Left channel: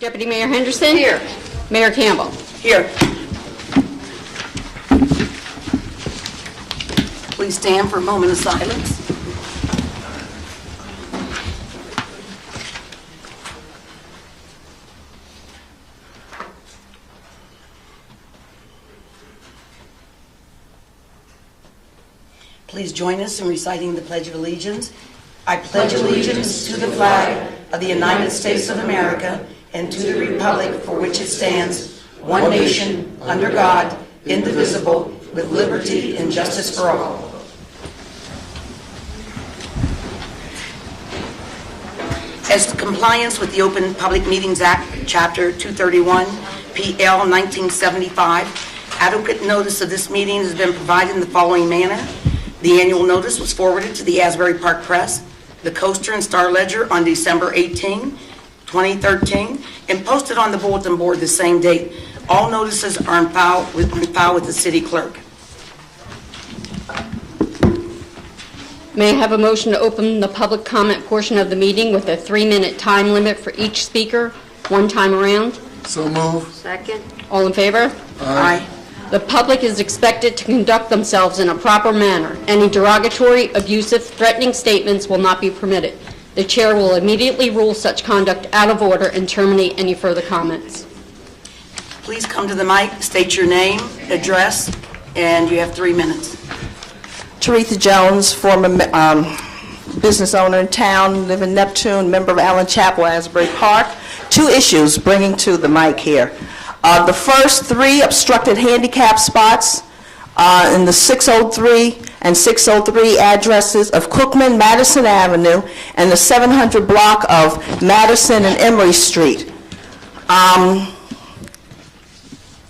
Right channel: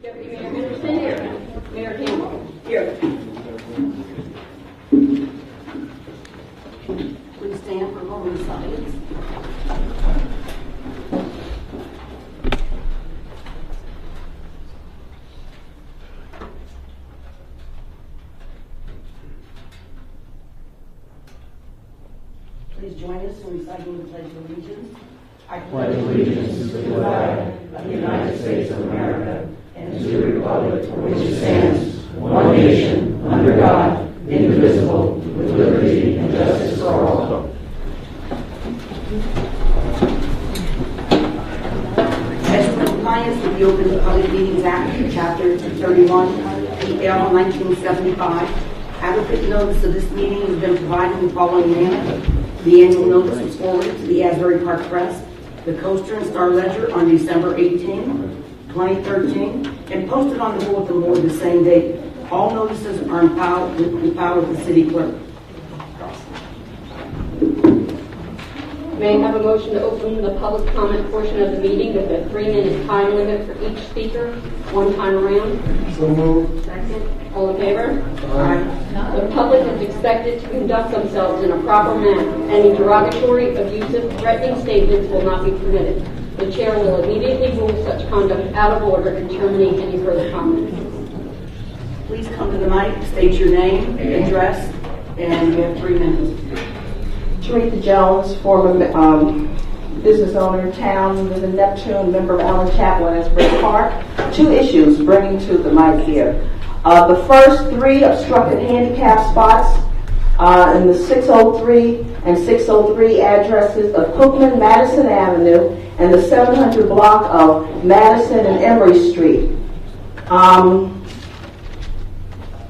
Deputy Mayor Henderson? Here. Mayor Campbell? Here. Please stand for a moment of silence. Please join us in reciting the Pledge of Allegiance. I pledge allegiance to the flag of the United States of America and to the republic for which it stands, one nation, under God, indivisible, with liberty and justice for all. As compliance with the Open Public Meetings Act, Chapter 231, PL 1975, adequate notice of this meeting has been provided in the following manner. The annual notice was forwarded to the Asbury Park Press, the Coaster and Star Ledger on December 18, 2013, and posted on the bulletin board the same date. All notices are on file with the city clerk. May I have a motion to open the public comment portion of the meeting with a 3-minute time limit for each speaker, one time around? So moved. Second. All in favor? Aye. The public is expected to conduct themselves in a proper manner. Any derogatory, abusive, threatening statements will not be permitted. The chair will immediately rule such conduct out of order and terminate any further comments. Please come to the mic, state your name, address, and you have 3 minutes. Teresa Jones, former business owner in town, live in Neptune, member of Allen Chapel, Asbury Park. 2 issues bringing to the mic here. The first 3 obstructed handicap spots in the 603 and 603 addresses of Cookman, Madison Avenue, and the 700 block of Madison and Emory Street.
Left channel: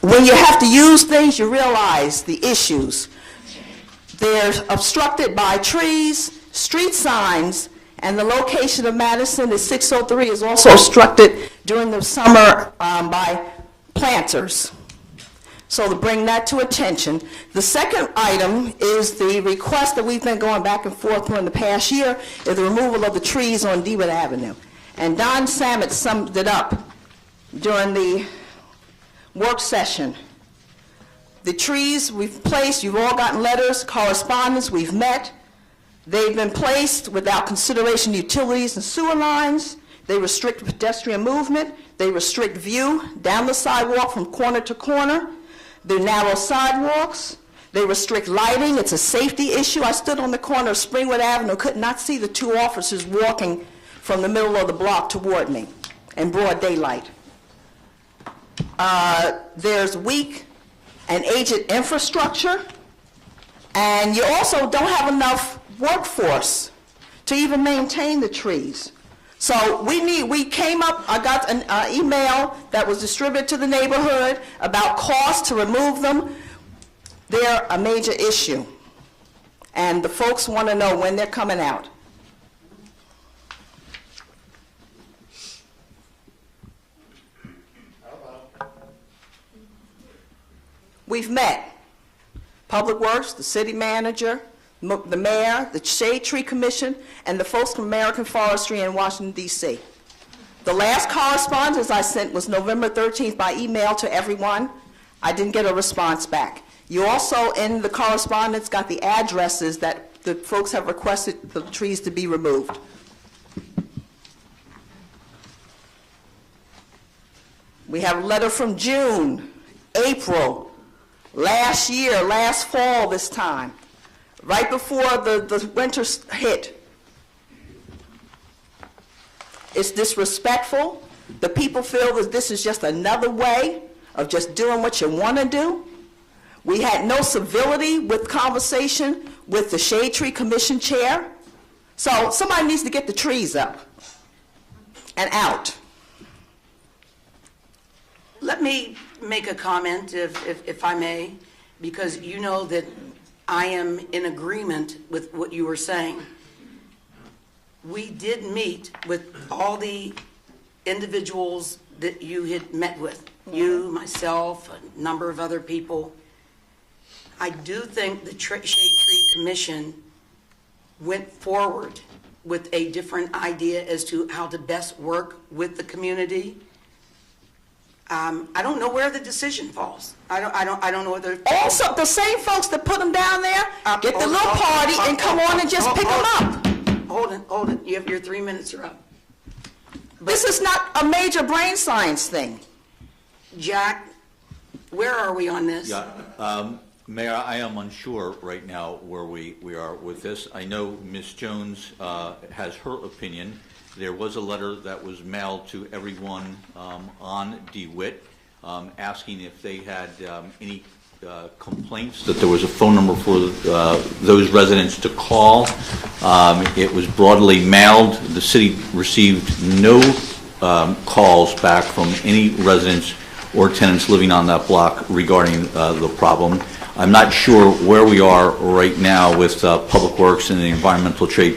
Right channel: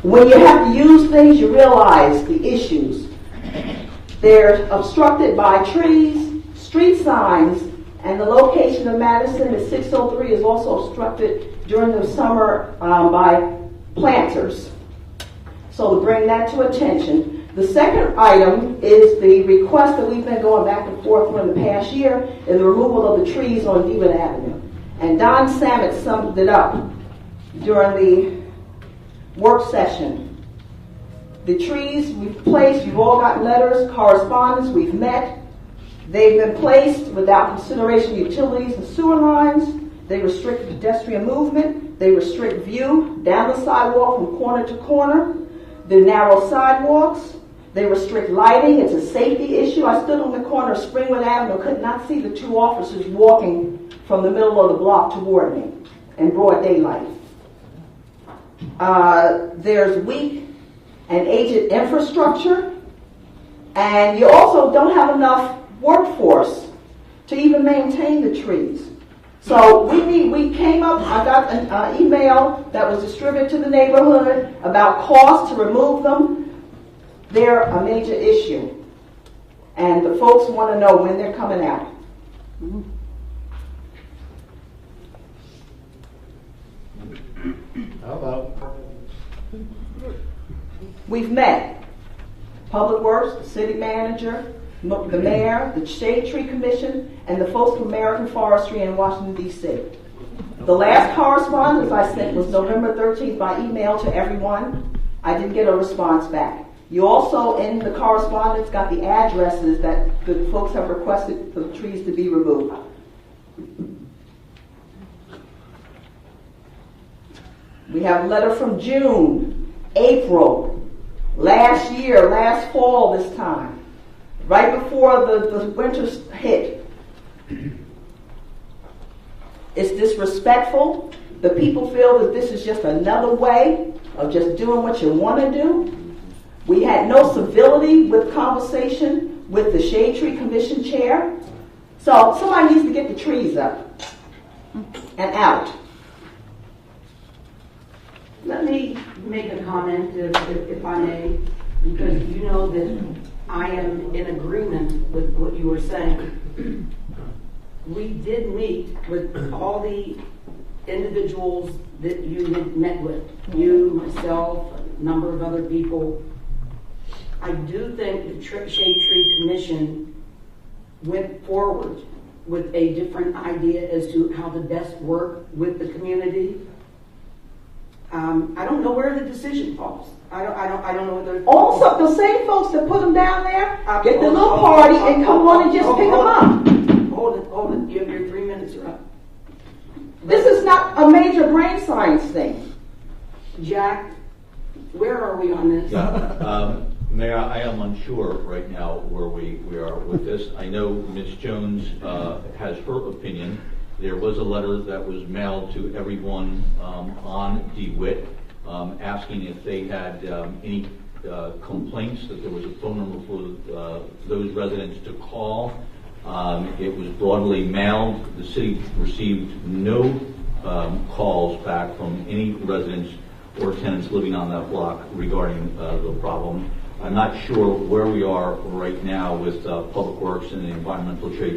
When you have to use things, you realize the issues. They're obstructed by trees, street signs, and the location of Madison at 603 is also obstructed during the summer by planters. So to bring that to attention. The second item is the request that we've been going back and forth during the past year is the removal of the trees on DeWitt Avenue. And Don Samet summed it up during the work session. The trees we've placed, you've all gotten letters, correspondence, we've met. They've been placed without consideration of utilities and sewer lines. They restrict pedestrian movement. They restrict view down the sidewalk from corner to corner. They're narrow sidewalks. They restrict lighting. It's a safety issue. I stood on the corner of Springwood Avenue, could not see the 2 officers walking from the middle of the block toward me in broad daylight. There's weak and aged infrastructure, and you also don't have enough workforce to even maintain the trees. So we came up, I got an email that was distributed to the neighborhood about costs to remove them. They're a major issue, and the folks want to know when they're coming out. How about? We've met Public Works, the city manager, the mayor, the Shade Tree Commission, and the folks from American Forestry in Washington, D.C. The last correspondence I sent was November 13th by email to everyone. I didn't get a response back. You also, in the correspondence, got the addresses that the folks have requested the trees to be removed. We have a letter from June, April, last year, last fall this time, right before the winter hit. It's disrespectful. The people feel that this is just another way of just doing what you want to do. We had no civility with conversation with the Shade Tree Commission chair. So somebody needs to get the trees up and out. Let me make a comment, if I may, because you know that I am in agreement with what you were saying. We did meet with all the individuals that you had met with, you, myself, a number of other people. I do think the Shade Tree Commission went forward with a different idea as to how to best work with the community. I don't know where the decision falls. I don't know whether. Also, the same folks that put them down there get the little party and come on and just pick them up. Hold it. You have your 3 minutes are up. This is not a major brain science thing. Jack, where are we on this? Yeah, Mayor, I am unsure right now where we are with this. I know Ms. Jones has her opinion. There was a letter that was mailed to everyone on DeWitt asking if they had any complaints, that there was a phone number for those residents to call. It was broadly mailed. The city received no calls back from any residents or tenants living on that block regarding the problem. I'm not sure where we are right now with Public Works and the Environmental Trade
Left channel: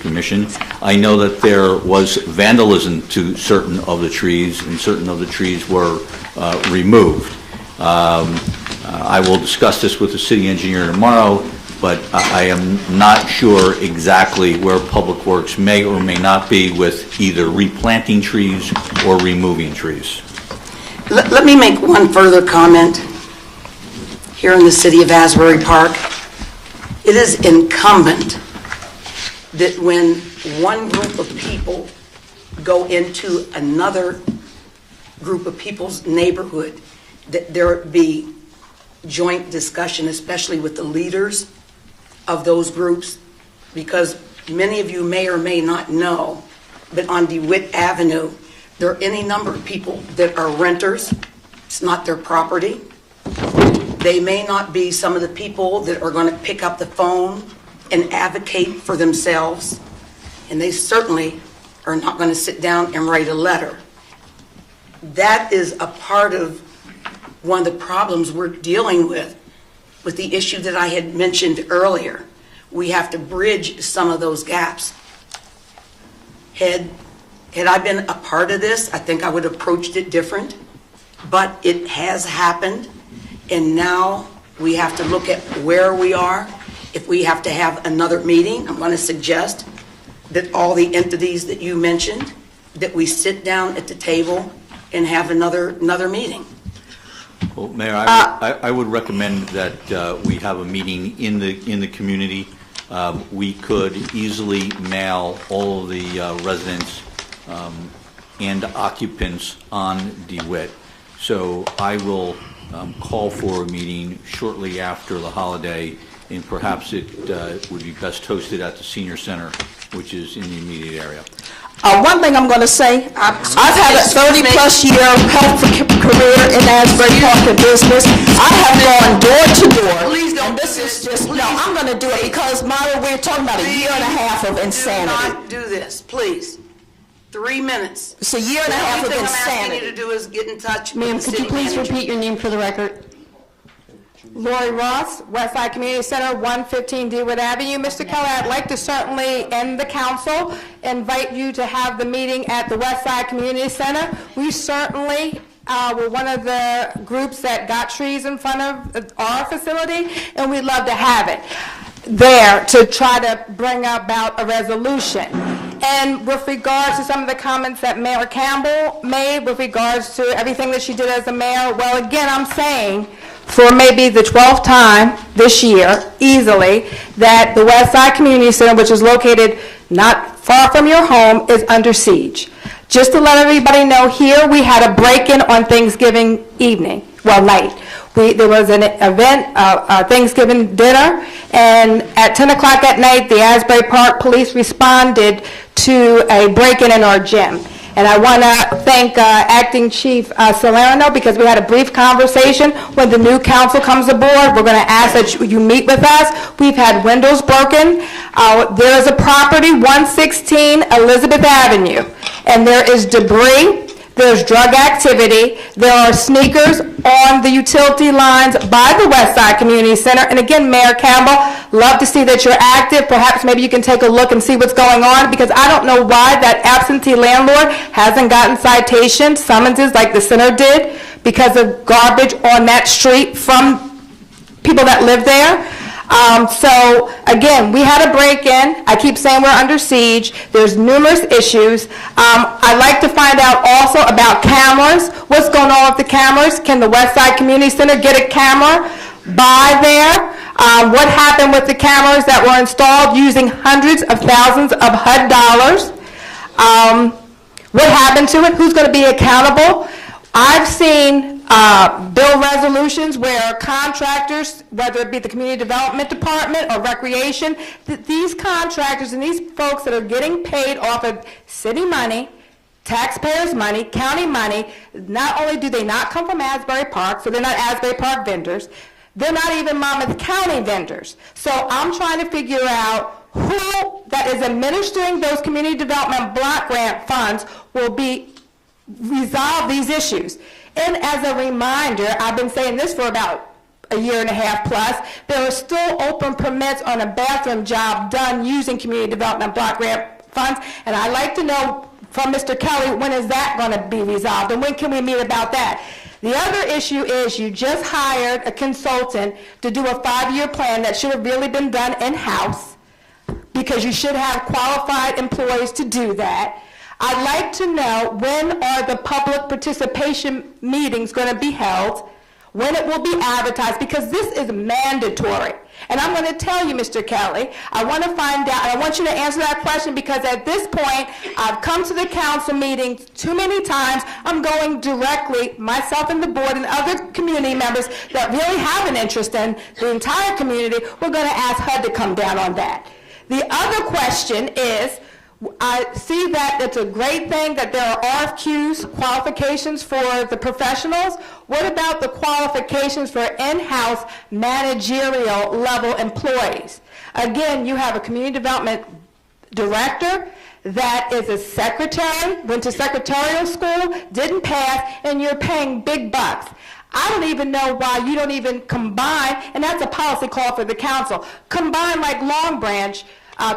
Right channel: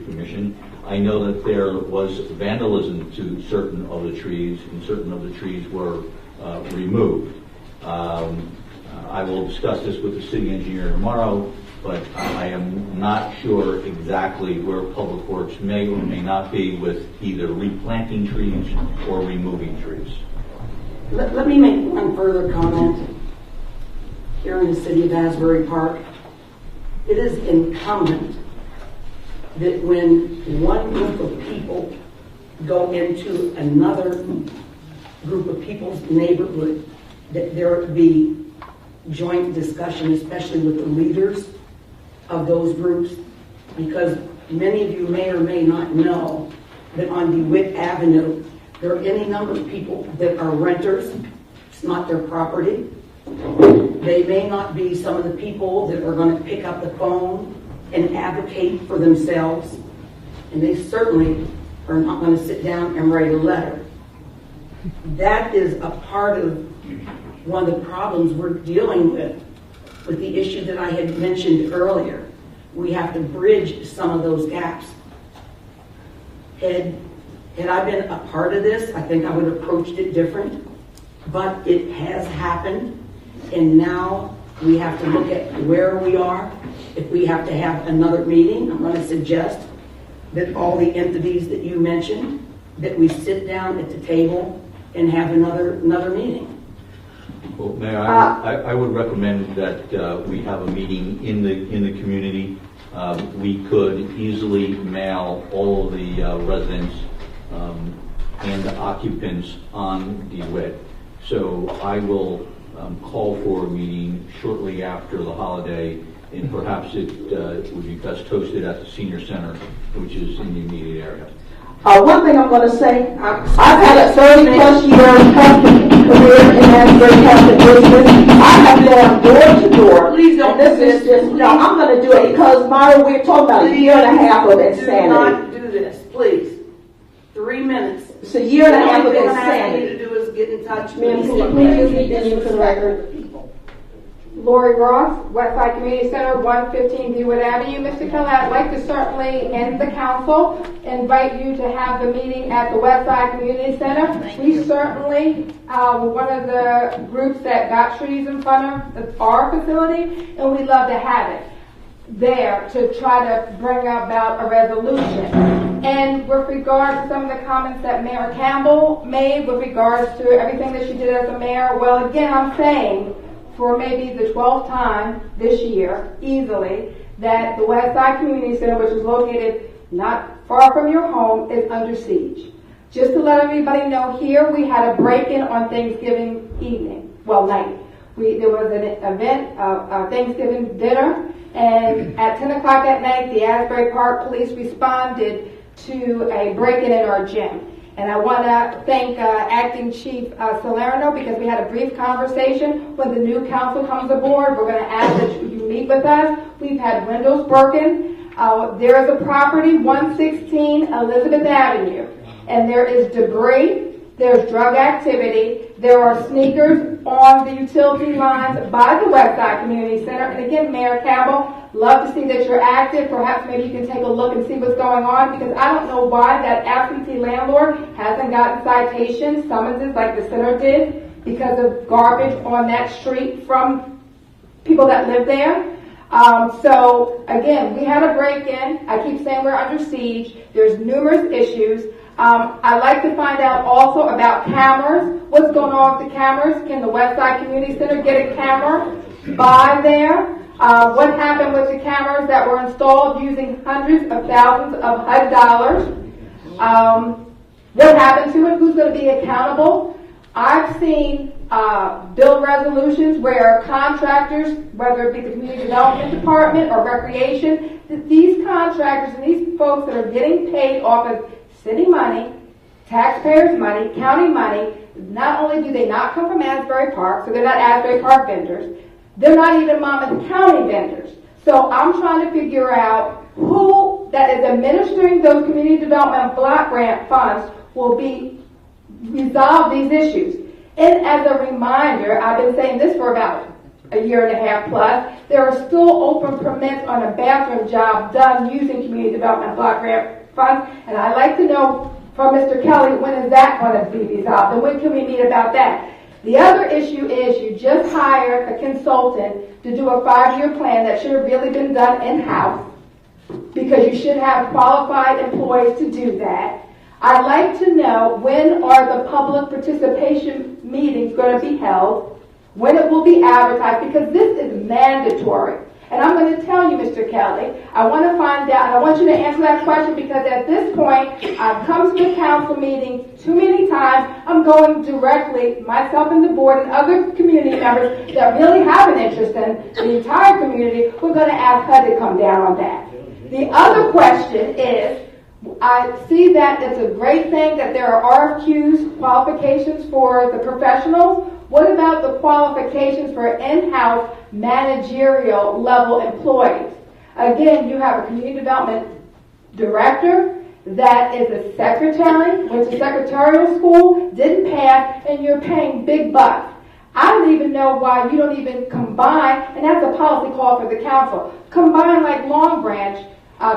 Commission. I know that there was vandalism to certain of the trees, and certain of the trees were removed. I will discuss this with the city engineer tomorrow, but I am not sure exactly where Public Works may or may not be with either replanting trees or removing trees. Let me make one further comment. Here in the city of Asbury Park, it is incumbent that when one group of people go into another group of people's neighborhood, that there be joint discussion, especially with the leaders of those groups, because many of you may or may not know, but on DeWitt Avenue, there are any number of people that are renters. It's not their property. They may not be some of the people that are going to pick up the phone and advocate for themselves, and they certainly are not going to sit down and write a letter. That is a part of one of the problems we're dealing with the issue that I had mentioned earlier. We have to bridge some of those gaps. Had I been a part of this, I think I would have approached it different, but it has happened. And now we have to look at where we are. If we have to have another meeting, I'm going to suggest that all the entities that you mentioned, that we sit down at the table and have another meeting. Well, Mayor, I would recommend that we have a meeting in the community. We could easily mail all of the residents and occupants on DeWitt. So I will call for a meeting shortly after the holiday, and perhaps it would be best hosted at the Senior Center, which is in the immediate area. One thing I'm going to say, I've had a 30-plus year career in Asbury Park business. I have gone door to door. Please don't This is just, no, I'm going to do it because, Myra, we're talking about a year and a half of insanity. Do not do this, please. 3 minutes. It's a year and a half of The only thing I'm asking insanity. you to do is get in touch with Ma'am, the could city you please manager. repeat your name for the record? Lori Ross, Westside Community Center, 115 DeWitt Avenue. Mr. Keller, I'd like to certainly, in the council, invite you to have the meeting at the Westside Community Center. We certainly were one of the groups that got trees in front of our facility, and we'd love to have it there to try to bring about a resolution. And with regards to some of the comments that Mayor Campbell made with regards to everything that she did as a mayor, well, again, I'm saying for maybe the 12th time this year, easily, that the Westside Community Center, which is located not far from your home, is under siege. Just to let everybody know, here we had a break-in on Thanksgiving evening, well, night. There was an event, Thanksgiving dinner, and at 10 o'clock at night, the Asbury Park Police responded to a break-in in our gym. And I want to thank Acting Chief Salerno, because we had a brief conversation. When the new council comes aboard, we're going to ask that you meet with us. We've had windows broken. There's a property, 116 Elizabeth Avenue, and there is debris. There's drug activity. There are sneakers on the utility lines by the Westside Community Center. And again, Mayor Campbell, love to see that you're active. Perhaps maybe you can take a look and see what's going on, because I don't know why that absentee landlord hasn't gotten citations, summonses like the center did, because of garbage on that street from people that live there. So again, we had a break-in. I keep saying we're under siege. There's numerous issues. I'd like to find out also about cameras. What's going on with the cameras? Can the Westside Community Center get a camera by there? What happened with the cameras that were installed using hundreds of thousands of HUD dollars? What happened to it? Who's going to be accountable? I've seen bill resolutions where contractors, whether it be the Community Development Department or Recreation, these contractors and these folks that are getting paid off of city money, taxpayers' money, county money, not only do they not come from Asbury Park, so they're not Asbury Park vendors, they're not even Monmouth County vendors. So I'm trying to figure out who that is administering those community development block grant funds will be resolve these issues. And as a reminder, I've been saying this for about a year and a half plus, there are still open permits on a bathroom job done using community development block grant funds, and I'd like to know from Mr. Kelly, when is that going to be resolved, and when can we meet about that? The other issue is you just hired a consultant to do a 5-year plan that should have really been done in-house, because you should have qualified employees to do that. I'd like to know, when are the public participation meetings going to be held, when it will be advertised, because this is mandatory. And I'm going to tell you, Mr. Kelly, I want to find out, I want you to answer that question, because at this point, I've come to the council meetings too many times. I'm going directly, myself and the board and other community members that really have an interest in the entire community, we're going to ask HUD to come down on that. The other question is, I see that it's a great thing that there are RFQs, qualifications for the professionals. What about the qualifications for in-house managerial level employees? Again, you have a community development director that is a secretary, went to secretarial school, didn't pass, and you're paying big bucks. I don't even know why you don't even combine, and that's a policy call for the council, combine like Long Branch,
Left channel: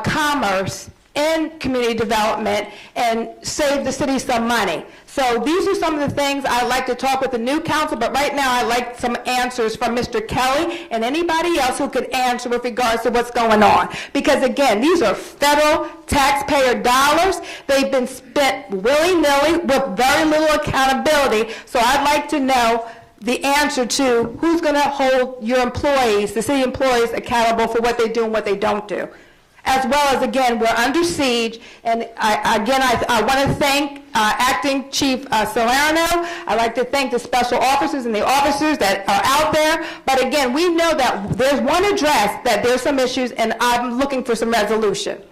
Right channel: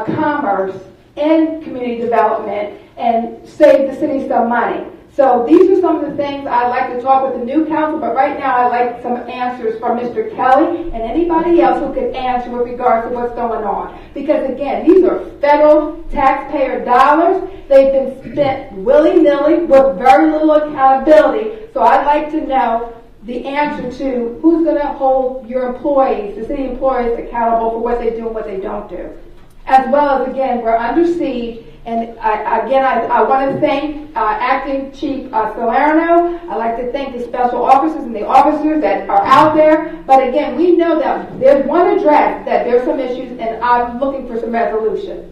Commerce, and community development and save the city some money. So these are some of the things I'd like to talk with the new council, but right now I'd like some answers from Mr. Kelly and anybody else who could answer with regards to what's going on. Because again, these are federal taxpayer dollars. They've been spent willy-nilly with very little accountability. So I'd like to know the answer to who's going to hold your employees, the city employees, accountable for what they do and what they don't do. As well as, again, we're under siege, and I want to thank Acting Chief Salerno. I'd like to thank the special officers and the officers that are out there. But again, we know that there's one address that there's some issues, and I'm looking for some resolution.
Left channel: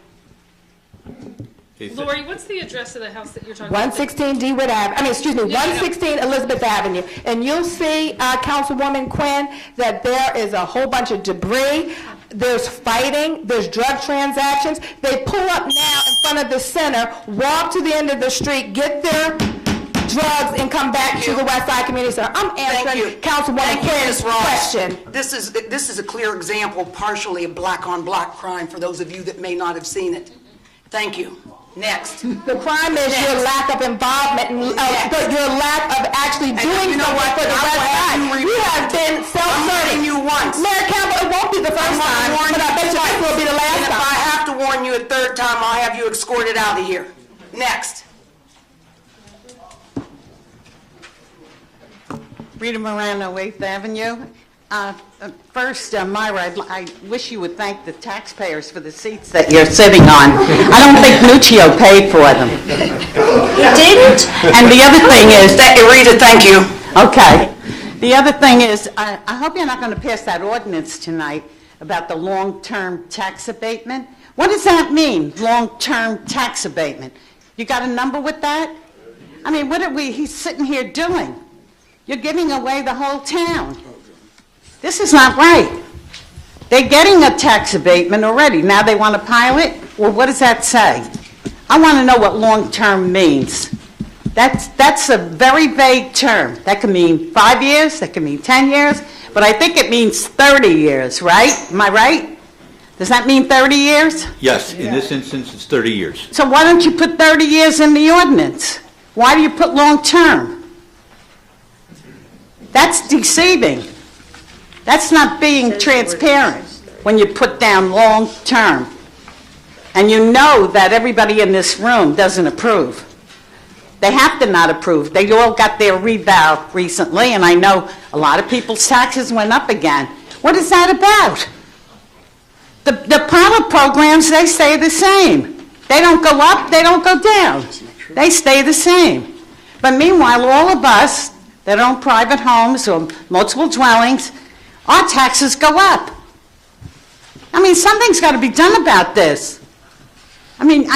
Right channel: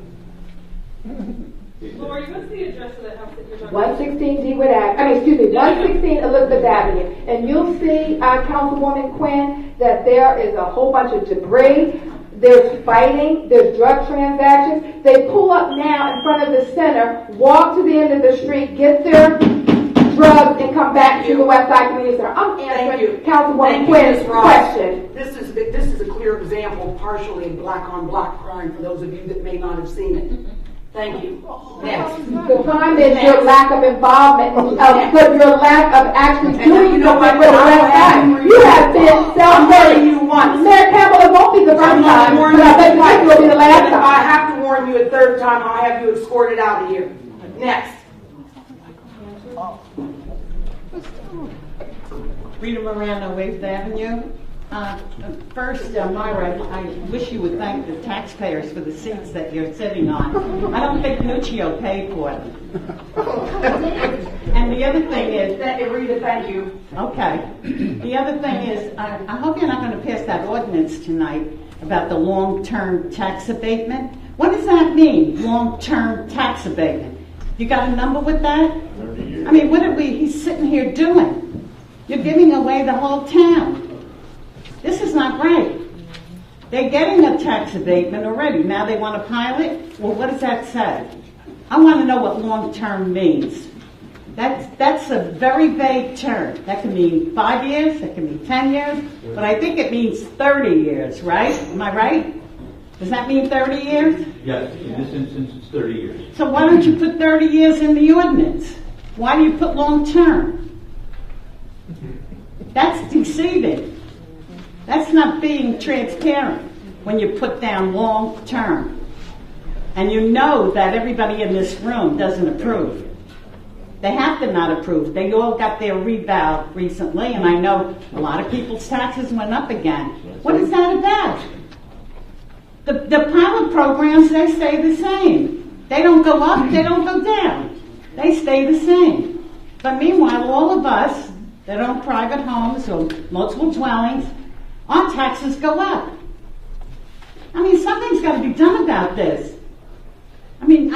Lori, what's the address of the house that you're talking about? 116 Dewood Avenue, 116 Elizabeth Avenue. And you'll see, Councilwoman Quinn, that there is a whole bunch of debris. There's fighting, there's drug transactions. They pull up now in front of the center, walk to the end of the street, get their drugs, and come back to the Westside Community Center. I'm answering Councilwoman Quinn's question. This is a clear example, partially, of black-on-black crime for those of you that may not have seen it. Thank you. Next. The crime is your lack of involvement, your lack of actually doing something with the Westside. You have been self-serving you once. Mayor Campbell, it won't be the first time, but I bet you it will be the last time. I have to warn you a third time, I'll have you escorted out of here. Next. Rita Morano, 8th Avenue. First, Myra, I wish you would thank the taxpayers for the seats that you're sitting on. I don't think Nuccio paid for them. He didn't? And the other thing is... Rita, thank you. Okay. The other thing is, I hope you're not going to pass that ordinance tonight about the long-term tax abatement. What does that mean, long-term tax abatement? You got a number with that? I mean, what are he's sitting here doing? You're giving away the whole town. This is not right. They're getting a tax abatement already. Now they want to pilot? Well, what does that say? I want to know what long-term means. That's a very vague term. That can mean 5 years, that can mean 10 years, but I think it means 30 years, right? Am I right? Does that mean 30 years? Yes, in this instance, it's 30 years. So why don't you put 30 years in the ordinance? Why do you put long-term? That's deceiving. That's not being transparent. when you put down long-term. And you know that everybody in this room doesn't approve. They have to not approve. They all got their revow recently, and I know a lot of people's taxes went up again. What is that about? The pilot programs, they stay the same. They don't go up, they don't go down. They stay the same. But meanwhile, all of us that own private homes or multiple dwellings, our taxes go up. I mean, something's got to be done about this. I mean,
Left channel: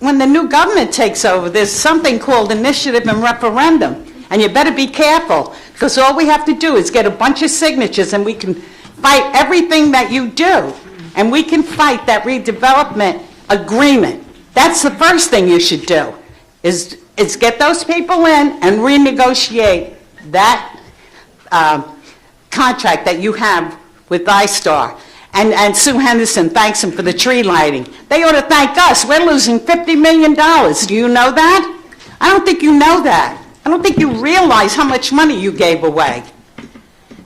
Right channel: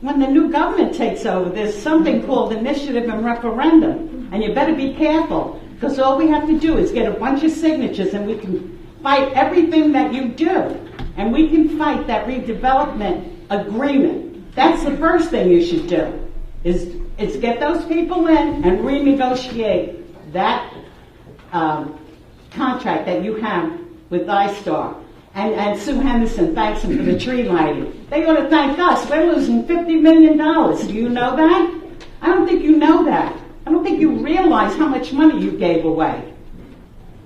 when the new government takes over, there's something called initiative and referendum, and you better be careful, because all we have to do is get a bunch of signatures, and we can fight everything that you do, and we can fight that redevelopment agreement. That's the first thing you should do, is get those people in and renegotiate that contract that you have with iStar. And Sue Henderson thanks him for the tree lighting. They ought to thank us. We're losing $50 million. Do you know that? I don't think you know that. I don't think you realize how much money you gave away.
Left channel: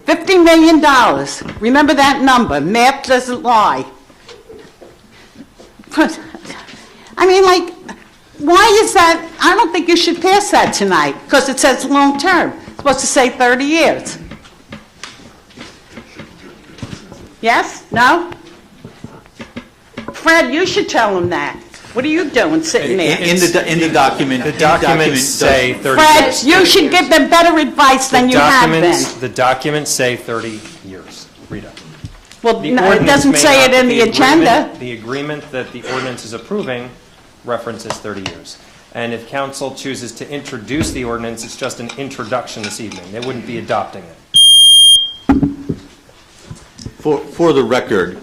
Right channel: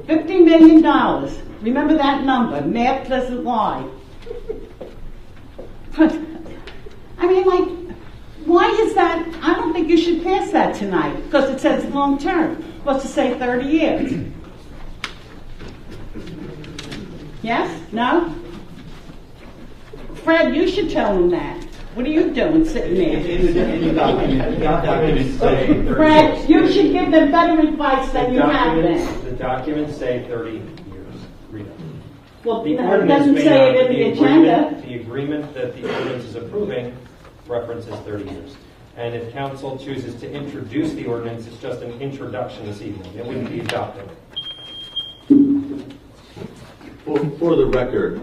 $50 million. Remember that number. Math doesn't lie. But, I mean, like, why is that? I don't think you should pass that tonight, because it says long term. It's supposed to say 30 years. Yes? No? Fred, you should tell him that. What are you doing sitting there? In the document. The documents say 30 Fred, years. you should give them better advice than you have been. The documents say 30 years. Rita. Well, The no, it ordinance doesn't may say not- it in the agenda. The agreement that the ordinance is approving references 30 years. And if council chooses to introduce the ordinance, it's just an introduction this evening. They wouldn't be adopting it. For the record,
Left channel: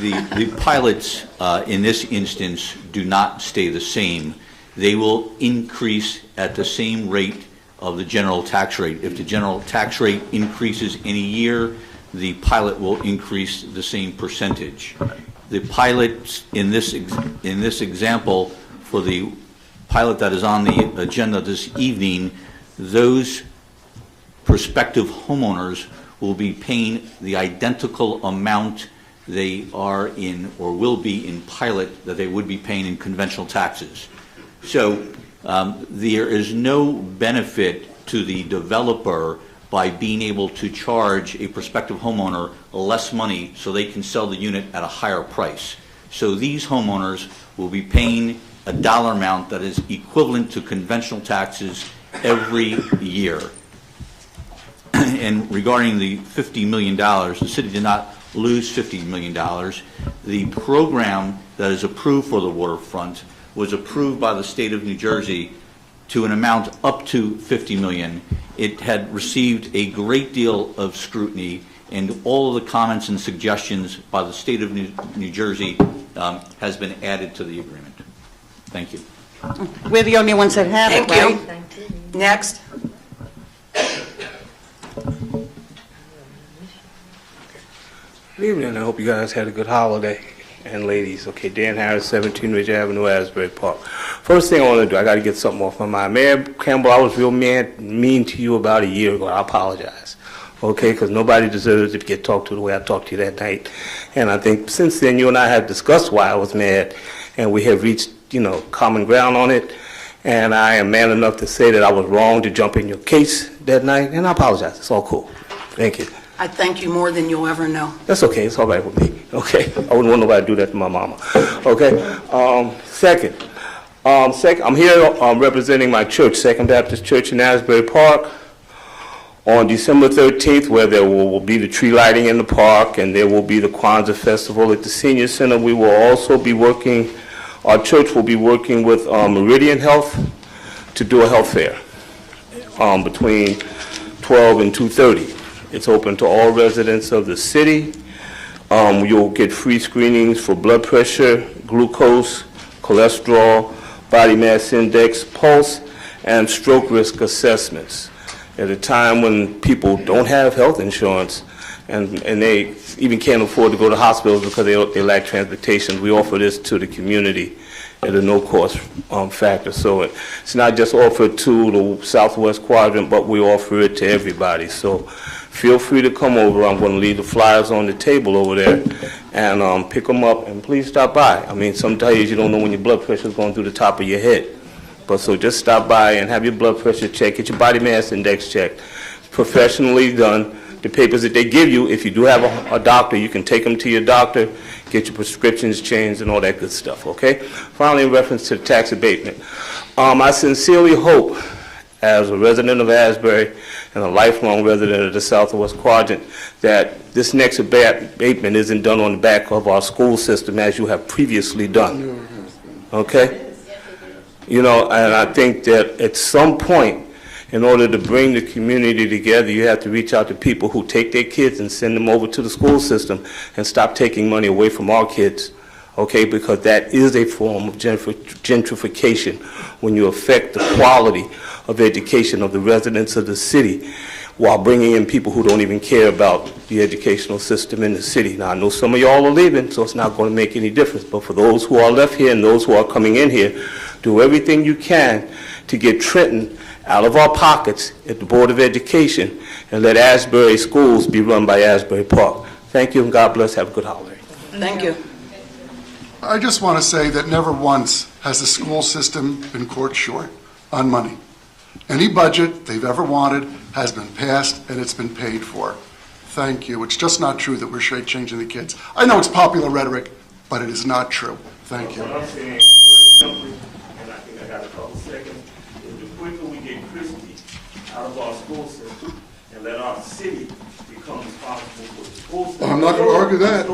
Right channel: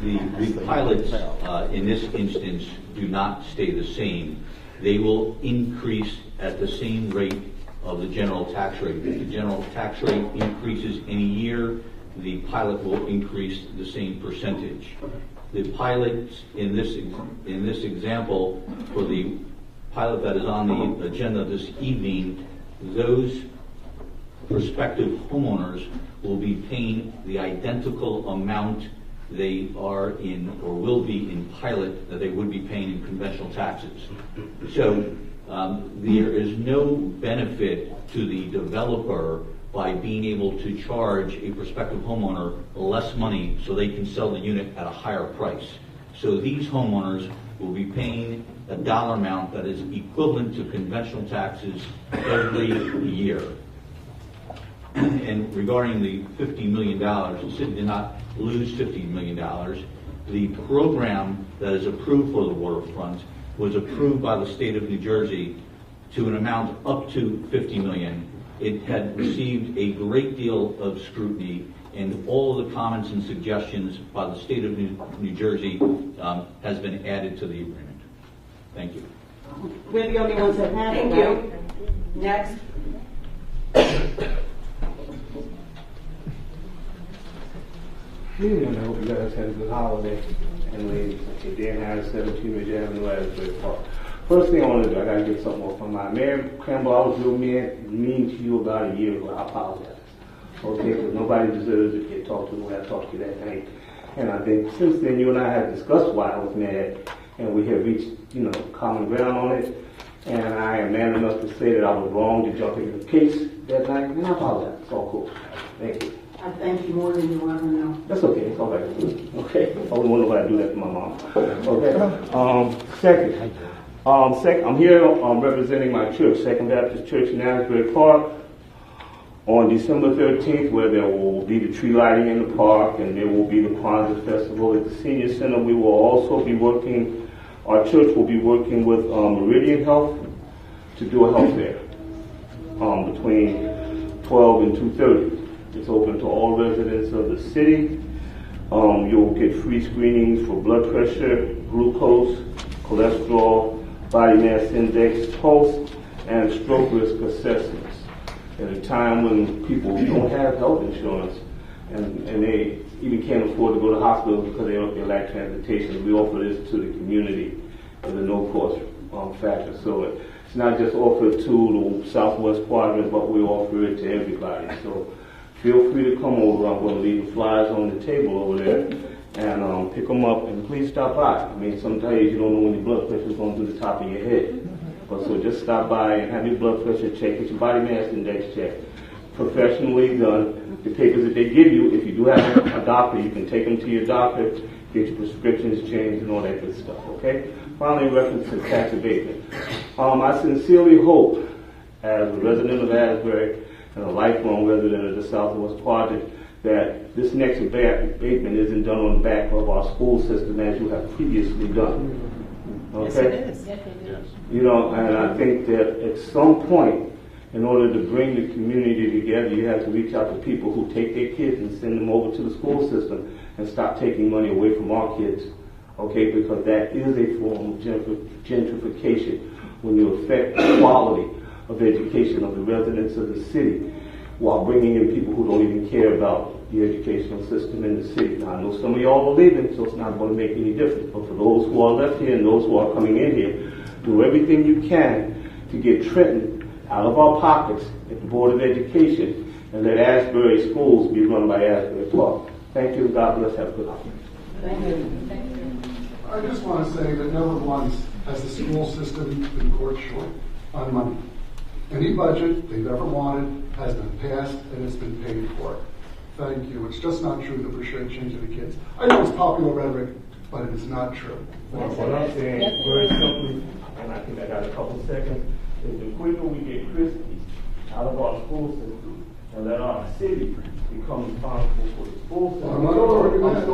the pilots in this instance do not stay the same. They will increase at the same rate of the general tax rate. If the general tax rate increases in a year, the pilot will increase the same percentage. The pilots in this example, for the pilot that is on the agenda this evening, those prospective homeowners will be paying the identical amount they are in or will be in pilot that they would be paying in conventional taxes. So there is no benefit to the developer by being able to charge a prospective homeowner less money so they can sell the unit at a higher price. So these homeowners will be paying a dollar amount that is equivalent to conventional taxes every year. And regarding the $50 million, the city did not lose $50 million. The program that is approved for the waterfront was approved by the state of New Jersey to an amount up to $50 million. It had received a great deal of scrutiny, and all of the comments and suggestions by the state of New Jersey has been added to the agreement. Thank you. We're the only ones that have it, Thank right? you. Next. Good evening. I hope you guys had a good holiday. And ladies, okay, Dan Harris, 17 Ridge Avenue, Asbury Park. First thing I want to do, I got to get something off my mind. Mayor Campbell, I was real mean to you about a year ago. I apologize, okay, because nobody deserves to get talked to the way I talked to you that night. And I think since then, you and I have discussed why I was mad, and we have reached, common ground on it. And I am man enough to say that I was wrong to jump in your case that night, and I apologize. It's all cool. Thank you. I thank you more than you'll ever know. That's okay. It's all right with me. Okay. I wouldn't want nobody to do that to my mama. Okay. Second, I'm here representing my church, Second Baptist Church in Asbury Park, on December 13th, where there will be the tree lighting in the park, and there will be the Kwanzaa Festival at the Senior Center. We will also be working. Our church will be working with Meridian Health to do a health fair between 12 and 2:30. It's open to all residents of the city. You'll get free screenings for blood pressure, glucose, cholesterol, body mass index, pulse, and stroke risk assessments. At a time when people don't have health insurance and they even can't afford to go to hospitals because they lack transportation, we offer this to the community at a no-cost factor. So it's not just offered to the Southwest Quadrant, but we offer it to everybody. So feel free to come over. I'm going to leave the flyers on the table over there and pick them up, and please stop by. I mean, some days you don't know when your blood pressure is going through the top of your head. But so just stop by and have your blood pressure checked, get your body mass index checked. Professionally done. The papers that they give you, if you do have a doctor, you can take them to your doctor, get your prescriptions changed and all that good stuff, okay? Finally, in reference to the tax abatement, I sincerely hope, as a resident of Asbury and a lifelong resident of the Southwest Quadrant, that this next abatement isn't done on the back of our school system as you have previously done, okay? You know, and I think that at some point, in order to bring the community together, you have to reach out to people who take their kids and send them over to the school system and stop taking money away from our kids, okay? Because that is a form of gentrification when you affect the quality of education of the residents of the city while bringing in people who don't even care about the educational system in the city. Now, I know some of y'all are leaving, so it's not going to make any difference. But for those who are left here and those who are coming in here, do everything you can to get Trenton out of our pockets at the Board of Education and let Asbury schools be run by Asbury Park. Thank you, and God bless. Have a good holiday. Thank you. I just want to say that never once has the school system been caught short on money. Any budget they've ever wanted has been passed and it's been paid for. Thank you. It's just not true that we're shortchanging the kids. I know it's popular rhetoric, but it is not true. Thank you. What I'm saying very simply, and I think I got a couple seconds, is the quicker we get Christie out of our school system and let our city become responsible for the school system. I'm not going to argue that.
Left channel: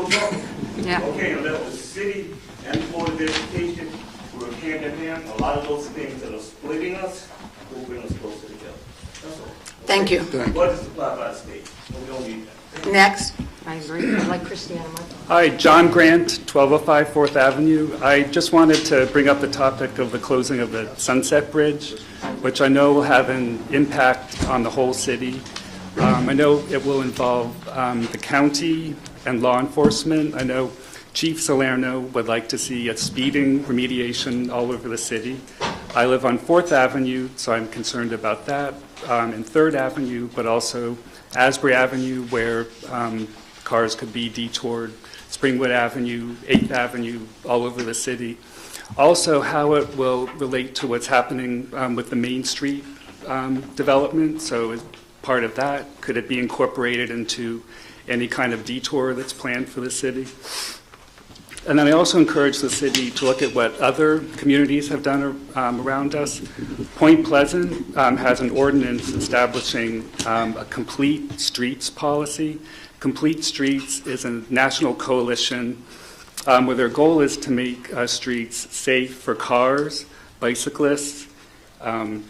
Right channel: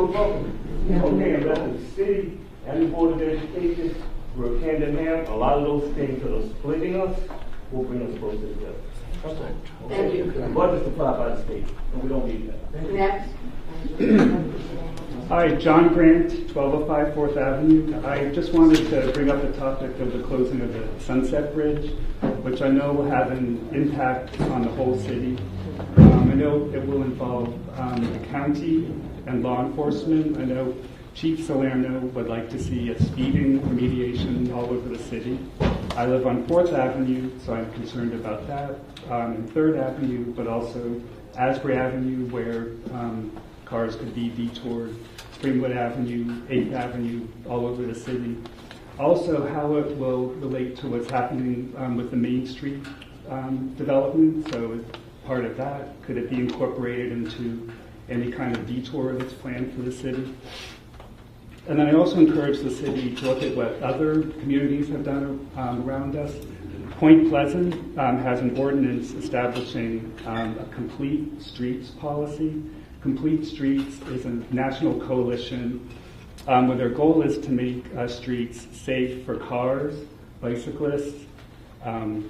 Yeah. Okay, and let the city and the Board of Education work hand in hand. A lot of those things that are splitting us will bring us closer together. That's all. Thank you. The budget's supplied by the state, and we don't need that. Next. I agree. I'd like Christiana. Hi, John Grant, 1205 4th Avenue. I just wanted to bring up the topic of the closing of the Sunset Bridge, which I know will have an impact on the whole city. I know it will involve the county and law enforcement. I know Chief Salerno would like to see a speeding remediation all over the city. I live on 4th Avenue, so I'm concerned about that, and 3rd Avenue, but also Asbury Avenue, where cars could be detoured, Springwood Avenue, 8th Avenue, all over the city. Also, how it will relate to what's happening with the Main Street development. So as part of that, could it be incorporated into any kind of detour that's planned for the city? And then I also encourage the city to look at what other communities have done around us. Point Pleasant has an ordinance establishing a complete streets policy. Complete Streets is a national coalition where their goal is to make streets safe for cars, bicyclists,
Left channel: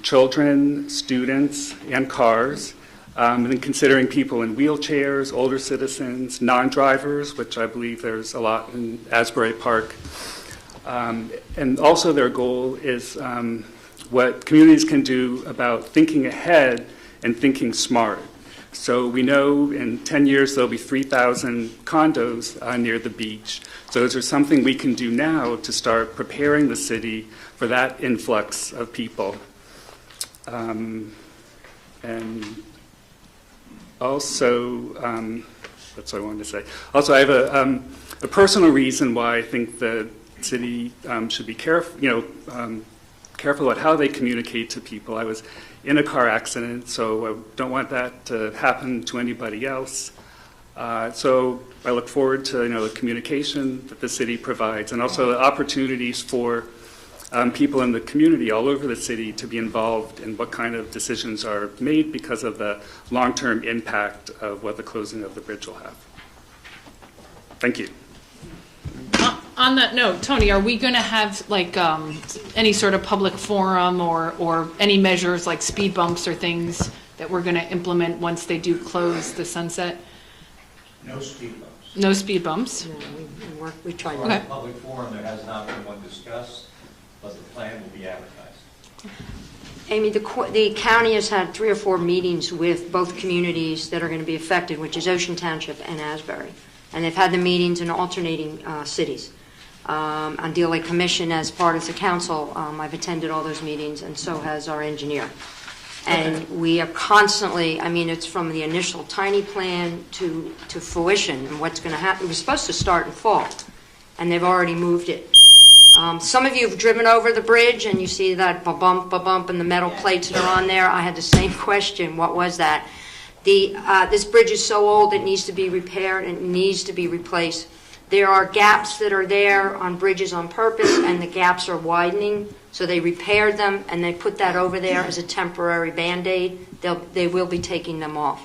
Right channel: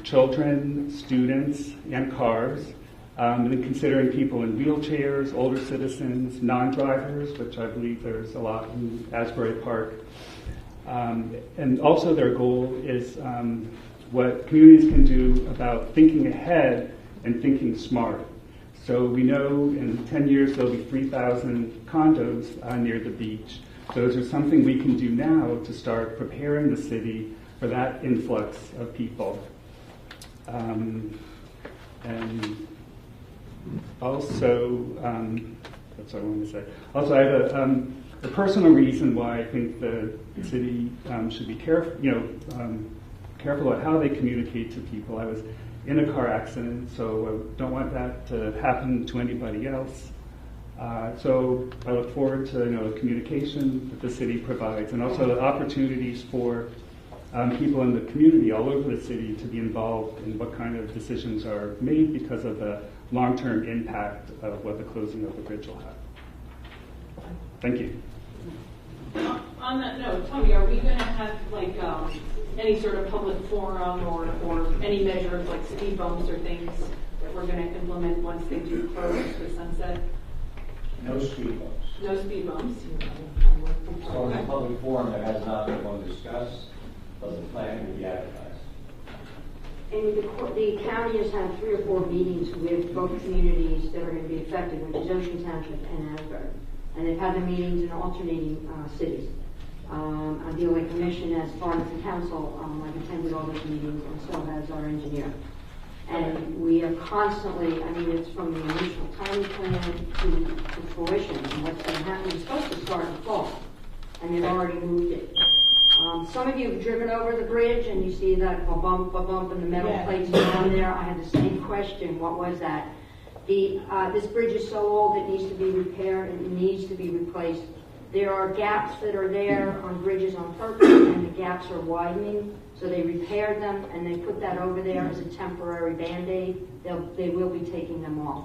children, students, and cars. And then considering people in wheelchairs, older citizens, non-drivers, which I believe there's a lot in Asbury Park. And also their goal is what communities can do about thinking ahead and thinking smart. So we know in 10 years there'll be 3,000 condos near the beach. So is there something we can do now to start preparing the city for that influx of people? And also, that's what I wanted to say. Also, I have a personal reason why I think the city should be careful about how they communicate to people. I was in a car accident, so I don't want that to happen to anybody else. So I look forward to the communication that the city provides, and also the opportunities for people in the community all over the city to be involved in what kind of decisions are made because of the long-term impact of what the closing of the bridge will have. Thank you. On that note, Tony, are we going to have like any sort of public forum or any measures like speed bumps or things that we're going to implement once they do close the Sunset? No speed bumps. No speed bumps? We tried. For Okay. a public forum, there has not been one discussed, but the plan will be advertised. Amy, the county has had 3 or 4 meetings with both communities that are going to be affected, which is Ocean Township and Asbury. And they've had the meetings in alternating cities. On DLA Commission, as part of the council, I've attended all those meetings, and so has our engineer. And we are constantly, I mean, it's from the initial tiny plan to fruition and what's going to happen. We're supposed to start in fall, and they've already moved it. Some of you have driven over the bridge and you see that ba-bump, and the metal plates that are on there. I had the same question. What was that? This bridge is so old it needs to be repaired and it needs to be replaced. There are gaps that are there on bridges on purpose, and the gaps are widening. So they repaired them and they put that over there as a temporary Band-Aid. They will be taking them off.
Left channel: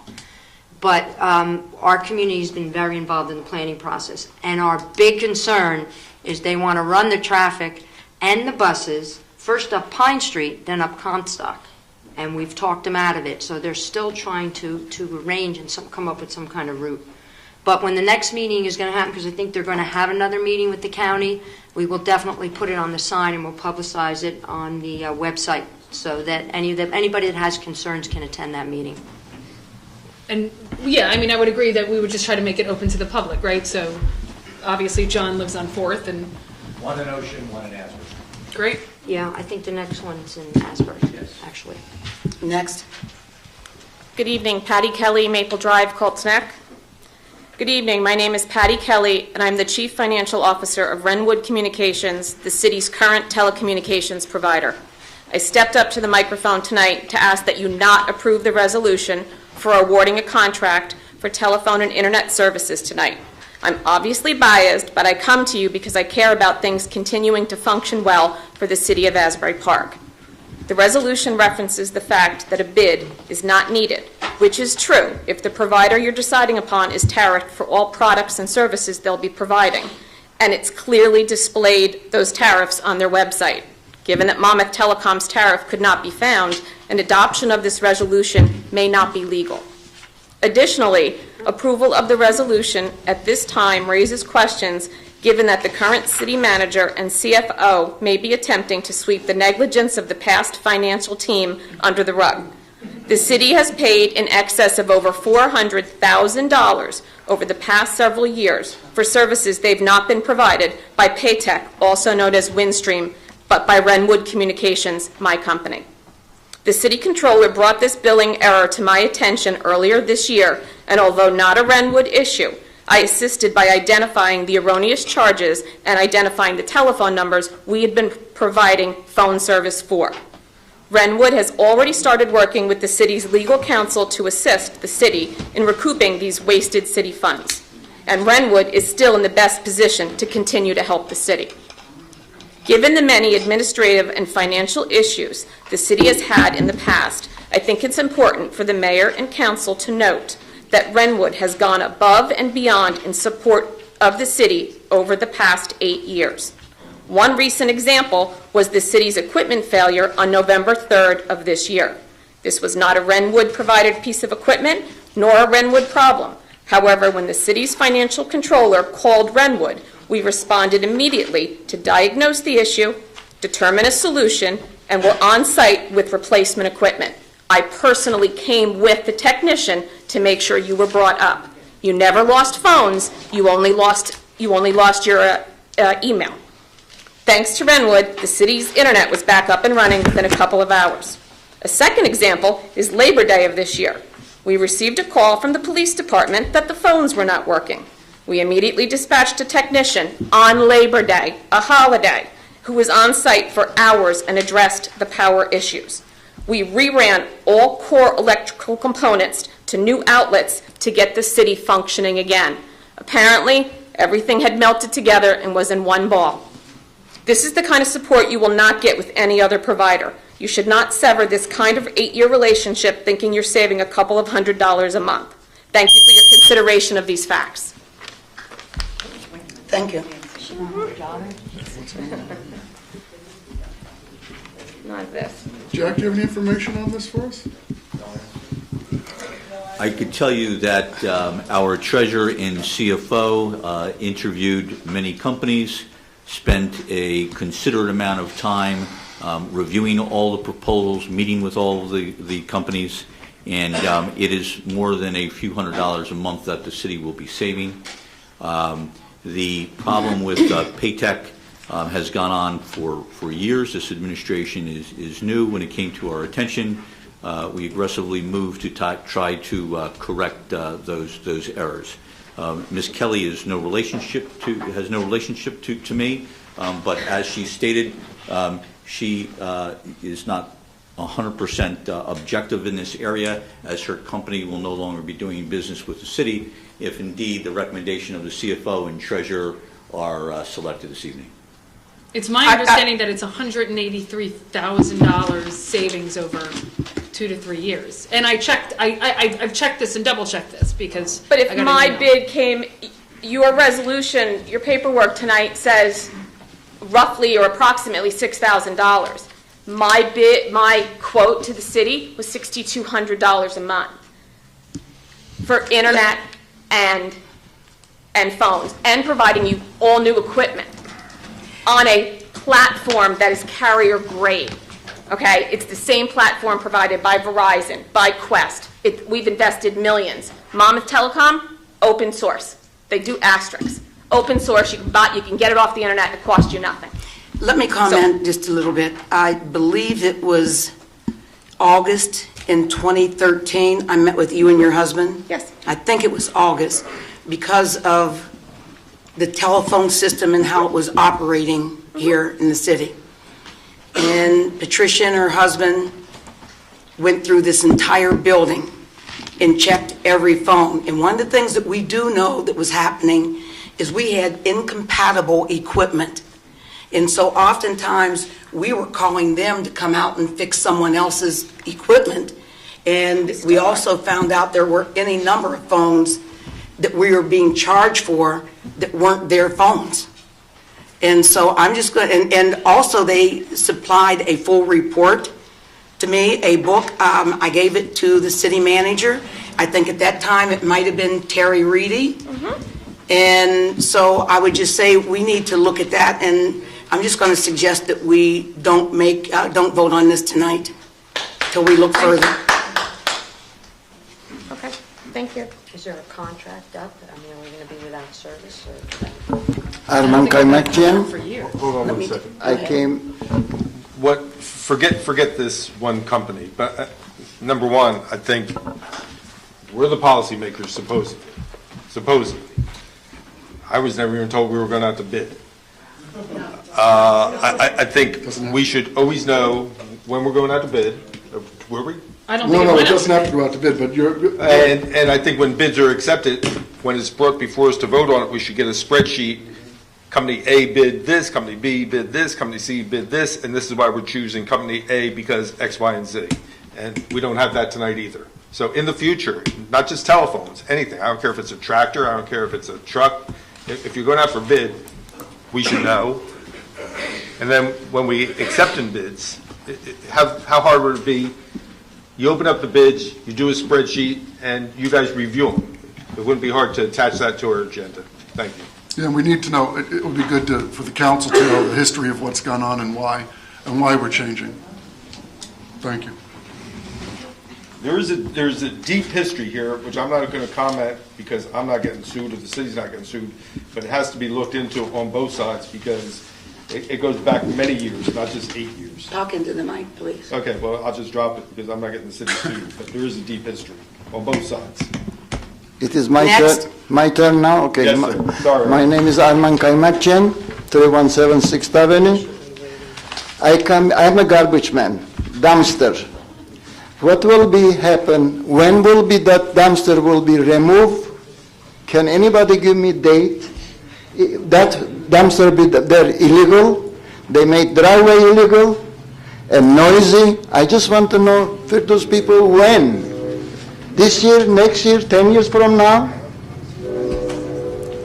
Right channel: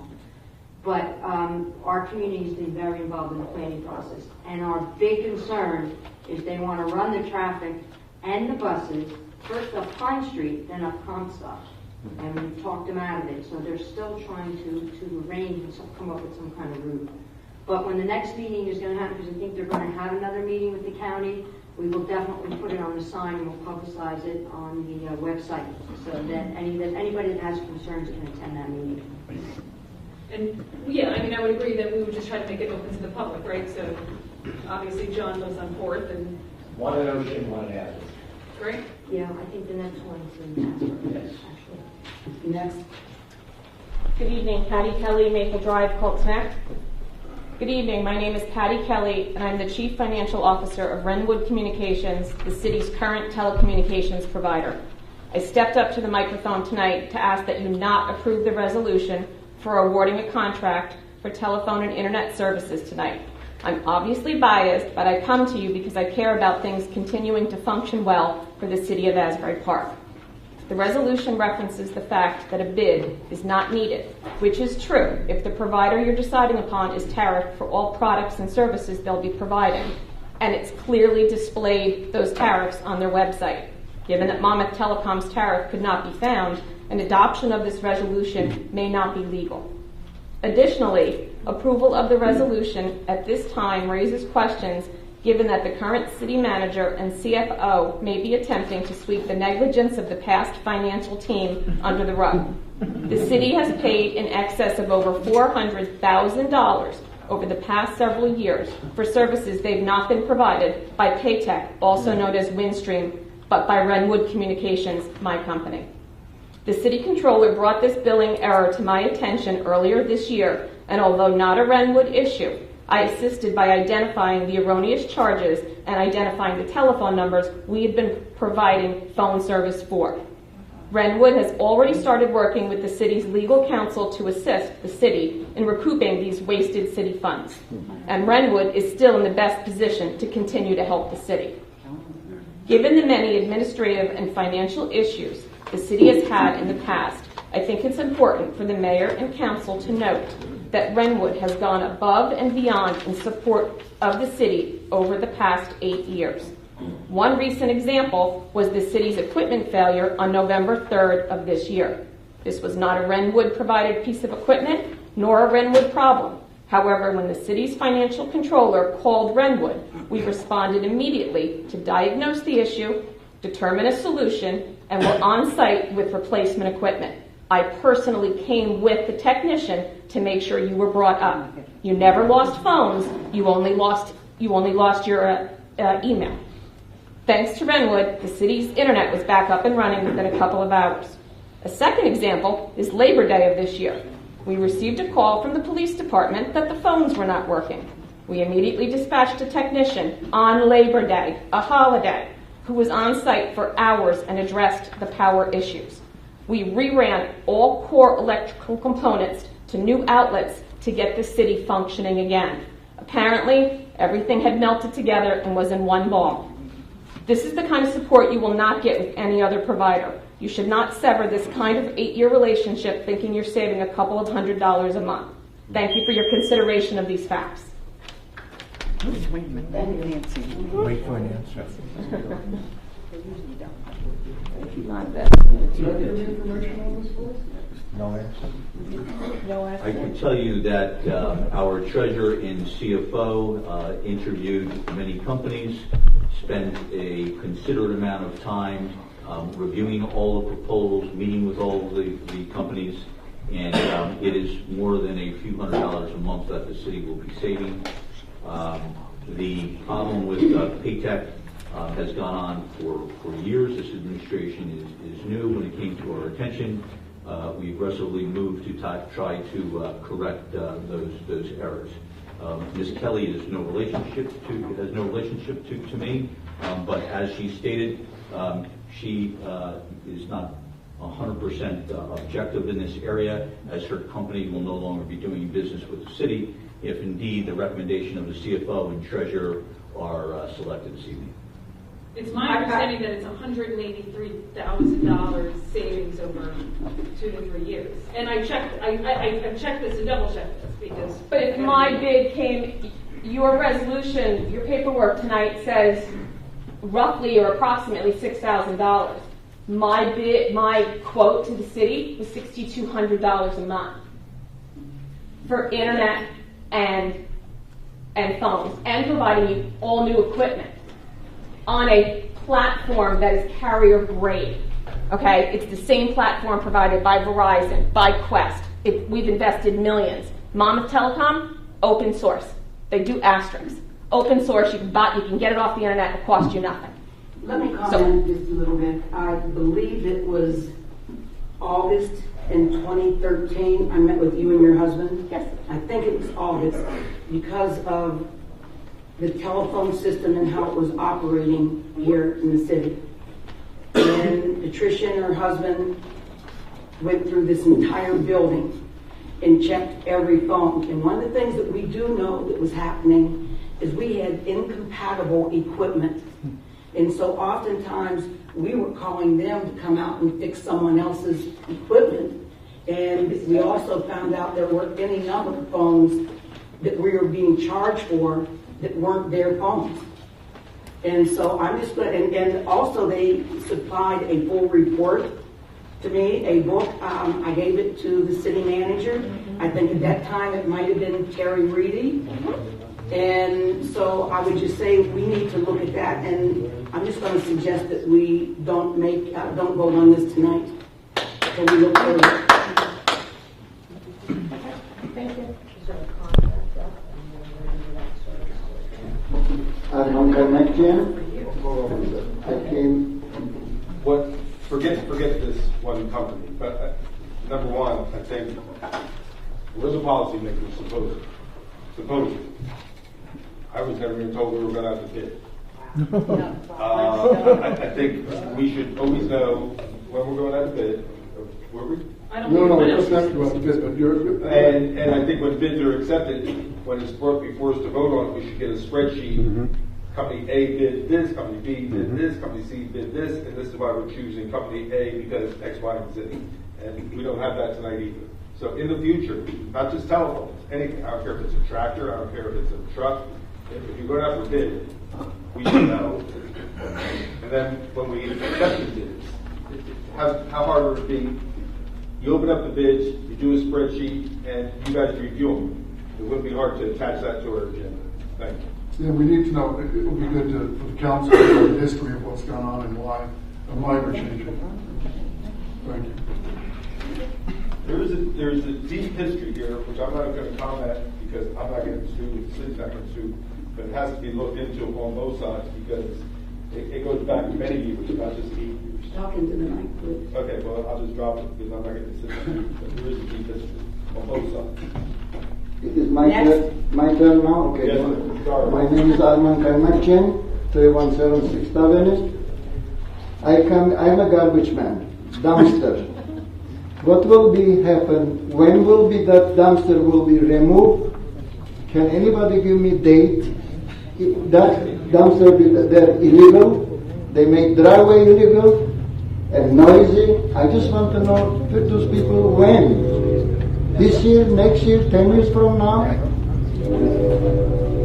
But our community has been very involved in the planning process. And our big concern is they want to run the traffic and the buses, first up Pine Street, then up Comstock. And we've talked them out of it. So they're still trying to arrange and come up with some kind of route. But when the next meeting is going to happen, because I think they're going to have another meeting with the county, we will definitely put it on the sign and we'll publicize it on the website so that anybody that has concerns can attend that meeting. And yeah, I mean, I would agree that we would just try to make it open to the public, right? So obviously John lives on 4th and... One in Ocean, one in Asbury. Great. Yeah, I think the next one's in Asbury, actually. Next. Good evening, Patty Kelly, Maple Drive, Colts Neck. Good evening, my name is Patty Kelly, and I'm the Chief Financial Officer of Wrenwood Communications, the city's current telecommunications provider. I stepped up to the microphone tonight to ask that you not approve the resolution for awarding a contract for telephone and internet services tonight. I'm obviously biased, but I come to you because I care about things continuing to function well for the city of Asbury Park. The resolution references the fact that a bid is not needed, which is true if the provider you're deciding upon is tariffed for all products and services they'll be providing, and it's clearly displayed those tariffs on their website. Given that Monmouth Telecom's tariff could not be found, an adoption of this resolution may not be legal. Additionally, approval of the resolution at this time raises questions given that the current city manager and CFO may be attempting to sweep the negligence of the past financial team under the rug. The city has paid in excess of over $400,000 over the past several years for services they've not been provided by Paytech, also known as Windstream, but by Wrenwood Communications, my company. The city controller brought this billing error to my attention earlier this year, and although not a Wrenwood issue, I assisted by identifying the erroneous charges and identifying the telephone numbers we had been providing phone service for. Wrenwood has already started working with the city's legal counsel to assist the city in recouping these wasted city funds. And Wrenwood is still in the best position to continue to help the city. Given the many administrative and financial issues the city has had in the past, I think it's important for the mayor and council to note that Wrenwood has gone above and beyond in support of the city over the past 8 years. One recent example was the city's equipment failure on November 3rd of this year. This was not a Wrenwood-provided piece of equipment, nor a Wrenwood problem. However, when the city's financial controller called Wrenwood, we responded immediately to diagnose the issue, determine a solution, and were on site with replacement equipment. I personally came with the technician to make sure you were brought up. You never lost phones, you only lost your email. Thanks to Wrenwood, the city's internet was back up and running within a couple of hours. A second example is Labor Day of this year. We received a call from the police department that the phones were not working. We immediately dispatched a technician on Labor Day, a holiday, who was on site for hours and addressed the power issues. We reran all core electrical components to new outlets to get the city functioning again. Apparently, everything had melted together and was in one ball. This is the kind of support you will not get with any other provider. You should not sever this kind of 8-year relationship thinking you're saving a couple of $100s a month. Thank you for your consideration of these facts. Thank you. Jack, do you have any information on this for us? I can tell you that our treasurer and CFO interviewed many companies, spent a considerate amount of time reviewing all the proposals, meeting with all of the companies, and it is more than a few $100s a month that the city will be saving. The problem with Paytech has gone on for years. This administration is new. When it came to our attention, we aggressively moved to try to correct those errors. Ms. Kelly has no relationship to me, but as she stated, she is not 100% objective in this area, as her company will no longer be doing business with the city if indeed the recommendation of the CFO and treasurer are selected this evening. It's my understanding that it's $183,000 savings over 2 to 3 years. And I've checked this and double checked this because. But if my bid came, your resolution, your paperwork tonight says roughly or approximately $6,000. My bid, my quote to the city was $6,200 a month for internet and phones, and providing you all new equipment on a platform that is carrier grade. Okay, it's the same platform provided by Verizon, by Quest. We've invested millions. Monmouth Telecom, open source. They do asterisks. Open source, you can get it off the internet and it costs you nothing. Let me comment just a little bit. I believe it was August in 2013. I met with you and your husband. Yes. I think it was August because of the telephone system and how it was operating here in the city. And Patricia and her husband went through this entire building and checked every phone. And one of the things that we do know that was happening is we had incompatible equipment. And so oftentimes we were calling them to come out and fix someone else's equipment. And we also found out there were any number of phones that we were being charged for that weren't their phones. And so I'm just going, and also they supplied a full report to me, a book. I gave it to the city manager. I think at that time it might have been Terry Reedy. Mm-hmm. And so I would just say we need to look at that, and I'm just going to suggest that we don't vote on this tonight till we look further. Okay, thank you. Is there a contract up? I mean, are we going to be without service? Arman Kaymakjian. Hold on 1 second. I came. Forget this one company, but number one, I think we're the policymakers, supposedly. I was never even told we were going out to bid. I think we should always know when we're going out to bid. Were we? I don't think it doesn't have to go out to bid, but you're. And I think when bids are accepted, when it's brought before us to vote on it, we should get a spreadsheet. Mm-hmm. Company A bid this, Company B bid this, Company C bid this, and this is why we're choosing Company A because X, Y, and Z. And we don't have that tonight either. So in the future, not just telephones, anything. I don't care if it's a tractor, I don't care if it's a truck. If you're going out for bid, we should know. And then when we accept in bids, how hard would it be? You open up the bids, you do a spreadsheet, and you guys review them. It wouldn't be hard to attach that to our agenda. Thank you. Yeah, we need to know. It would be good for the council to know the history of what's gone on and why we're changing. Thank you. There's a deep history here, which I'm not going to comment because I'm not getting sued or the city's not getting sued, but it has to be looked into on both sides because it goes back many years, not just 8 years. Talk into the mic, please. Okay, well, I'll just drop it because I'm not getting the city sued, but there is a deep history on both sides. It is my turn now? Okay. Yes, sorry. My name is Arman Kaymakjian, 317 6th Avenue. I'm a garbage man, dumpster. What will be happen? When will be that dumpster will be removed? Can anybody give me date? That dumpster they're illegal. They make driveway illegal and noisy. I just want to know for those people when. This year, next year, 10 years from now?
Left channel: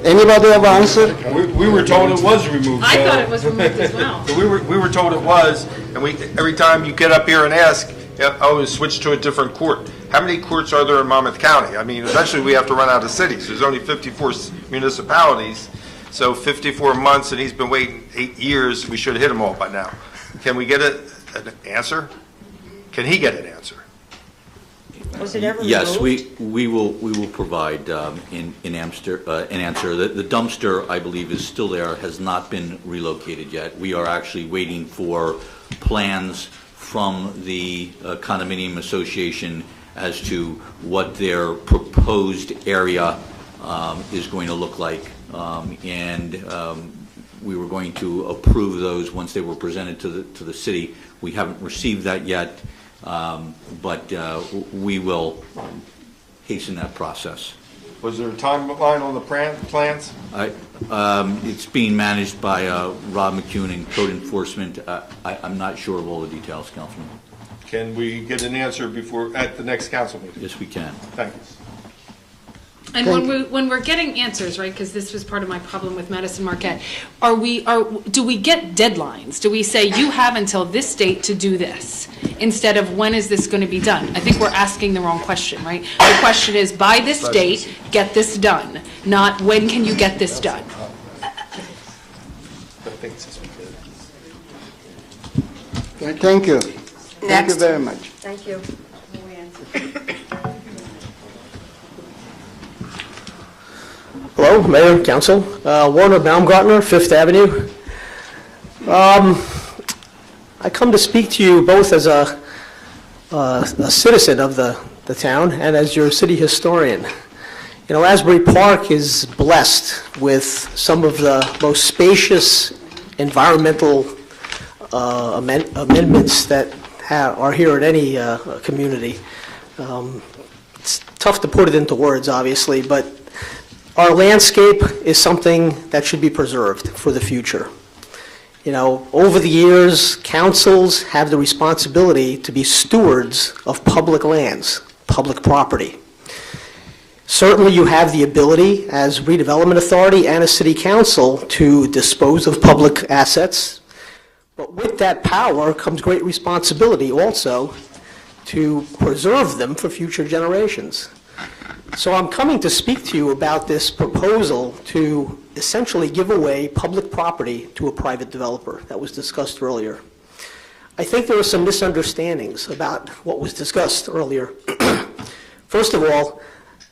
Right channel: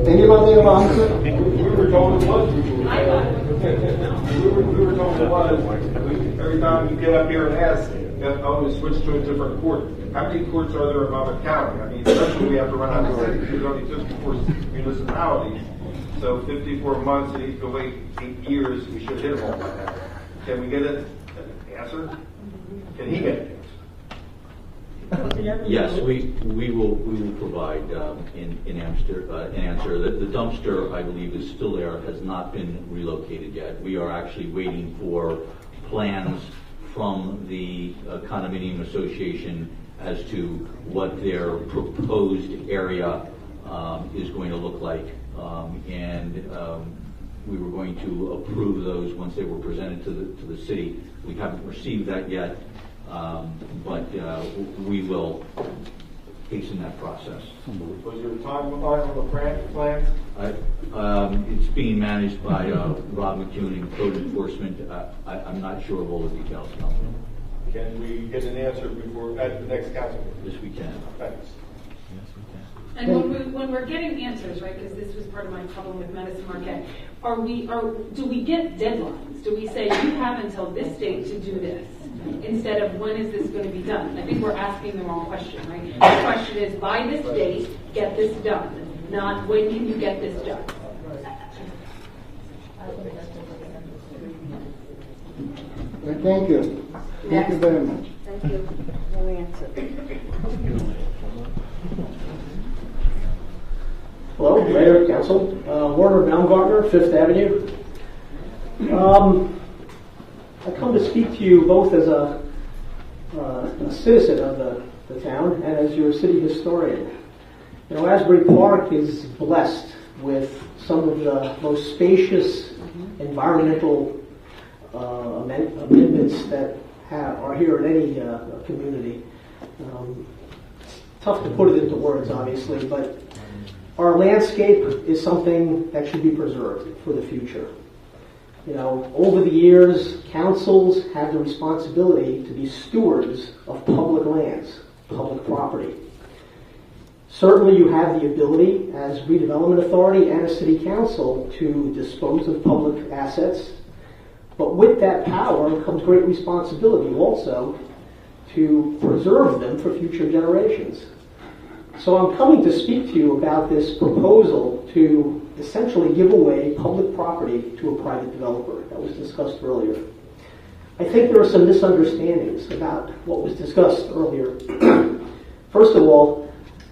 Anybody have an answer? We were told it was removed. I thought it was removed as well. We were told it was, and every time you get up here and ask, oh, switch to a different court. How many courts are there in Monmouth County? I mean, eventually we have to run out of cities. There's only 54 municipalities, so 54 months, and he's been waiting 8 years. We should hit them all by now. Can we get an answer? Can he get an answer? Yes, we will provide an answer. The dumpster, I believe, is still there, has not been relocated yet. We are actually waiting for plans from the condominium association as to what their proposed area is going to look like. We were going to approve those once they were presented to the city. We haven't received that yet, but we will hasten that process. Was there a timeline on the plans? It's being managed by Rob McCune in Code Enforcement. I'm not sure of all the details, Councilman. Can we get an answer at the next council meeting? Yes, we can. Thank you. And when we're getting answers, right, because this was part of my problem with Madison Marquette, do we get deadlines? Do we say you have until this date to do this, instead of when is this going to be done? I think we're asking the wrong question, right? The question is, by this date, get this done, not when can you get this done? Thank you. Thank you very much. Thank you. Hello, Mayor, Council. Warner Baumgartner, Fifth Avenue. I come to speak to you both as a citizen of the town and as your city historian. You know, Asbury Park is blessed with some of the most spacious environmental amendments that are here at any community. It's tough to put it into words, obviously, but our landscape is something that should be preserved for the future. You know, over the years, councils have the responsibility to be stewards of public lands, public property. Certainly you have the ability as redevelopment authority and a city council to dispose of public assets, but with that power comes great responsibility also to preserve them for future generations. So I'm coming to speak to you about this proposal to essentially give away public property to a private developer that was discussed earlier. I think there are some misunderstandings about what was discussed earlier. First of all,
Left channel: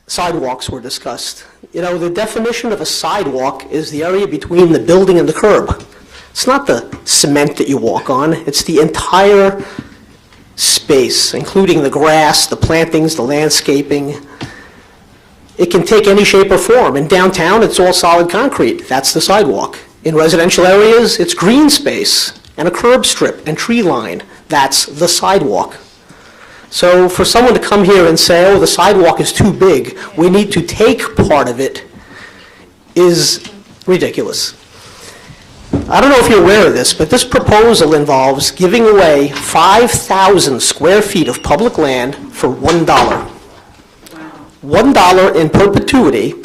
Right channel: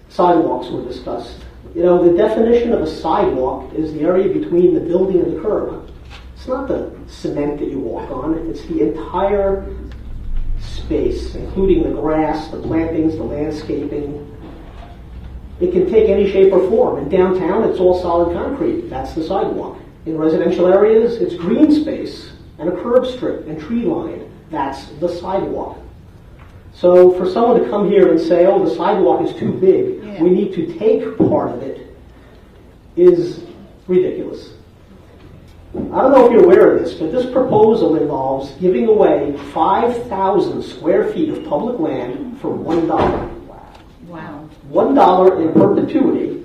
sidewalks were discussed. You know, the definition of a sidewalk is the area between the building and the curb. It's not the cement that you walk on, it's the entire space, including the grass, the plantings, the landscaping. It can take any shape or form. In downtown, it's all solid concrete. That's the sidewalk. In residential areas, it's green space and a curb strip and tree line. That's the sidewalk. So for someone to come here and say, oh, the sidewalk is too big, we need to take part of it, is ridiculous. I don't know if you're aware of this, but this proposal involves giving away 5,000 square feet of public land for $1. $1 in perpetuity.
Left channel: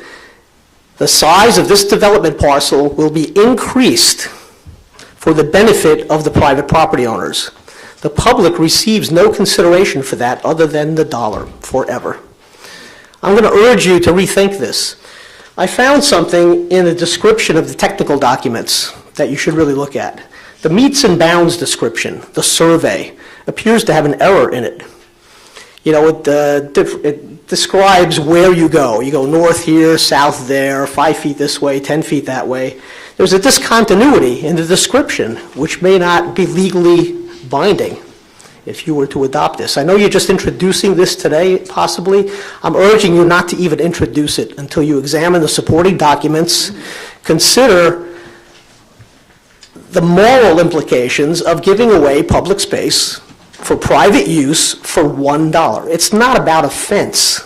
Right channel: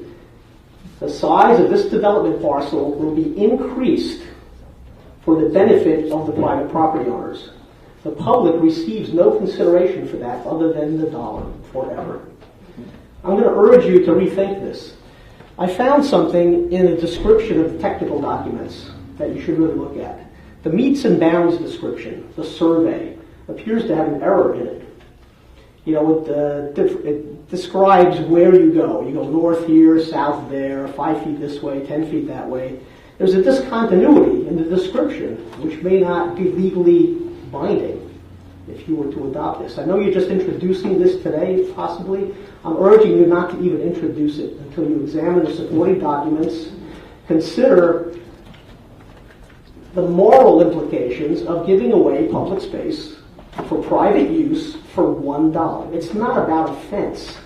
The size of this development parcel will be increased for the benefit of the private property owners. The public receives no consideration for that other than the dollar forever. I'm going to urge you to rethink this. I found something in the description of the technical documents that you should really look at. The meets and bounds description, the survey, appears to have an error in it. You know, it describes where you go. You go north here, south there, 5 feet this way, 10 feet that way. There's a discontinuity in the description, which may not be legally binding if you were to adopt this. I know you're just introducing this today, possibly. I'm urging you not to even introduce it until you examine the supporting documents, consider the moral implications of giving away public space for private use for $1. It's not about a fence.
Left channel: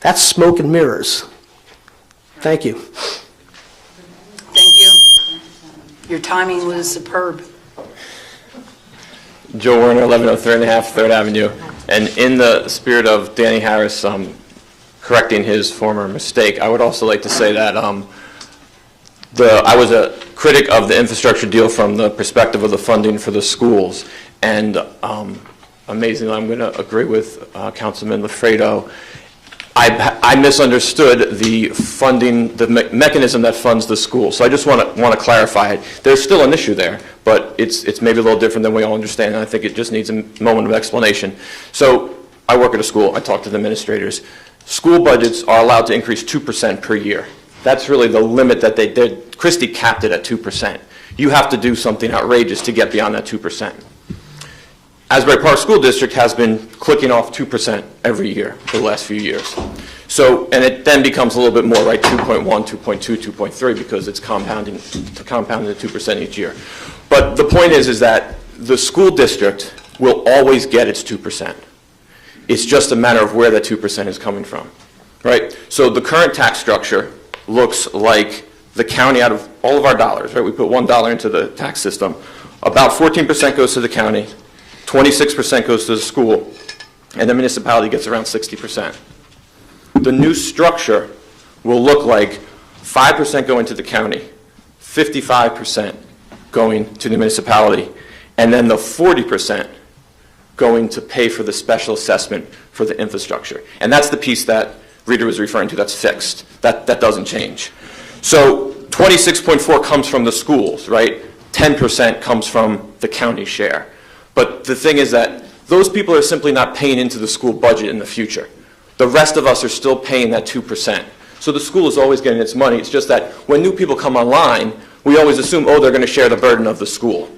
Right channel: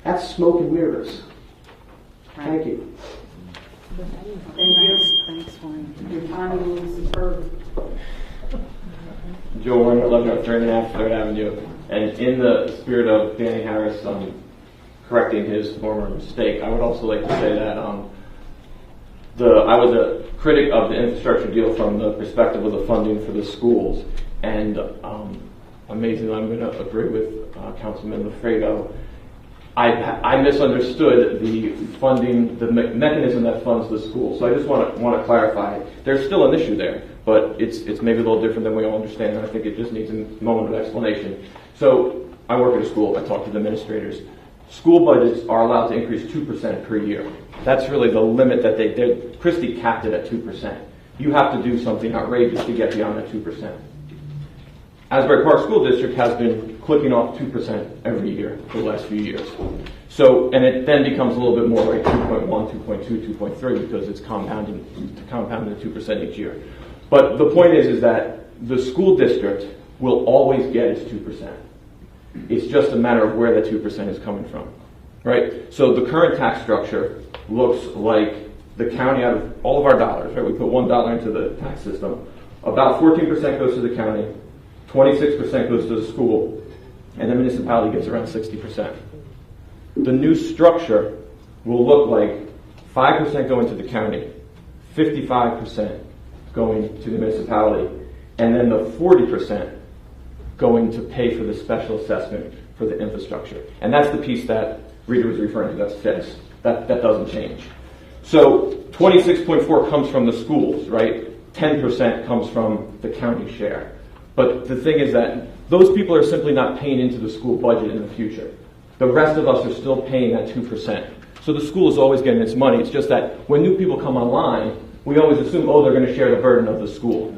That's smoke and mirrors. Thank you. Thank you. Your timing was superb. Joe Werner, 1103 and a half 3rd Avenue. And in the spirit of Danny Harris correcting his former mistake, I would also like to say that I was a critic of the infrastructure deal from the perspective of the funding for the schools. And amazingly, I'm going to agree with Councilman Lafredo. I misunderstood the funding, the mechanism that funds the school. So I just want to clarify it. There's still an issue there, but it's maybe a little different than we all understand, and I think it just needs a moment of explanation. So I work at a school. I talk to the administrators. School budgets are allowed to increase 2% per year. That's really the limit that they did. Christie capped it at 2%. You have to do something outrageous to get beyond that 2%. Asbury Park School District has been clicking off 2% every year for the last few years. So, and it then becomes a little bit more, right? 2.1, 2.2, 2.3, because it's compounding at 2% each year. But the point is that the school district will always get its 2%. It's just a matter of where that 2% is coming from, right? So the current tax structure looks like the county, out of all of our dollars, right? We put $1 into the tax system. About 14% goes to the county, 26% goes to the school, and the municipality gets around 60%. The new structure will look like 5% going to the county, 55% going to the municipality, and then the 40% going to pay for the special assessment for the infrastructure. And that's the piece that Rita was referring to that's fixed. That doesn't change. So 26.4 comes from the schools, right? 10% comes from the county share. But the thing is that those people are simply not paying into the school budget in the future. The rest of us are still paying that 2%. So the school is always getting its money. It's just that when new people come online, we always assume, oh, they're going to share the burden of the school.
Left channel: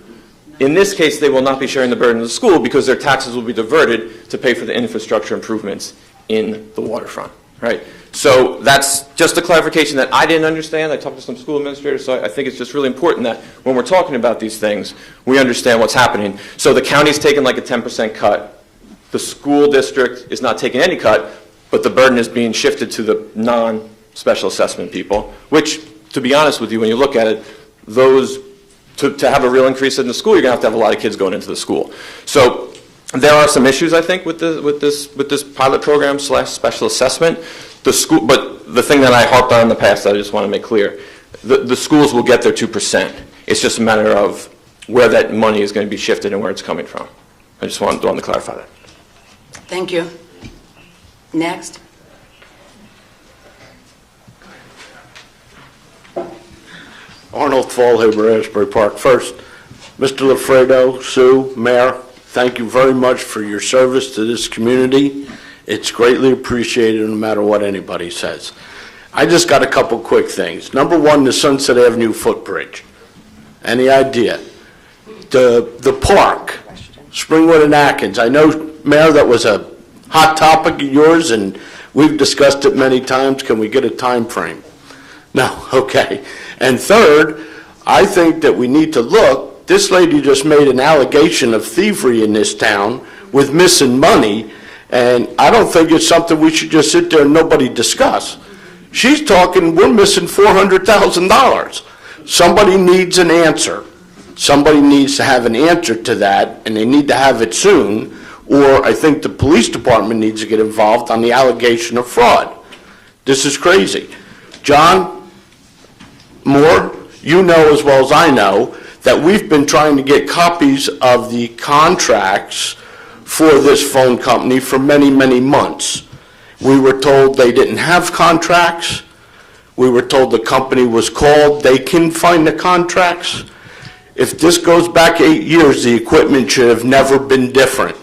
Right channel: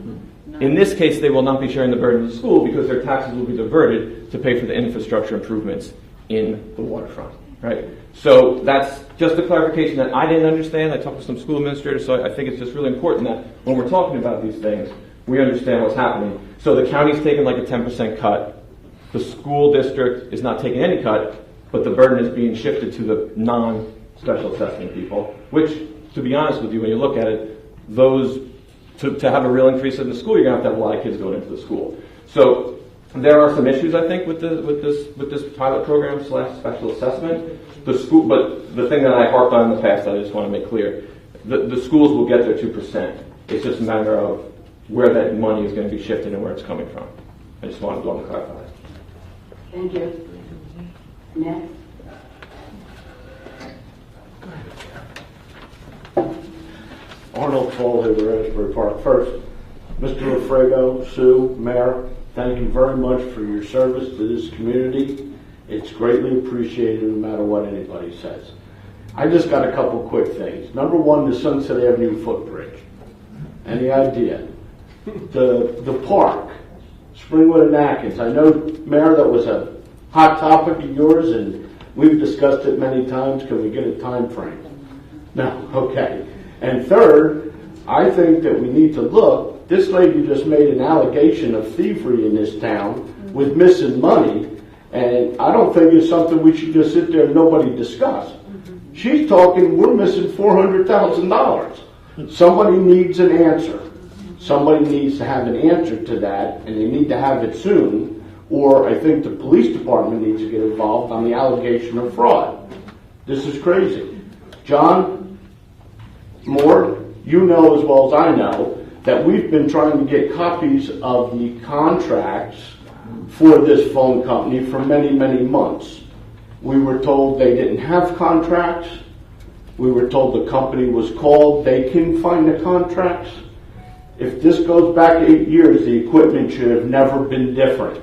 In this case, they will not be sharing the burden of the school because their taxes will be diverted to pay for the infrastructure improvements in the waterfront, right? So that's just a clarification that I didn't understand. I talked to some school administrators, so I think it's just really important that when we're talking about these things, we understand what's happening. So the county's taking like a 10% cut. The school district is not taking any cut, but the burden is being shifted to the non-special assessment people, which, to be honest with you, when you look at it, those, to have a real increase in the school, you're going to have a lot of kids going into the school. So there are some issues, I think, with this pilot program / special assessment. The school, but the thing that I harped on in the past that I just want to make clear, the schools will get their 2%. It's just a matter of where that money is going to be shifted and where it's coming from. I just wanted to clarify that. Thank you. Next. Arnold Fallhaber, Asbury Park. First, Mr. Lafredo, Sue, Mayor, thank you very much for your service to this community. It's greatly appreciated no matter what anybody says. I just got a couple quick things. Number one, the Sunset Avenue footbridge. Any idea? The park, Springwood and Atkins. I know, Mayor, that was a hot topic of yours, and we've discussed it many times. Can we get a time frame? No, okay. And third, I think that we need to look. This lady just made an allegation of thievery in this town with missing money, and I don't think it's something we should just sit there and nobody discuss. She's talking, we're missing $400,000. Somebody needs an answer. Somebody needs to have an answer to that, and they need to have it soon, or I think the police department needs to get involved on the allegation of fraud. This is crazy. John Moore, you know as well as I know that we've been trying to get copies of the contracts for this phone company for many, many months. We were told they didn't have contracts. We were told the company was called. They can find the contracts. If this goes back 8 years, the equipment should have never been different.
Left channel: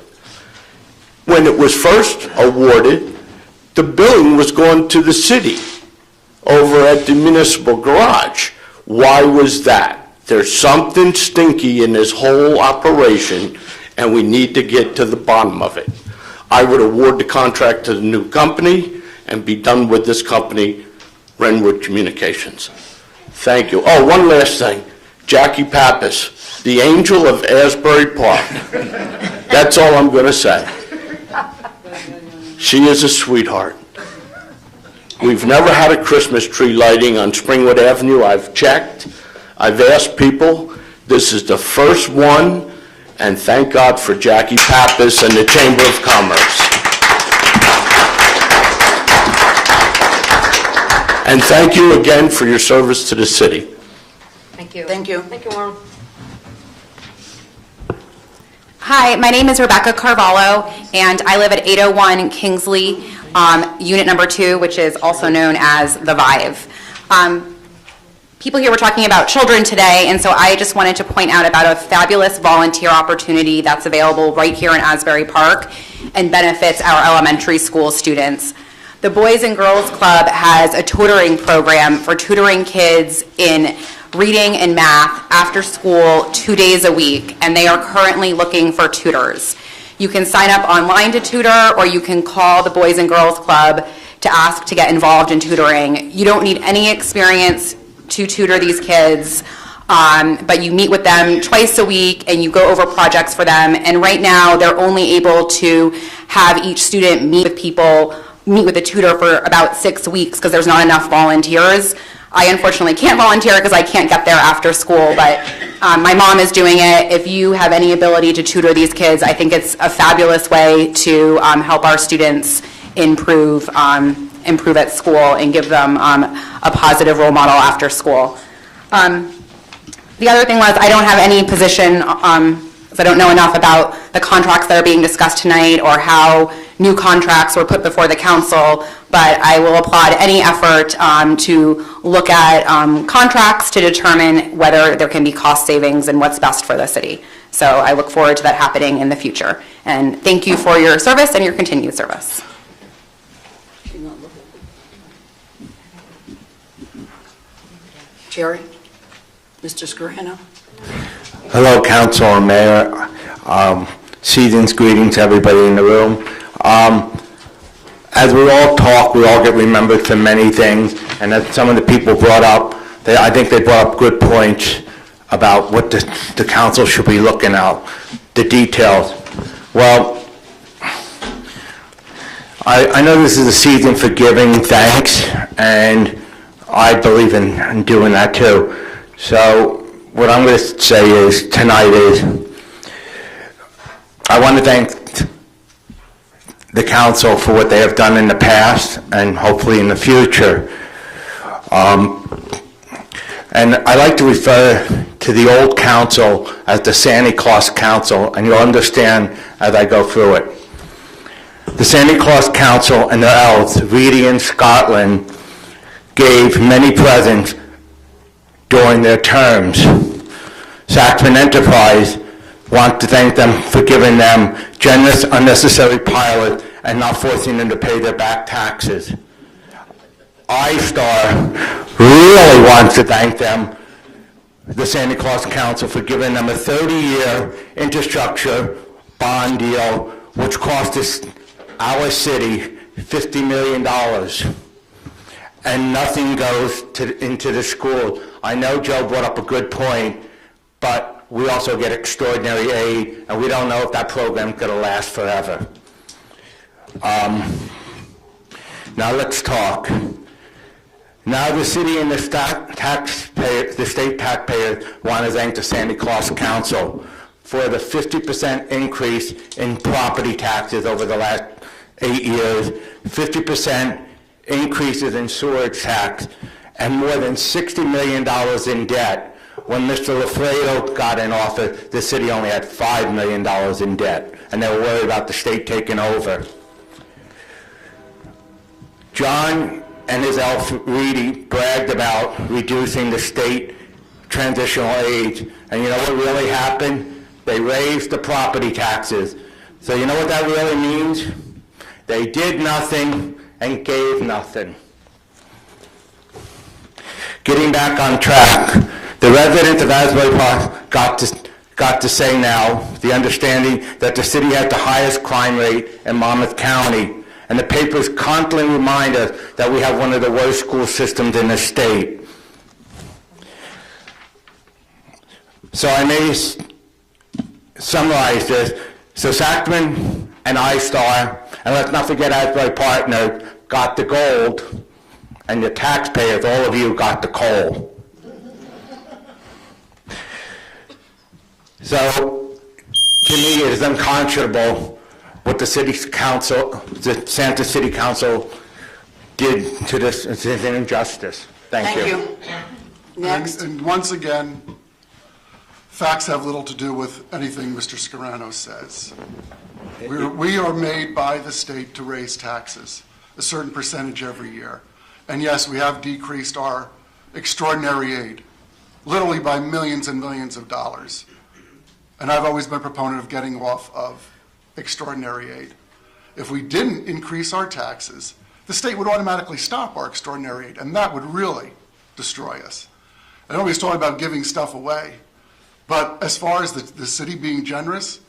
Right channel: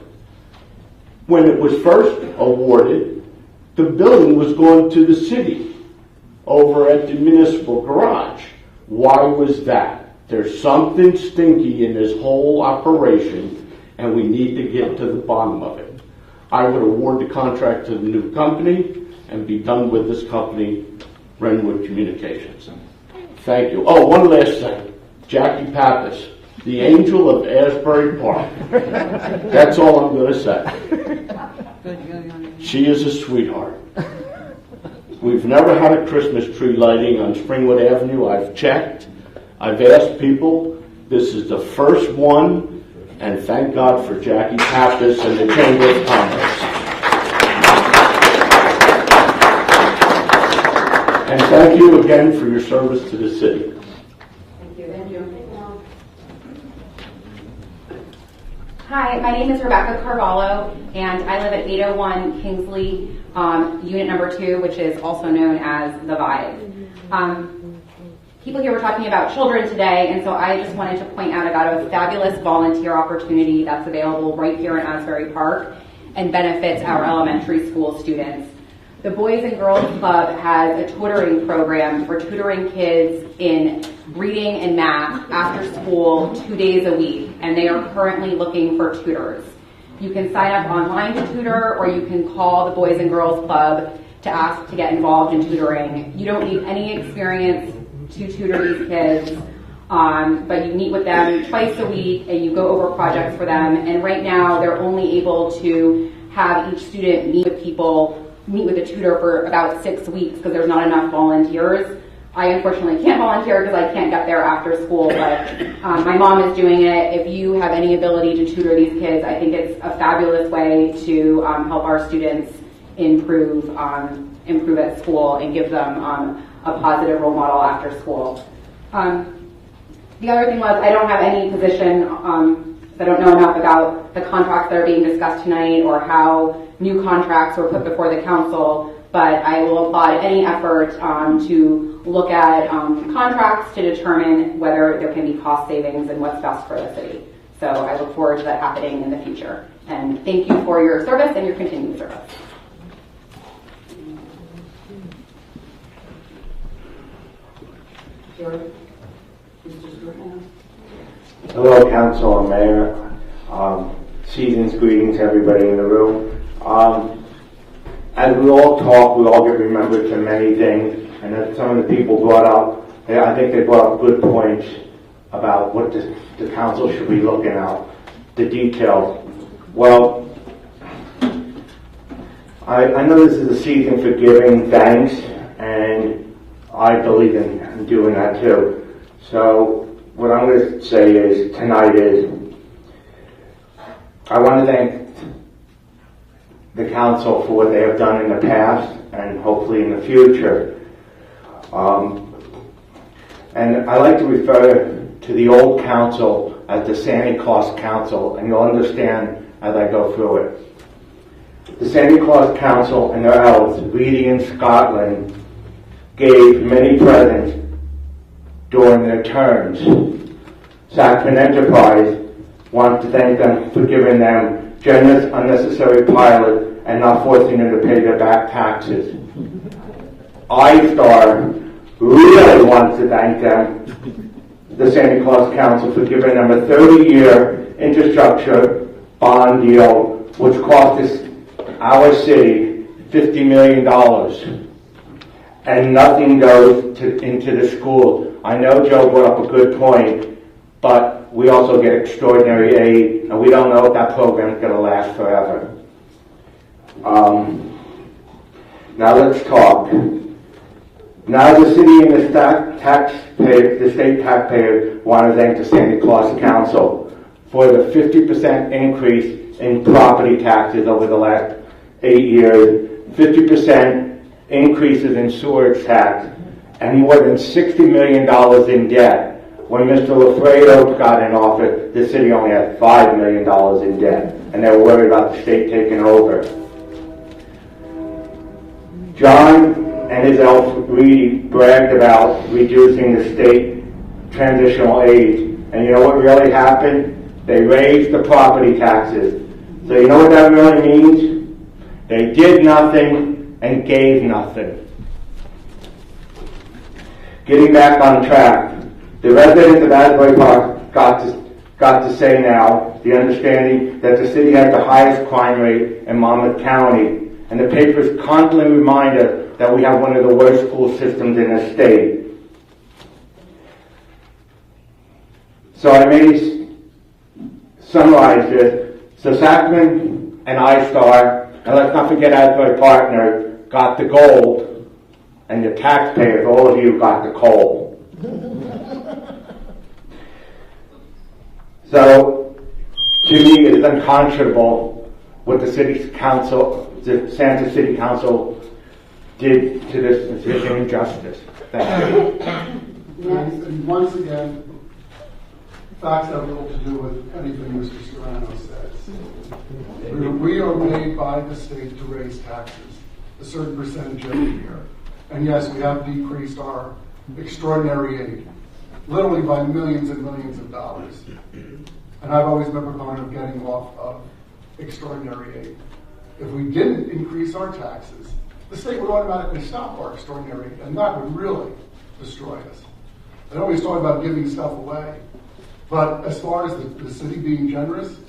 When it was first awarded, the billing was going to the city over at the municipal garage. Why was that? There's something stinky in this whole operation, and we need to get to the bottom of it. I would award the contract to the new company and be done with this company, Renwood Communications. Thank you. Oh, one last thing. Jackie Pappas, the angel of Asbury Park. That's all I'm going to say. She is a sweetheart. We've never had a Christmas tree lighting on Springwood Avenue. I've checked. I've asked people. This is the first one, and thank God for Jackie Pappas and the Chamber of Commerce. And thank you again for your service to the city. Thank you. Thank you. Thank you, Warren. Hi, my name is Rebecca Carvalho, and I live at 801 Kingsley, unit number 2, which is also known as the Vive. People here were talking about children today, and so I just wanted to point out about a fabulous volunteer opportunity that's available right here in Asbury Park and benefits our elementary school students. The Boys and Girls Club has a tutoring program for tutoring kids in reading and math after school 2 days a week, and they are currently looking for tutors. You can sign up online to tutor, or you can call the Boys and Girls Club to ask to get involved in tutoring. You don't need any experience to tutor these kids, but you meet with them twice a week and you go over projects for them. And right now, they're only able to have each student meet with a tutor for about 6 weeks because there's not enough volunteers. I unfortunately can't volunteer because I can't get there after school, but my mom is doing it. If you have any ability to tutor these kids, I think it's a fabulous way to help our students improve at school and give them a positive role model after school. The other thing was I don't have any position, so I don't know enough about the contracts that are being discussed tonight or how new contracts were put before the council, but I will applaud any effort to look at contracts to determine whether there can be cost savings and what's best for the city. So I look forward to that happening in the future. And thank you for your service and your continued service. Jerry? Mr. Scarano? Hello, Council and Mayor. Season's greetings to everybody in the room. As we all talk, we all get remembered for many things, and as some of the people brought up, I think they brought up good points about what the council should be looking at, the details. Well, I know this is a season for giving thanks, and I believe in doing that too. So what I'm going to say is tonight is I want to thank the council for what they have done in the past and hopefully in the future. And I like to refer to the old council as the Santa Claus Council, and you'll understand as I go through it. The Santa Claus Council and their elves, Reedy and Scotland, gave many presents during their terms. Sacramento Enterprise want to thank them for giving them generous, unnecessary pilots and not forcing them to pay their back taxes. iStar really wants to thank them, the Santa Claus Council, for giving them a 30-year infrastructure bond deal, which cost our city $50 million. And nothing goes into the school. I know Joe brought up a good point, but we also get extraordinary aid, and we don't know if that program is going to last forever. Now let's talk. Now the city and the state taxpayers want to thank the Santa Claus Council for the 50% increase in property taxes over the last 8 years, 50% increases in sewerage tax, and more than $60 million in debt. When Mr. Lafredo got in office, the city only had $5 million in debt, and they were worried about the state taking over. John and his elf Reedy bragged about reducing the state transitional age, and you know what really happened? They raised the property taxes. So you know what that really means? They did nothing and gave nothing. Getting back on track, the residents of Asbury Park got to say now the understanding that the city had the highest crime rate in Monmouth County, and the papers constantly remind us that we have one of the worst school systems in the state. So I may summarize this. So Sacman and iStar, and let's not forget Asbury Partner, got the gold, and the taxpayers, all of you, got the coal. So, to me, it is unconscionable what the city council, the Santa City Council, did to this. It's an injustice. Thank you. Next. And once again, facts have little to do with anything Mr. Scarano says. We are made by the state to raise taxes, a certain percentage every year. And yes, we have decreased our extraordinary aid, literally by millions and millions of dollars. And I've always been a proponent of getting off of extraordinary aid. If we didn't increase our taxes, the state would automatically stop our extraordinary aid, and that would really destroy us. I know he's talking about giving stuff away, but as far as the city being generous,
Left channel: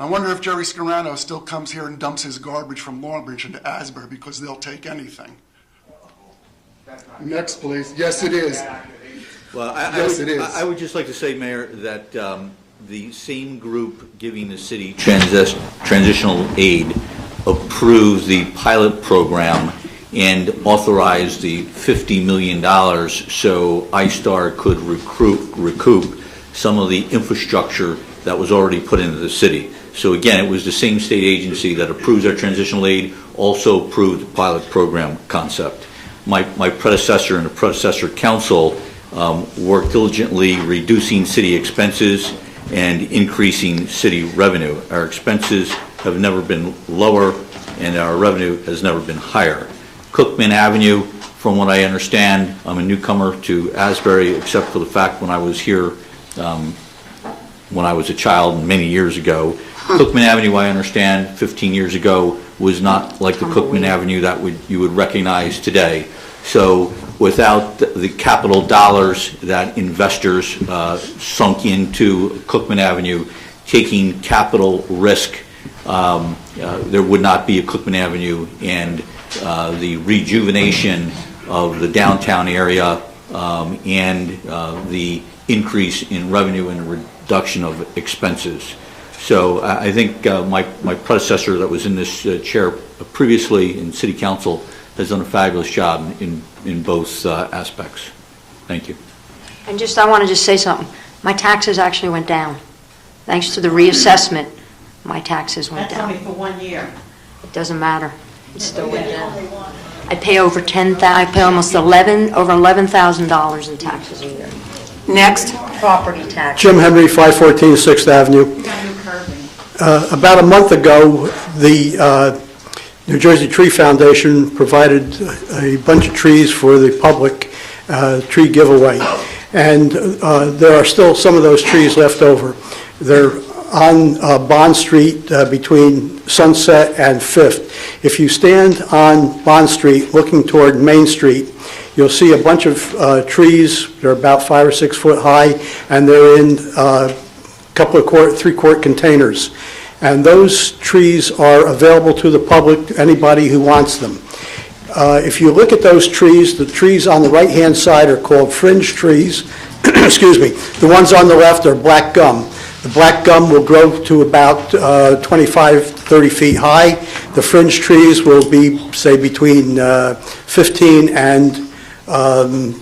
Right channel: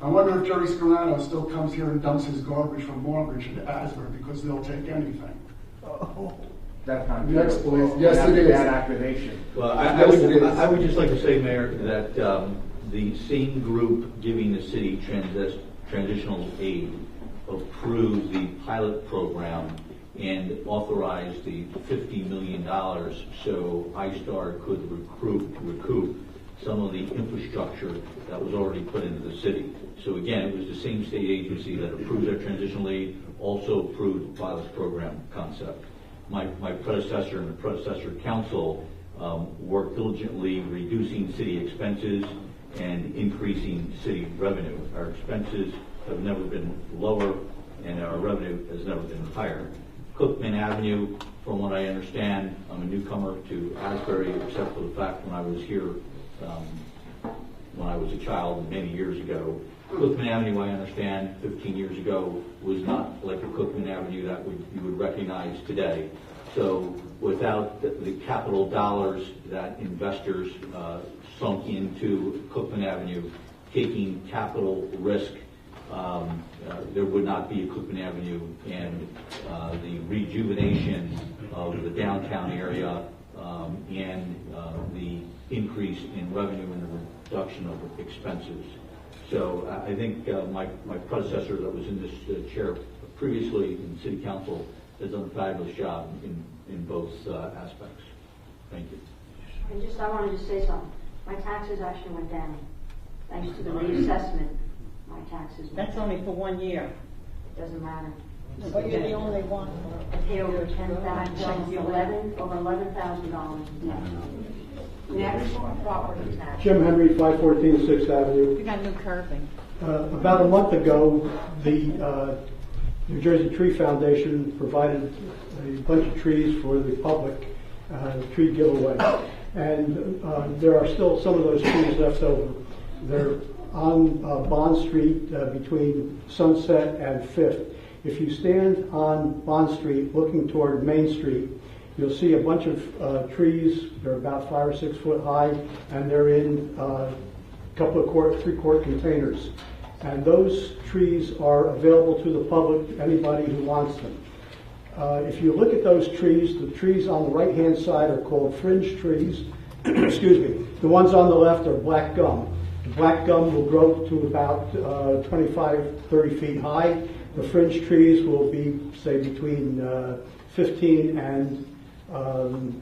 I wonder if Jerry Scarano still comes here and dumps his garbage from Longbridge into Asbury, because they'll take anything. Next, please. Yes, it is. Well, Yes, it is. I would just like to say, Mayor, that the same group giving the city transitional aid approved the pilot program and authorized the $50 million so iStar could recoup some of the infrastructure that was already put into the city. So again, it was the same state agency that approves our transitional aid, also approved the pilot program concept. My predecessor and the predecessor council worked diligently reducing city expenses and increasing city revenue. Our expenses have never been lower and our revenue has never been higher. Cookman Avenue, from what I understand, I'm a newcomer to Asbury, except for the fact when I was here when I was a child many years ago. Cookman Avenue, I understand, 15 years ago, was not like the Cookman Avenue that you would recognize today. So without the capital dollars that investors sunk into Cookman Avenue, taking capital risk, there would not be a Cookman Avenue, and the rejuvenation of the downtown area and the increase in revenue and the reduction of expenses. So I think my predecessor that was in this chair previously in City Council has done a fabulous job in both aspects. Thank you. And I want to just say something. My taxes actually went down. Thanks to the reassessment, my taxes went down. That's only for 1 year. It doesn't matter. It still went down. I pay over I pay almost over $11,000 in taxes a year. Next. Property tax. Jim Henry, 514 6th Avenue. About a month ago, the New Jersey Tree Foundation provided a bunch of trees for the public tree giveaway. And there are still some of those trees left over. They're on Bond Street between Sunset and 5th. If you stand on Bond Street looking toward Main Street, you'll see a bunch of trees. They're about 5 or 6 foot high, and they're in a couple of 3-quart containers. And those trees are available to the public, anybody who wants them. If you look at those trees, the trees on the right-hand side are called fringe trees. Excuse me. The ones on the left are black gum. The black gum will grow to about 25 to 30 feet high. The fringe trees will be, say, between 15 and 20,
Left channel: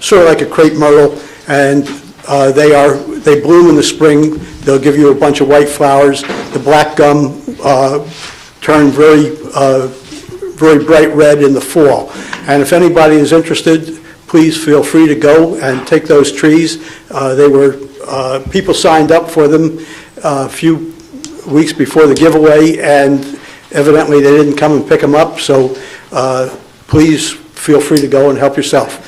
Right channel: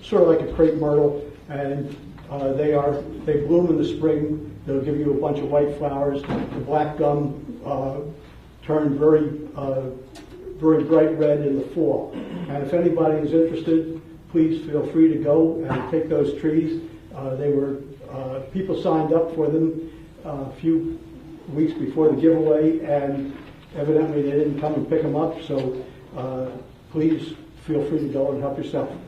sort of like a crepe myrtle, and they bloom in the spring. They'll give you a bunch of white flowers. The black gum turn very bright red in the fall. And if anybody is interested, please feel free to go and take those trees. People signed up for them a few weeks before the giveaway, and evidently they didn't come and pick them up, so please feel free to go and help yourself.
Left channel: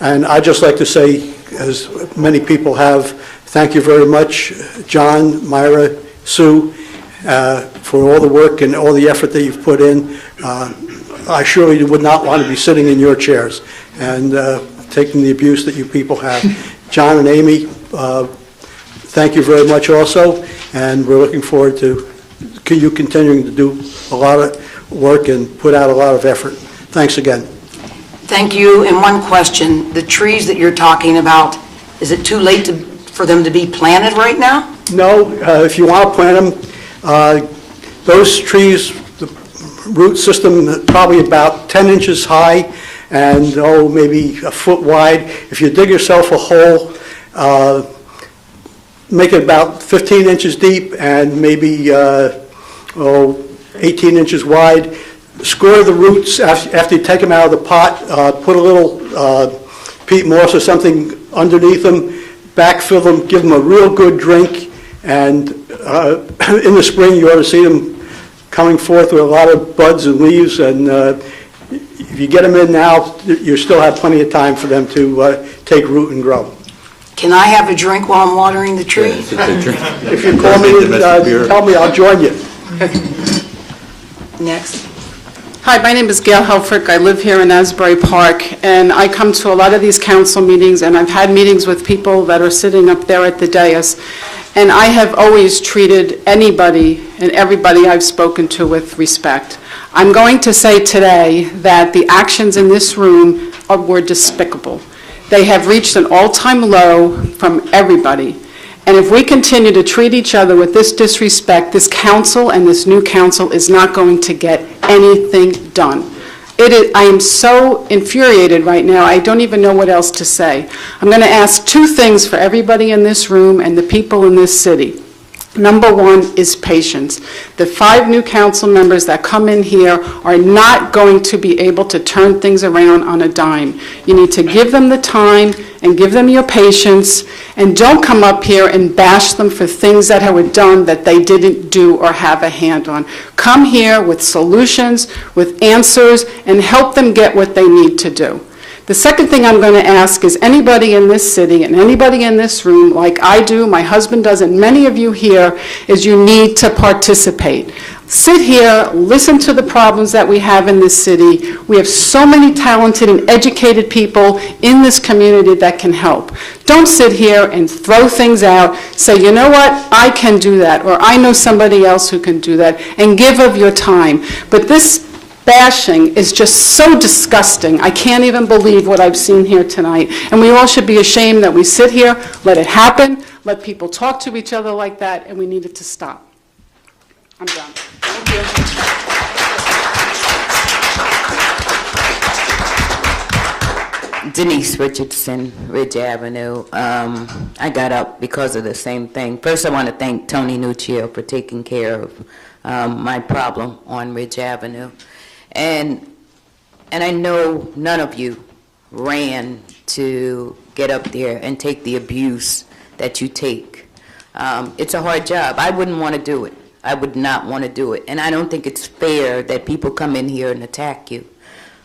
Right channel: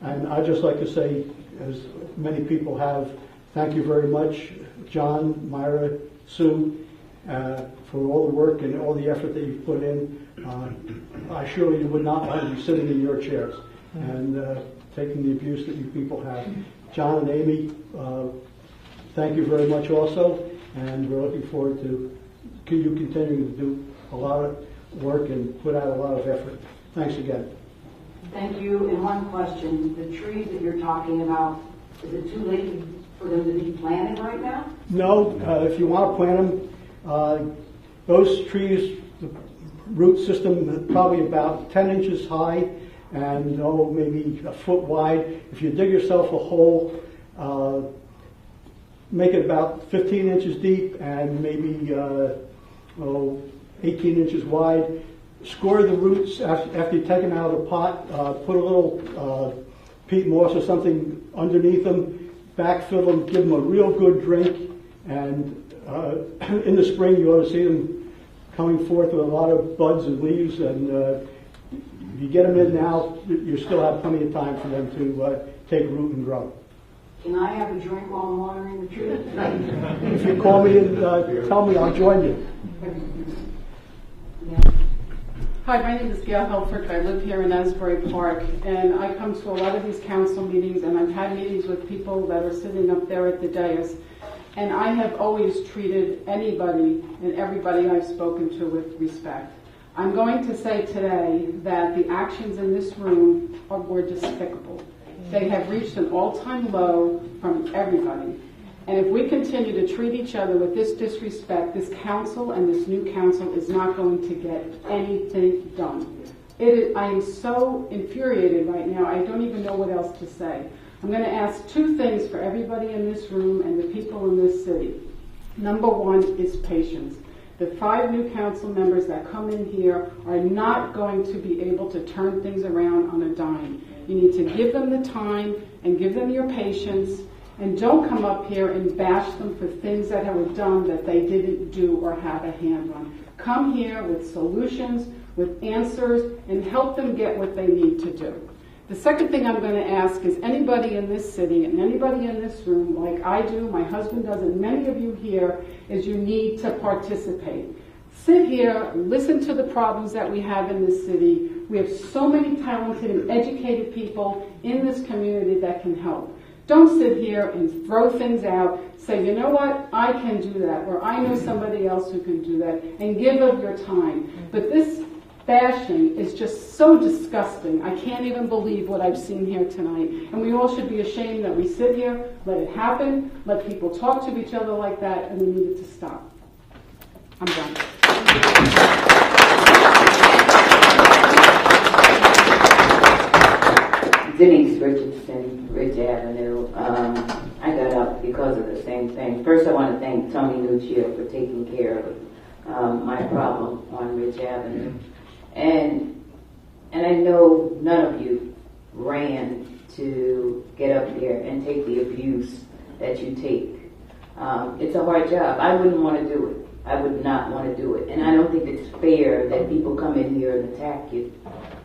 And I'd just like to say, as many people have, thank you very much, John, Myra, Sue, for all the work and all the effort that you've put in. I surely would not want to be sitting in your chairs and taking the abuse that you people have. John and Amy, thank you very much also, and we're looking forward to you continuing to do a lot of work and put out a lot of effort. Thanks again. Thank you. And one question, the trees that you're talking about, is it too late for them to be planted right now? No, if you want to plant them, those trees, the root system probably about 10 inches high and maybe a foot wide. If you dig yourself a hole, make it about 15 inches deep and maybe 18 inches wide. Score the roots after you take them out of the pot. Put a little peat moss or something underneath them. Backfill them. Give them a real good drink. And in the spring, you ought to see them coming forth with a lot of buds and leaves. And if you get them in now, you still have plenty of time for them to take root and grow. Can I have a drink while I'm watering the tree? If you call me, tell me, I'll join you. Next. Hi, my name is Gail Helfrich. I live here in Asbury Park, and I come to a lot of these council meetings, and I've had meetings with people that are sitting up there at the dais. and I have always treated anybody and everybody I've spoken to with respect. I'm going to say today that the actions in this room were despicable. They have reached an all-time low from everybody. And if we continue to treat each other with this disrespect, this council and this new council is not going to get anything done. I am so infuriated right now, I don't even know what else to say. I'm going to ask two things for everybody in this room and the people in this city. Number one is patience. The 5 new council members that come in here are not going to be able to turn things around on a dime. You need to give them the time and give them your patience, and don't come up here and bash them for things that were done that they didn't do or have a hand on. Come here with solutions, with answers, and help them get what they need to do. The second thing I'm going to ask is anybody in this city and anybody in this room, like I do, my husband does, and many of you here, is you need to participate. Sit here, listen to the problems that we have in this city. We have so many talented and educated people in this community that can help. Don't sit here and throw things out, say, you know what, I can do that, or I know somebody else who can do that, and give of your time. But this bashing is just so disgusting. I can't even believe what I've seen here tonight. And we all should be ashamed that we sit here, let it happen, let people talk to each other like that, and we need it to stop. I'm done. Thank you. Denise Richardson, Ridge Avenue. I got up because of the same thing. First, I want to thank Tony Nuccio for taking care of my problem on Ridge Avenue. And I know none of you ran to get up there and take the abuse that you take. It's a hard job. I wouldn't want to do it. I would not want to do it. And I don't think it's fair that people come in here and attack you.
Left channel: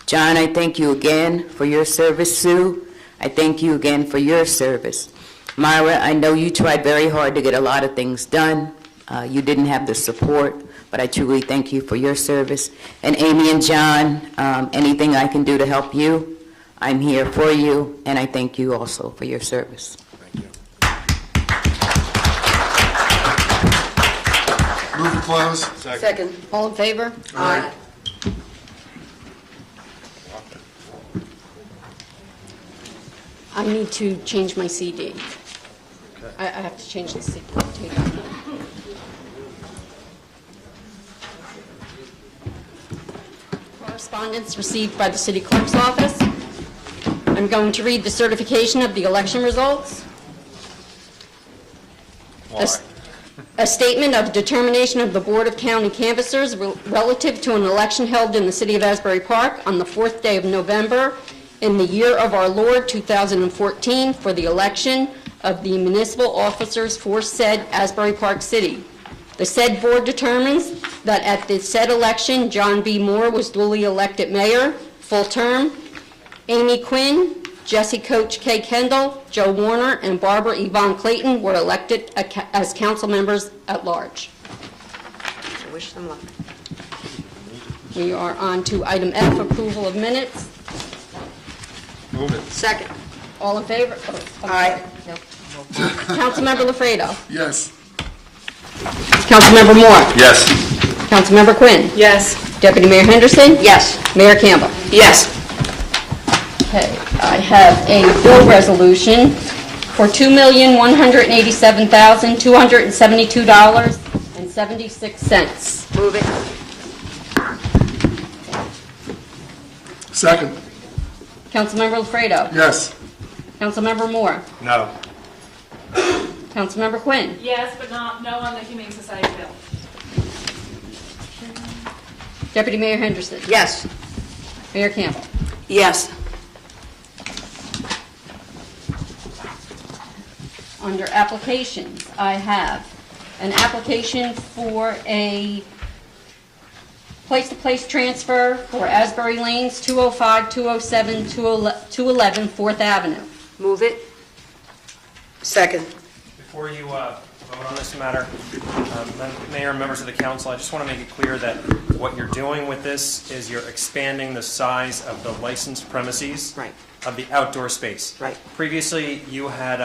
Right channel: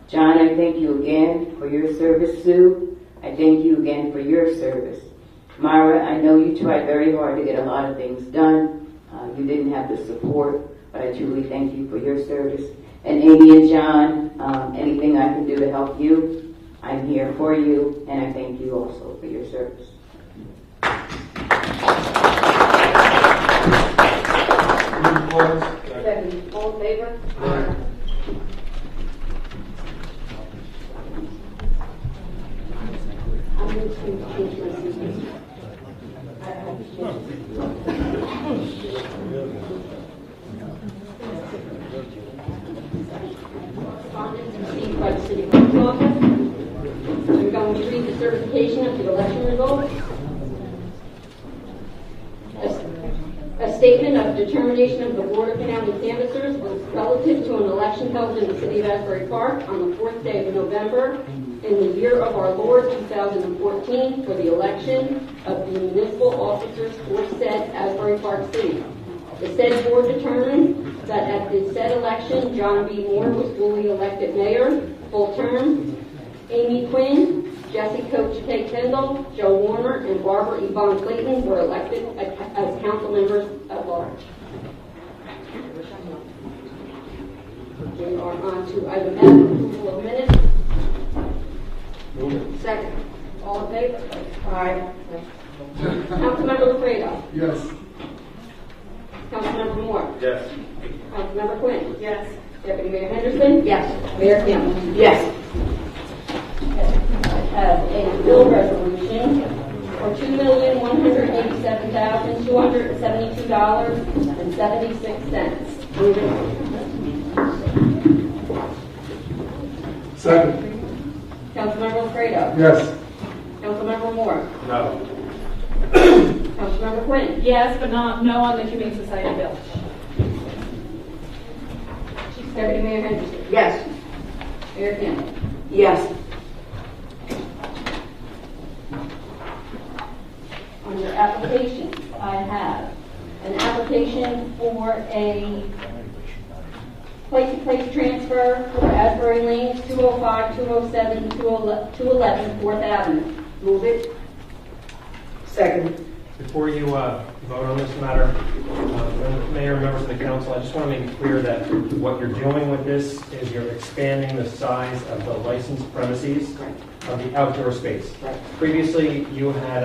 John, I thank you again for your service. Sue, I thank you again for your service. Myra, I know you tried very hard to get a lot of things done. You didn't have the support, but I truly thank you for your service. And Amy and John, anything I can do to help you, I'm here for you, and I thank you also for your service. Move to close. Second. All in favor? Aye. I need to change my CD. I have to change the CD. Correspondence received by the City Clerk's office. I'm going to read the certification of the election results. A statement of determination of the Board of County Canvassers relative to an election held in the City of Asbury Park on the 4th day of November in the year of our Lord 2014 for the election of the municipal officers for said Asbury Park City. The said board determines that at the said election, John B. Moore was duly elected mayor, full term. Amy Quinn, Jesse Coach K. Kendall, Joe Warner, and Barbara Yvonne Clayton were elected as council members at large. Wish them luck. We are on to item F, approval of minutes. Move it. Second. All in favor? Aye. Councilmember Lafredo. Yes. Councilmember Moore. Yes. Councilmember Quinn. Yes. Deputy Mayor Henderson. Yes. Mayor Campbell. Yes. Okay, I have a bill resolution for $2,187,272.76. Move it. Second. Councilmember Lafredo. Yes. Councilmember Moore. No. Councilmember Quinn. Yes, but no on the Humane Society bill. Deputy Mayor Henderson. Yes. Mayor Campbell. Yes. Under applications, I have an application for a place-to-place transfer for Asbury Lanes, 205, 207, 211 4th Avenue. Move it. Second. Before you vote on this matter, Mayor and members of the council, I just want to make it clear that what you're doing with this is you're expanding the size of the licensed premises Right. of the outdoor space. Right. Previously, you had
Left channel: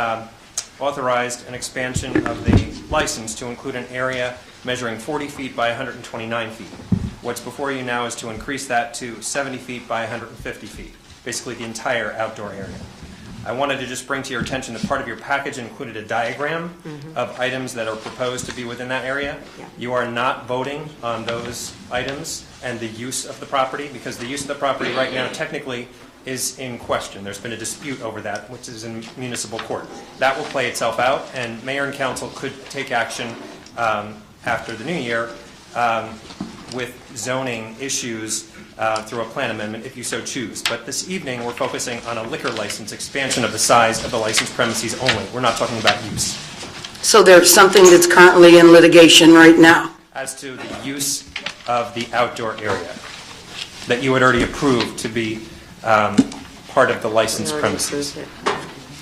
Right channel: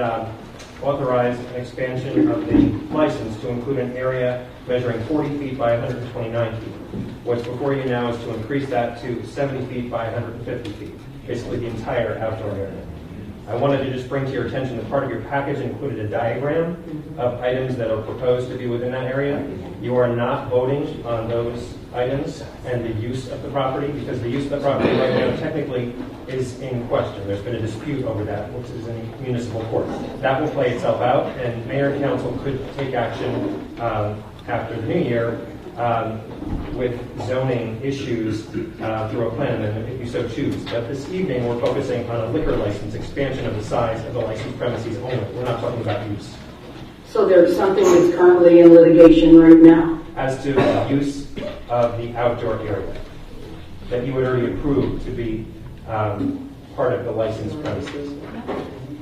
authorized an expansion of the license to include an area measuring 40 feet by 129 feet. What's before you now is to increase that to 70 feet by 150 feet, basically the entire outdoor area. I wanted to just bring to your attention that part of your package included a diagram of items that are proposed to be within that area. You are not voting on those items and the use of the property, because the use of the property right now technically is in question. There's been a dispute over that, which is in municipal court. That will play itself out, and mayor and council could take action after the new year with zoning issues through a plan amendment if you so choose. But this evening we're focusing on a liquor license expansion of the size of the licensed premises only. We're not talking about use. So there's something that's currently in litigation right now? As to the use of the outdoor area that you had already approved to be part of the licensed premises.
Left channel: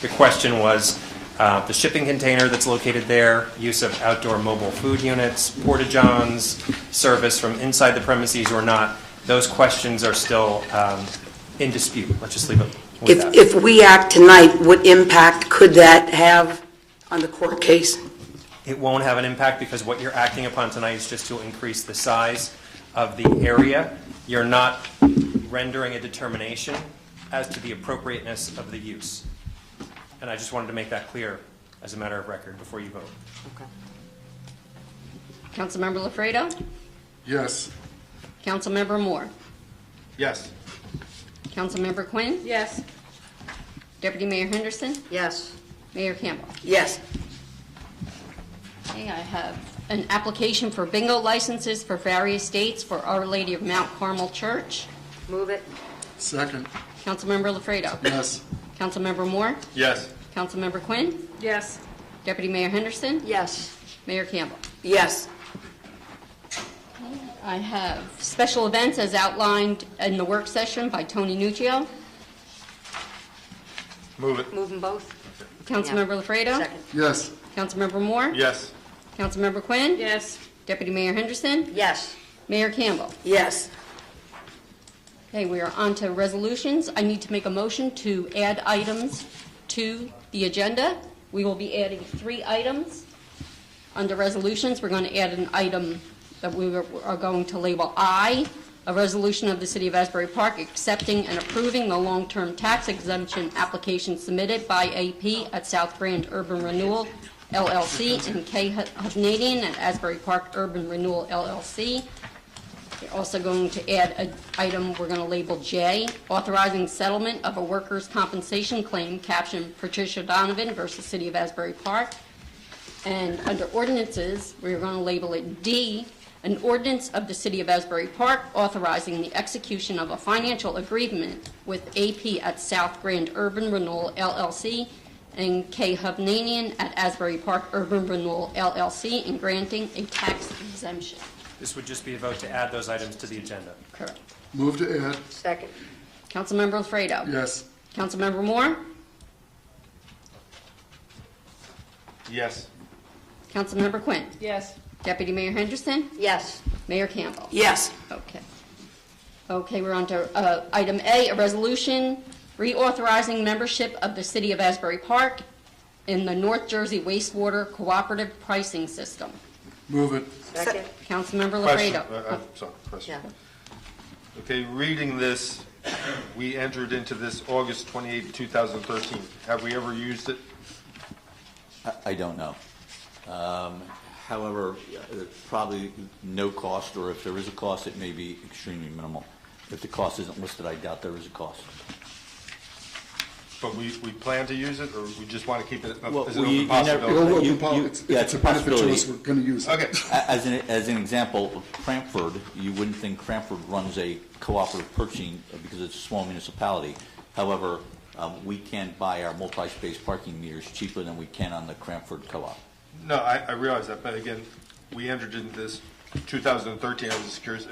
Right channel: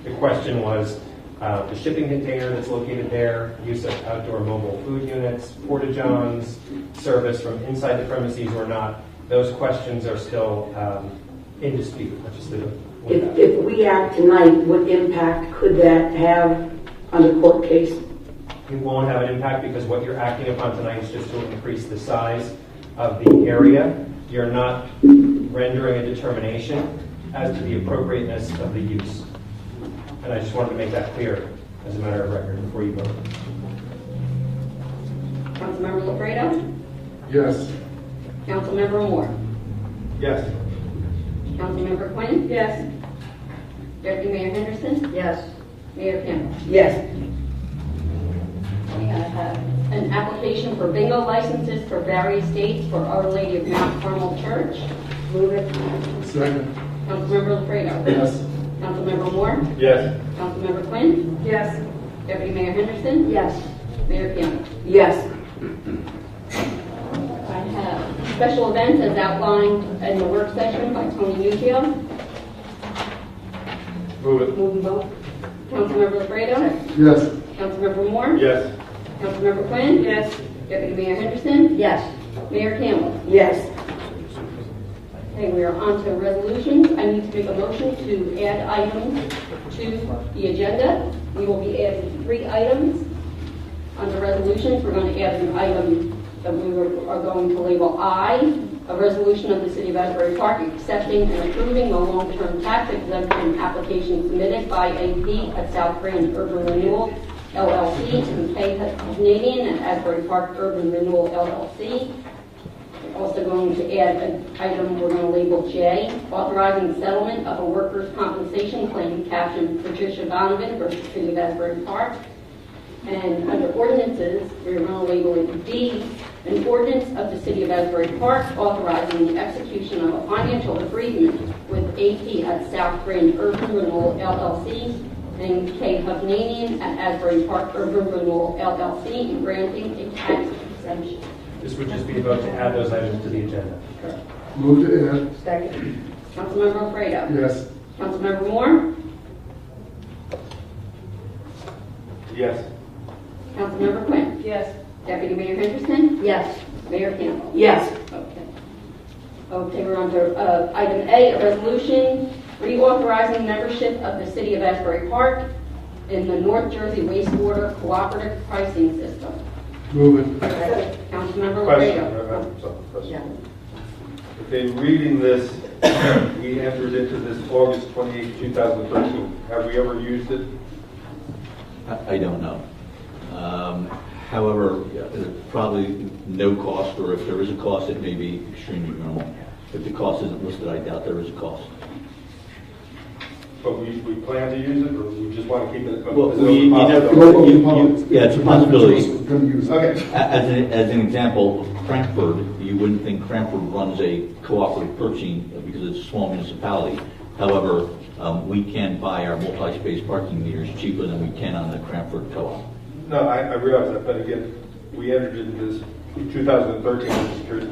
The question was the shipping container that's located there, use of outdoor mobile food units, porta-johns, service from inside the premises or not. Those questions are still in dispute. Let's just leave it with that. If we act tonight, what impact could that have on the court case? It won't have an impact because what you're acting upon tonight is just to increase the size of the area. You're not rendering a determination as to the appropriateness of the use. And I just wanted to make that clear as a matter of record before you vote. Councilmember Lafredo? Yes. Councilmember Moore? Yes. Councilmember Quinn? Yes. Deputy Mayor Henderson? Yes. Mayor Campbell? Yes. Okay, I have an application for bingo licenses for various dates for Our Lady of Mount Carmel Church. Move it. Second. Councilmember Lafredo? Yes. Councilmember Moore? Yes. Councilmember Quinn? Yes. Deputy Mayor Henderson? Yes. Mayor Campbell? Yes. I have special events as outlined in the work session by Tony Nuccio. Move it. Move them both. Councilmember Lafredo? Yes. Councilmember Moore? Yes. Councilmember Quinn? Yes. Deputy Mayor Henderson? Yes. Mayor Campbell? Yes. Okay, we are on to resolutions. I need to make a motion to add items to the agenda. We will be adding 3 items. Under resolutions, we're going to add an item that we are going to label I, a resolution of the City of Asbury Park accepting and approving the long-term tax exemption application submitted by AP at South Grand Urban Renewal LLC and K Canadian at Asbury Park Urban Renewal LLC. We're also going to add an item we're going to label J, authorizing settlement of a workers' compensation claim captioned Patricia Donovan versus City of Asbury Park. And under ordinances, we're going to label it D, an ordinance of the City of Asbury Park authorizing the execution of a financial agreement with AP at South Grand Urban Renewal LLC and K Hovnanian at Asbury Park Urban Renewal LLC and granting a tax exemption. This would just be a vote to add those items to the agenda. Move to add. Second. Councilmember Alfredo? Yes. Councilmember Moore? Yes. Councilmember Quinn? Yes. Deputy Mayor Henderson? Yes. Mayor Campbell? Yes. Okay. Okay, we're on to item A, a resolution reauthorizing membership of the City of Asbury Park in the North Jersey Wastewater Cooperative Pricing System. Move it. Second. Councilmember Question. Lafredo? Sorry, question. Yeah. Okay, reading this, we entered into this August 28, 2013. Have we ever used it? I don't know. However, probably no cost, or if there is a cost, it may be extremely minimal. If the cost isn't listed, I doubt there is a cost. But we plan to use it, or we just want to keep it Well, as an you open never- possibility? yeah, it's a possibility. We're going to use it. Okay. As an example, Cranford, you wouldn't think Cranford runs a cooperative purchasing because it's a small municipality. However, we can buy our multi-space parking meters cheaper than we can on the Cranford co-op. No, I realize that, but again, we entered into this in 2013, I'm just curious.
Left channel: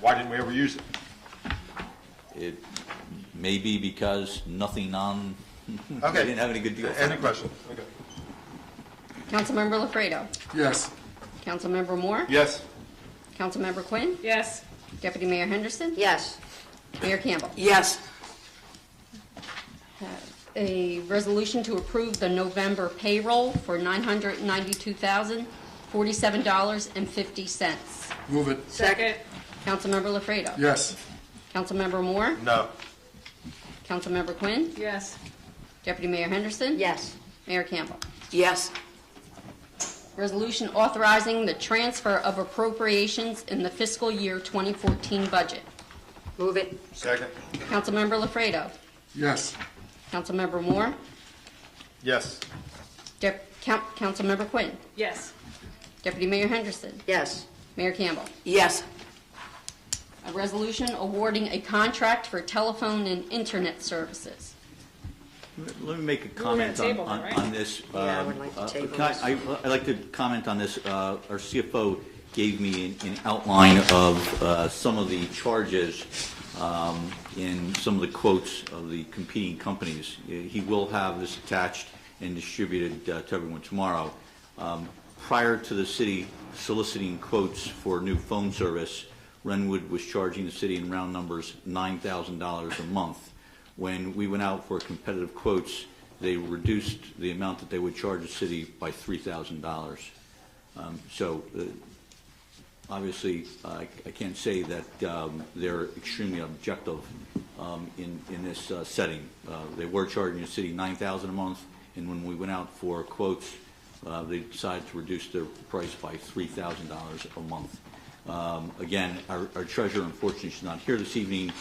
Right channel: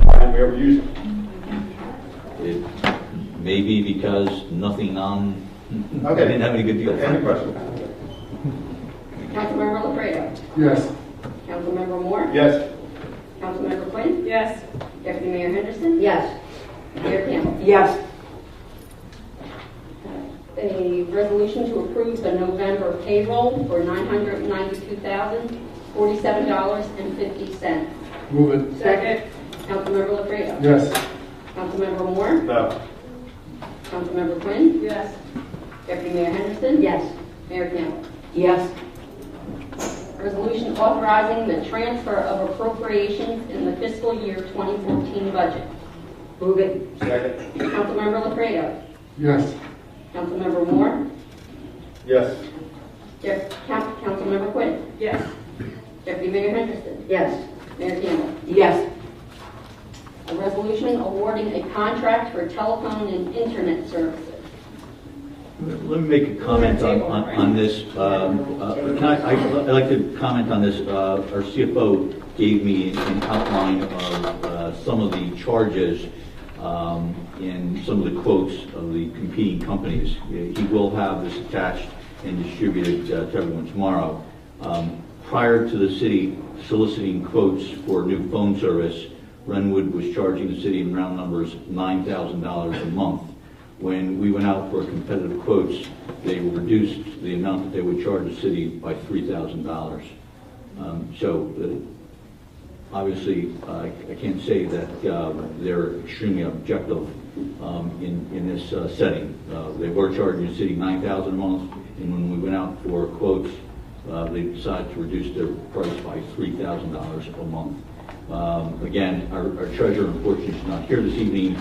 Why didn't we ever use it? It may be because nothing on, Okay. didn't have any good deals. Any question? Councilmember Lafredo? Yes. Councilmember Moore? Yes. Councilmember Quinn? Yes. Deputy Mayor Henderson? Yes. Mayor Campbell? Yes. a resolution to approve the November payroll for $992,047.50. Move it. Second. Councilmember Lafredo. Yes. Councilmember Moore. No. Councilmember Quinn. Yes. Deputy Mayor Henderson. Yes. Mayor Campbell. Yes. Resolution authorizing the transfer of appropriations in the fiscal year 2014 budget. Move it. Second. Councilmember Lafredo. Yes. Councilmember Moore. Yes. Councilmember Quinn. Yes. Deputy Mayor Henderson. Yes. Mayor Campbell. Yes. A resolution awarding a contract for telephone and internet services. Let me make a comment on this. I'd like to comment on this. Our CFO gave me an outline of some of the charges in some of the quotes of the competing companies. He will have this attached and distributed to everyone tomorrow. Prior to the city soliciting quotes for new phone service, Renwood was charging the city in round numbers $9,000 a month. When we went out for competitive quotes, they reduced the amount that they would charge the city by $3,000. Obviously, I can't say that they're extremely objective in this setting. They were charging the city $9,000 a month, and when we went out for quotes, they decided to reduce their price by $3,000 a month. Again, our treasurer, unfortunately, is not here this evening,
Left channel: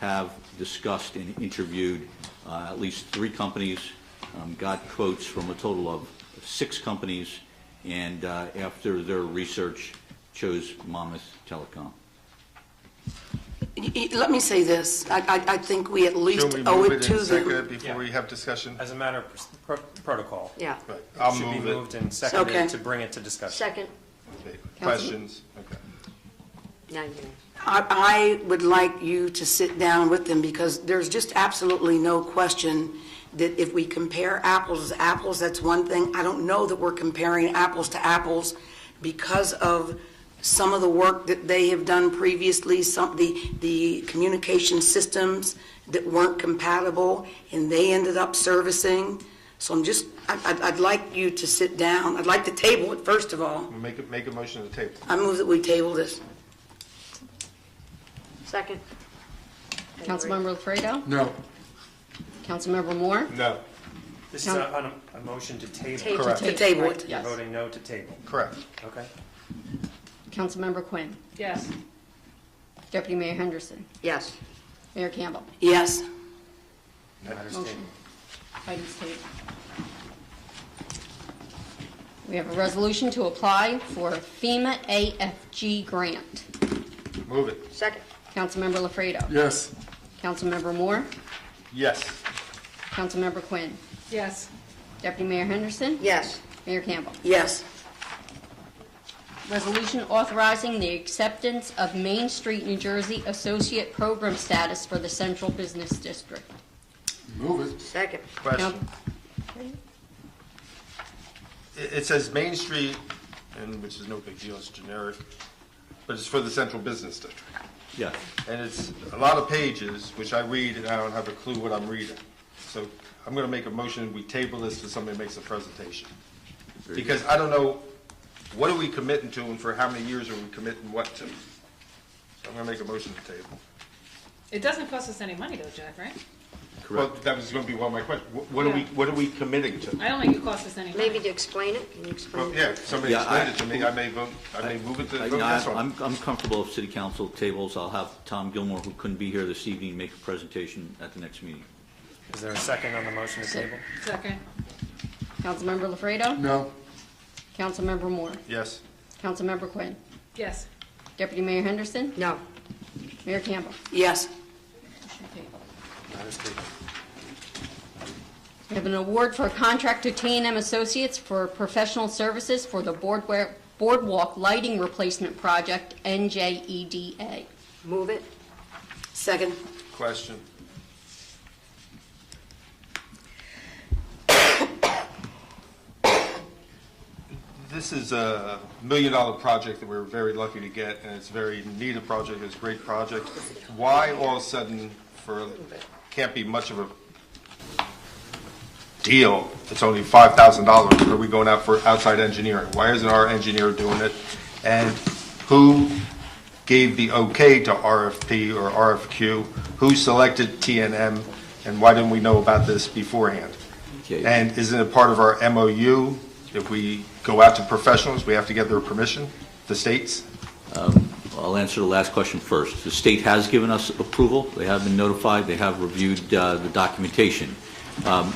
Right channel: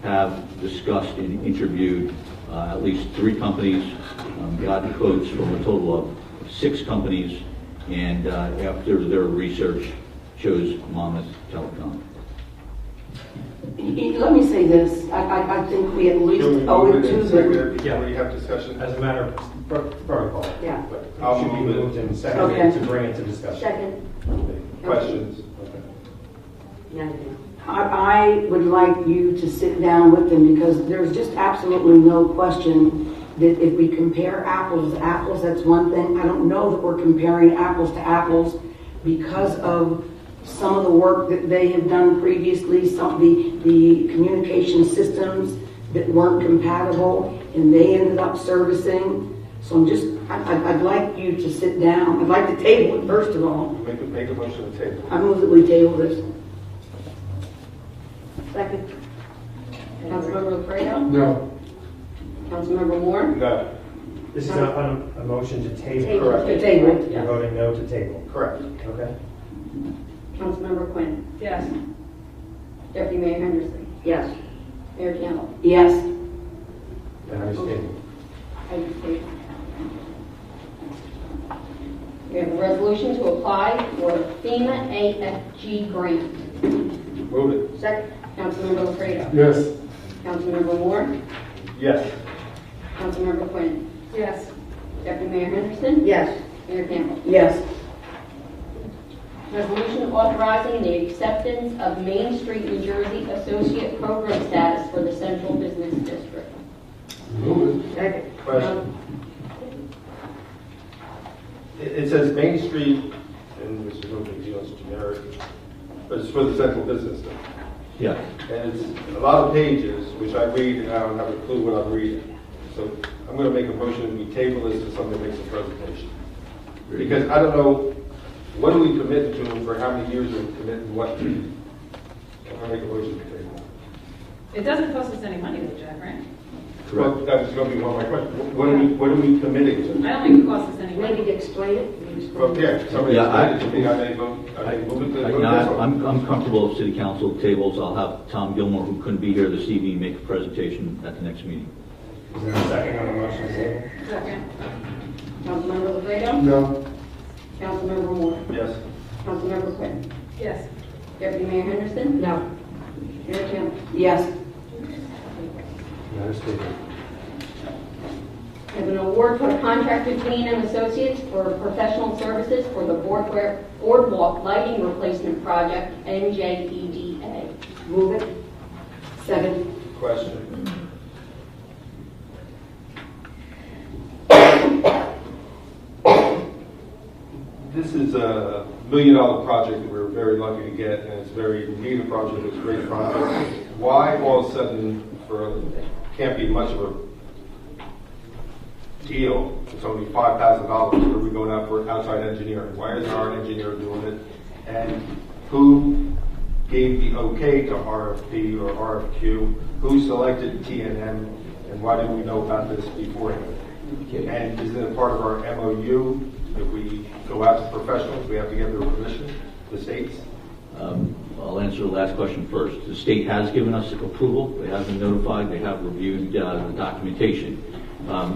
have discussed and interviewed at least 3 companies, gotten quotes from a total of 6 companies, and after their research, chose Monmouth Telecom. Let me say this, I think we at least owe it to them. Before we have discussion? As a matter of protocol. Yeah. I'll Should be move it. moved and Okay. seconded to bring it to discussion. Second. Questions? I would like you to sit down with them because there's just absolutely no question that if we compare apples to apples, that's one thing. I don't know that we're comparing apples to apples because of some of the work that they have done previously, some of the communication systems that weren't compatible and they ended up servicing. So I'd like you to sit down. I'd like to table it first of all. Make a motion to table. I move that we table this. Second. Councilmember Lafredo. No. Councilmember Moore. No. This is a motion to table. Correct. To table it. You're Yes. voting no to table. Correct. Okay? Councilmember Quinn. Yes. Deputy Mayor Henderson. Yes. Mayor Campbell. Yes. And there's table. Item stated. We have a resolution to apply for FEMA AFG grant. Move it. Second. Councilmember Lafredo. Yes. Councilmember Moore. Yes. Councilmember Quinn. Yes. Deputy Mayor Henderson. Yes. Mayor Campbell. Yes. Resolution authorizing the acceptance of Main Street, New Jersey Associate Program status for the Central Business District. Move it. Second. Question. It says Main Street, and this is no big deal, it's generic, but it's for the central business district. Yeah. And it's a lot of pages, which I read, and I don't have a clue what I'm reading. So I'm going to make a motion that we table this to somebody makes a presentation. Because I don't know, what are we committing to and for how many years are we committing what to? I'm going to make a motion to table. It doesn't cost us any money though, Jack, right? Well, that was going to be one of my questions. What are we committing to? I don't think it costs us any money. Maybe to explain it? Can you explain it? Okay, somebody explain it to me, I may move it to this one. I'm comfortable if city council tables. I'll have Tom Gilmore, who couldn't be here this evening, make a presentation at the next meeting. Is there a second on the motion to table? Second. Councilmember Lafredo. No. Councilmember Moore. Yes. Councilmember Quinn. Yes. Deputy Mayor Henderson. No. Mayor Campbell. Yes. There's table. We have an award for a contract to T&M Associates for professional services for the boardwalk lighting replacement project, NJEDA. Move it. Second. Question. This is a $1 million project that we're very lucky to get, and it's a very needed project, it's a great project. Why all of a sudden, can't be much of a deal, it's only $5,000. Are we going out for outside engineering? Why isn't our engineer doing it? And who gave the okay to RFP or RFQ? Who selected TNM? And why didn't we know about this beforehand? And isn't it part of our MOU? If we go out to professionals, we have to get their permission, the states? I'll answer the last question first. The state has given us approval. They have been notified. They have reviewed the documentation.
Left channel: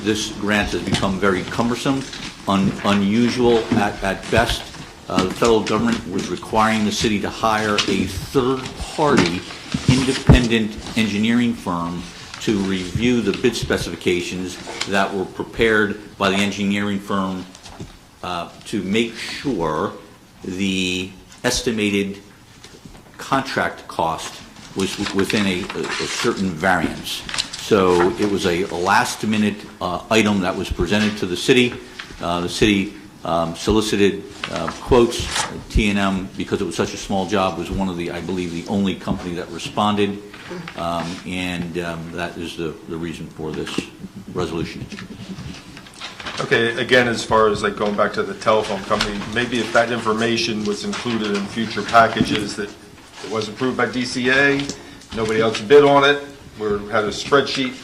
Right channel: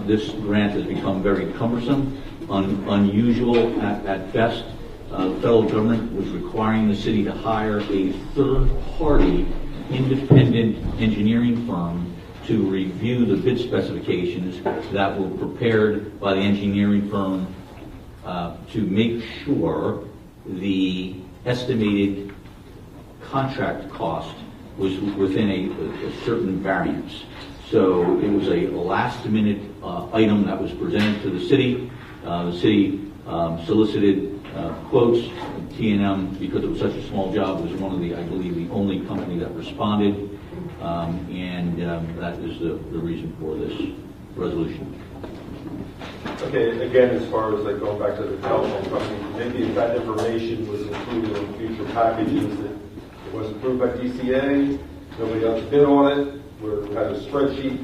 This grant has become very cumbersome, unusual at best. The federal government was requiring the city to hire a third-party independent engineering firm to review the bid specifications that were prepared by the engineering firm to make sure the estimated contract cost was within a certain variance. So it was a last-minute item that was presented to the city. The city solicited quotes. TNM, because it was such a small job, was one of the, I believe, the only company that responded, and that is the reason for this resolution. Okay, again, as far as like going back to the telephone company, maybe if that information was included in future packages, that it was approved by DCA, nobody else bid on it, we had a spreadsheet,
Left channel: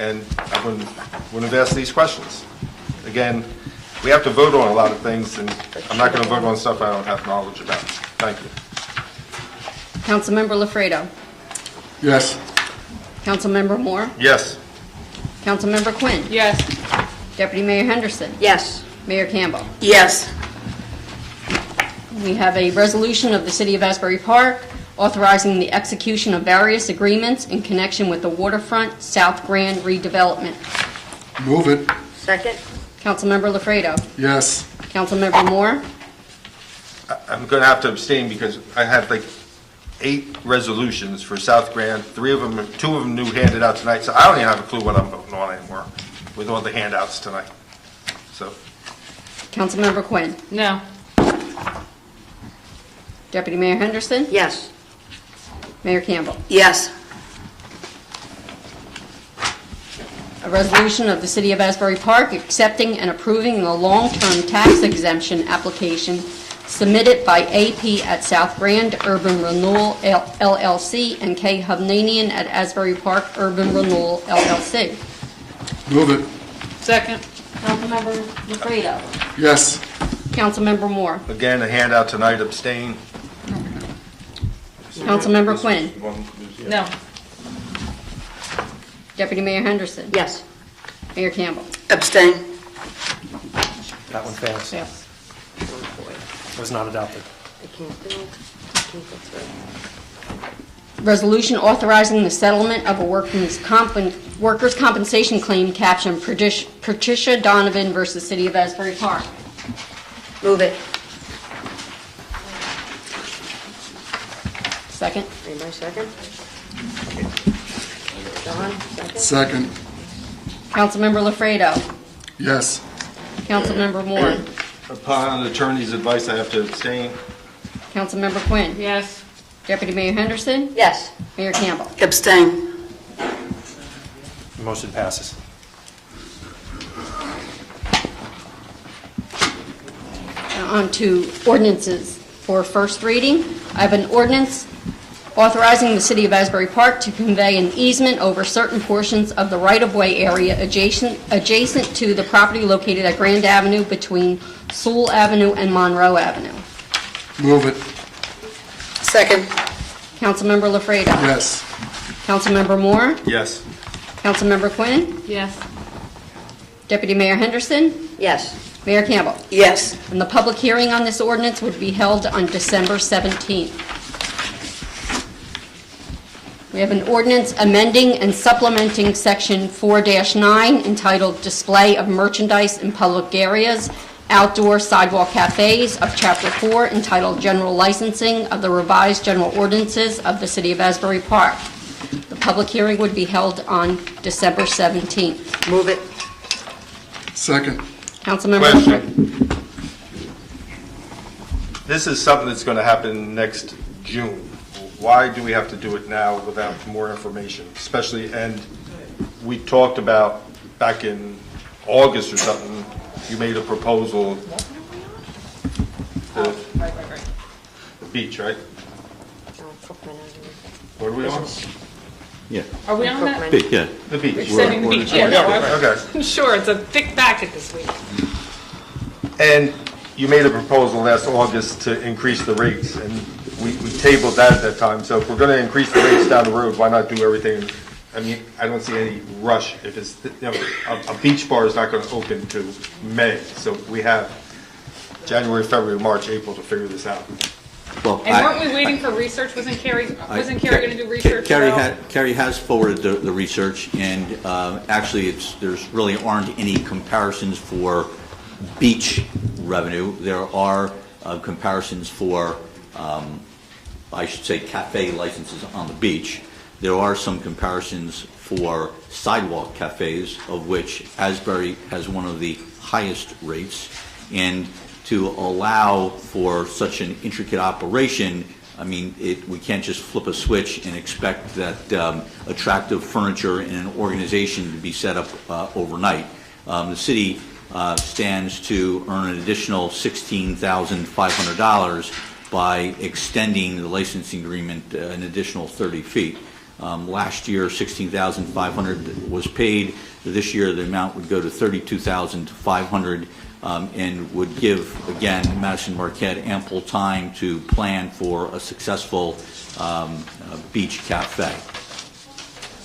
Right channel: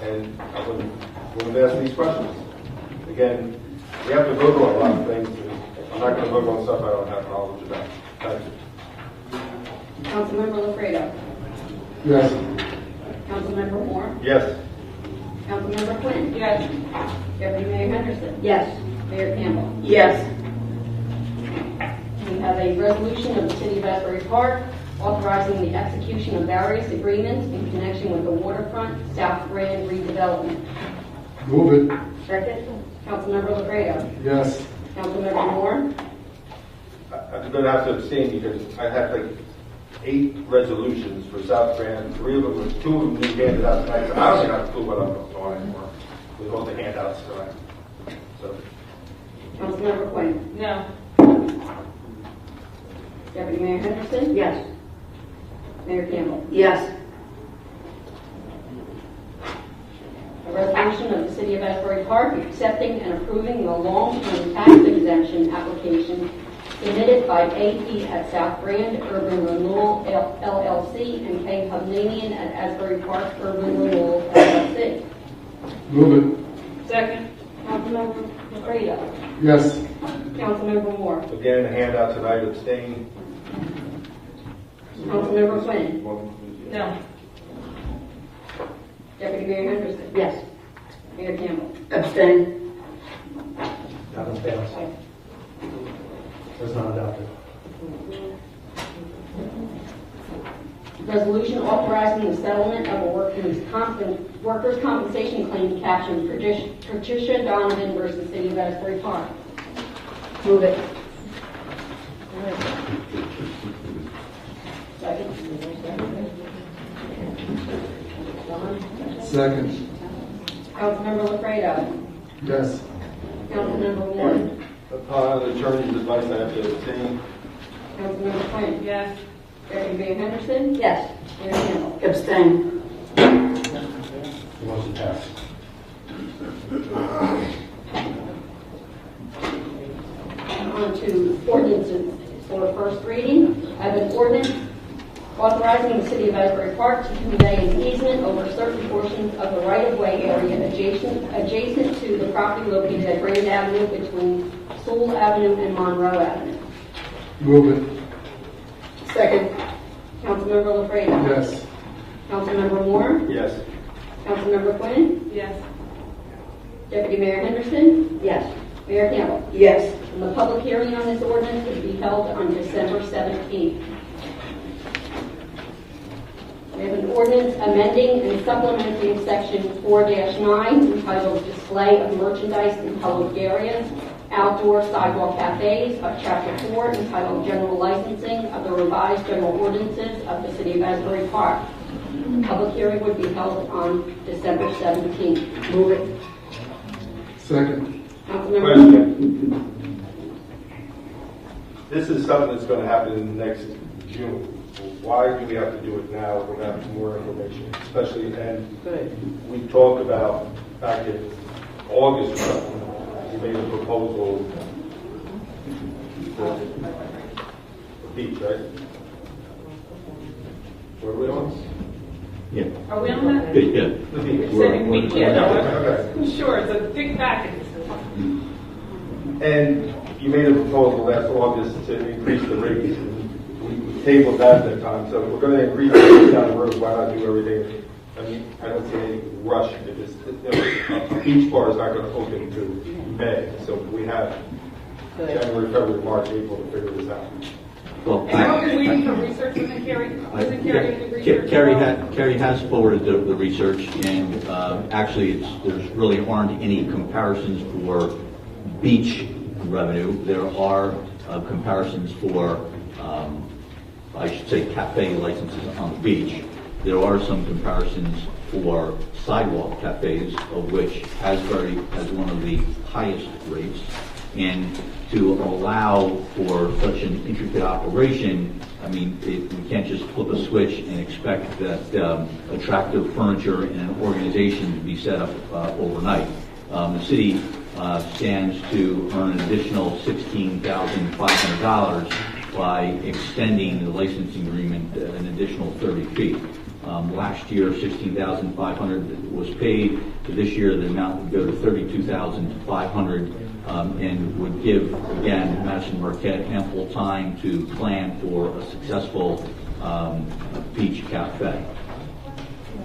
and I wouldn't have asked these questions. Again, we have to vote on a lot of things, and I'm not going to vote on stuff I don't have knowledge about. Thank you. Councilmember Lafredo. Yes. Councilmember Moore. Yes. Councilmember Quinn. Yes. Deputy Mayor Henderson. Yes. Mayor Campbell. Yes. We have a resolution of the City of Asbury Park authorizing the execution of various agreements in connection with the waterfront South Grand redevelopment. Move it. Second? Councilmember Lafredo. Yes. Councilmember Moore. I'm going to have to abstain because I have like 8 resolutions for South Grand. 2 of them new handed out tonight, so I don't even have a clue what I'm voting on anymore with all the handouts tonight. So. Councilmember Quinn. No. Deputy Mayor Henderson. Yes. Mayor Campbell. Yes. A resolution of the City of Asbury Park accepting and approving the long-term tax exemption application submitted by AP at South Grand Urban Renewal LLC and K. Hovnanian at Asbury Park Urban Renewal LLC. Move it. Second? Councilmember Lafredo. Yes. Councilmember Moore. Again, a handout tonight, abstain. Councilmember Quinn. No. Deputy Mayor Henderson. Yes. Mayor Campbell. Abstain. That one fails. Yes. It was not adopted. Resolution authorizing the settlement of a workers' compensation claim captioned Patricia Donovan versus City of Asbury Park. Move it. Second. Anybody second? John? Second. Councilmember Lafredo. Yes. Councilmember Moore. Upon attorney's advice, I have to abstain. Councilmember Quinn. Yes. Deputy Mayor Henderson. Yes. Mayor Campbell. Abstain. The motion passes. On to ordinances for first reading. I have an ordinance authorizing the City of Asbury Park to convey an easement over certain portions of the right-of-way area adjacent to the property located at Grand Avenue between Sewell Avenue and Monroe Avenue. Move it. Second. Councilmember Lafredo. Yes. Councilmember Moore. Yes. Councilmember Quinn. Yes. Deputy Mayor Henderson. Yes. Mayor Campbell. Yes. And the public hearing on this ordinance would be held on December 17th. We have an ordinance amending and supplementing Section 4-9 entitled Display of Merchandise in Public Areas, Outdoor Sidewalk Cafes of Chapter 4 entitled General Licensing of the Revised General Ordinances of the City of Asbury Park. The public hearing would be held on December 17th. Move it. Second. Councilmember. Question. This is something that's going to happen next June. Why do we have to do it now without more information? Especially, and we talked about back in August or something, you made a proposal, the beach, right? What are we on? Yeah. Are we on that? Yeah. The beach. Sending the beach, yeah, no, Okay. sure, it's a thick packet this week. And you made a proposal last August to increase the rates, and we tabled that at that time. So if we're going to increase the rates down the road, why not do everything? I mean, I don't see any rush. If it's, you know, a beach bar is not going to open to May, so we have January, February, March, April to figure this out. Well, And weren't we waiting for research? Wasn't Carrie going to do research? Carrie has forwarded the research, and actually, there's really aren't any comparisons for beach revenue. There are comparisons for, I should say, cafe licenses on the beach. There are some comparisons for sidewalk cafes, of which Asbury has one of the highest rates. And to allow for such an intricate operation, I mean, we can't just flip a switch and expect that attractive furniture and an organization to be set up overnight. The city stands to earn an additional $16,500 by extending the licensing agreement an additional 30 feet. Last year, $16,500 was paid. This year, the amount would go to $32,500 and would give, again, Madison Marquette ample time to plan for a successful beach cafe.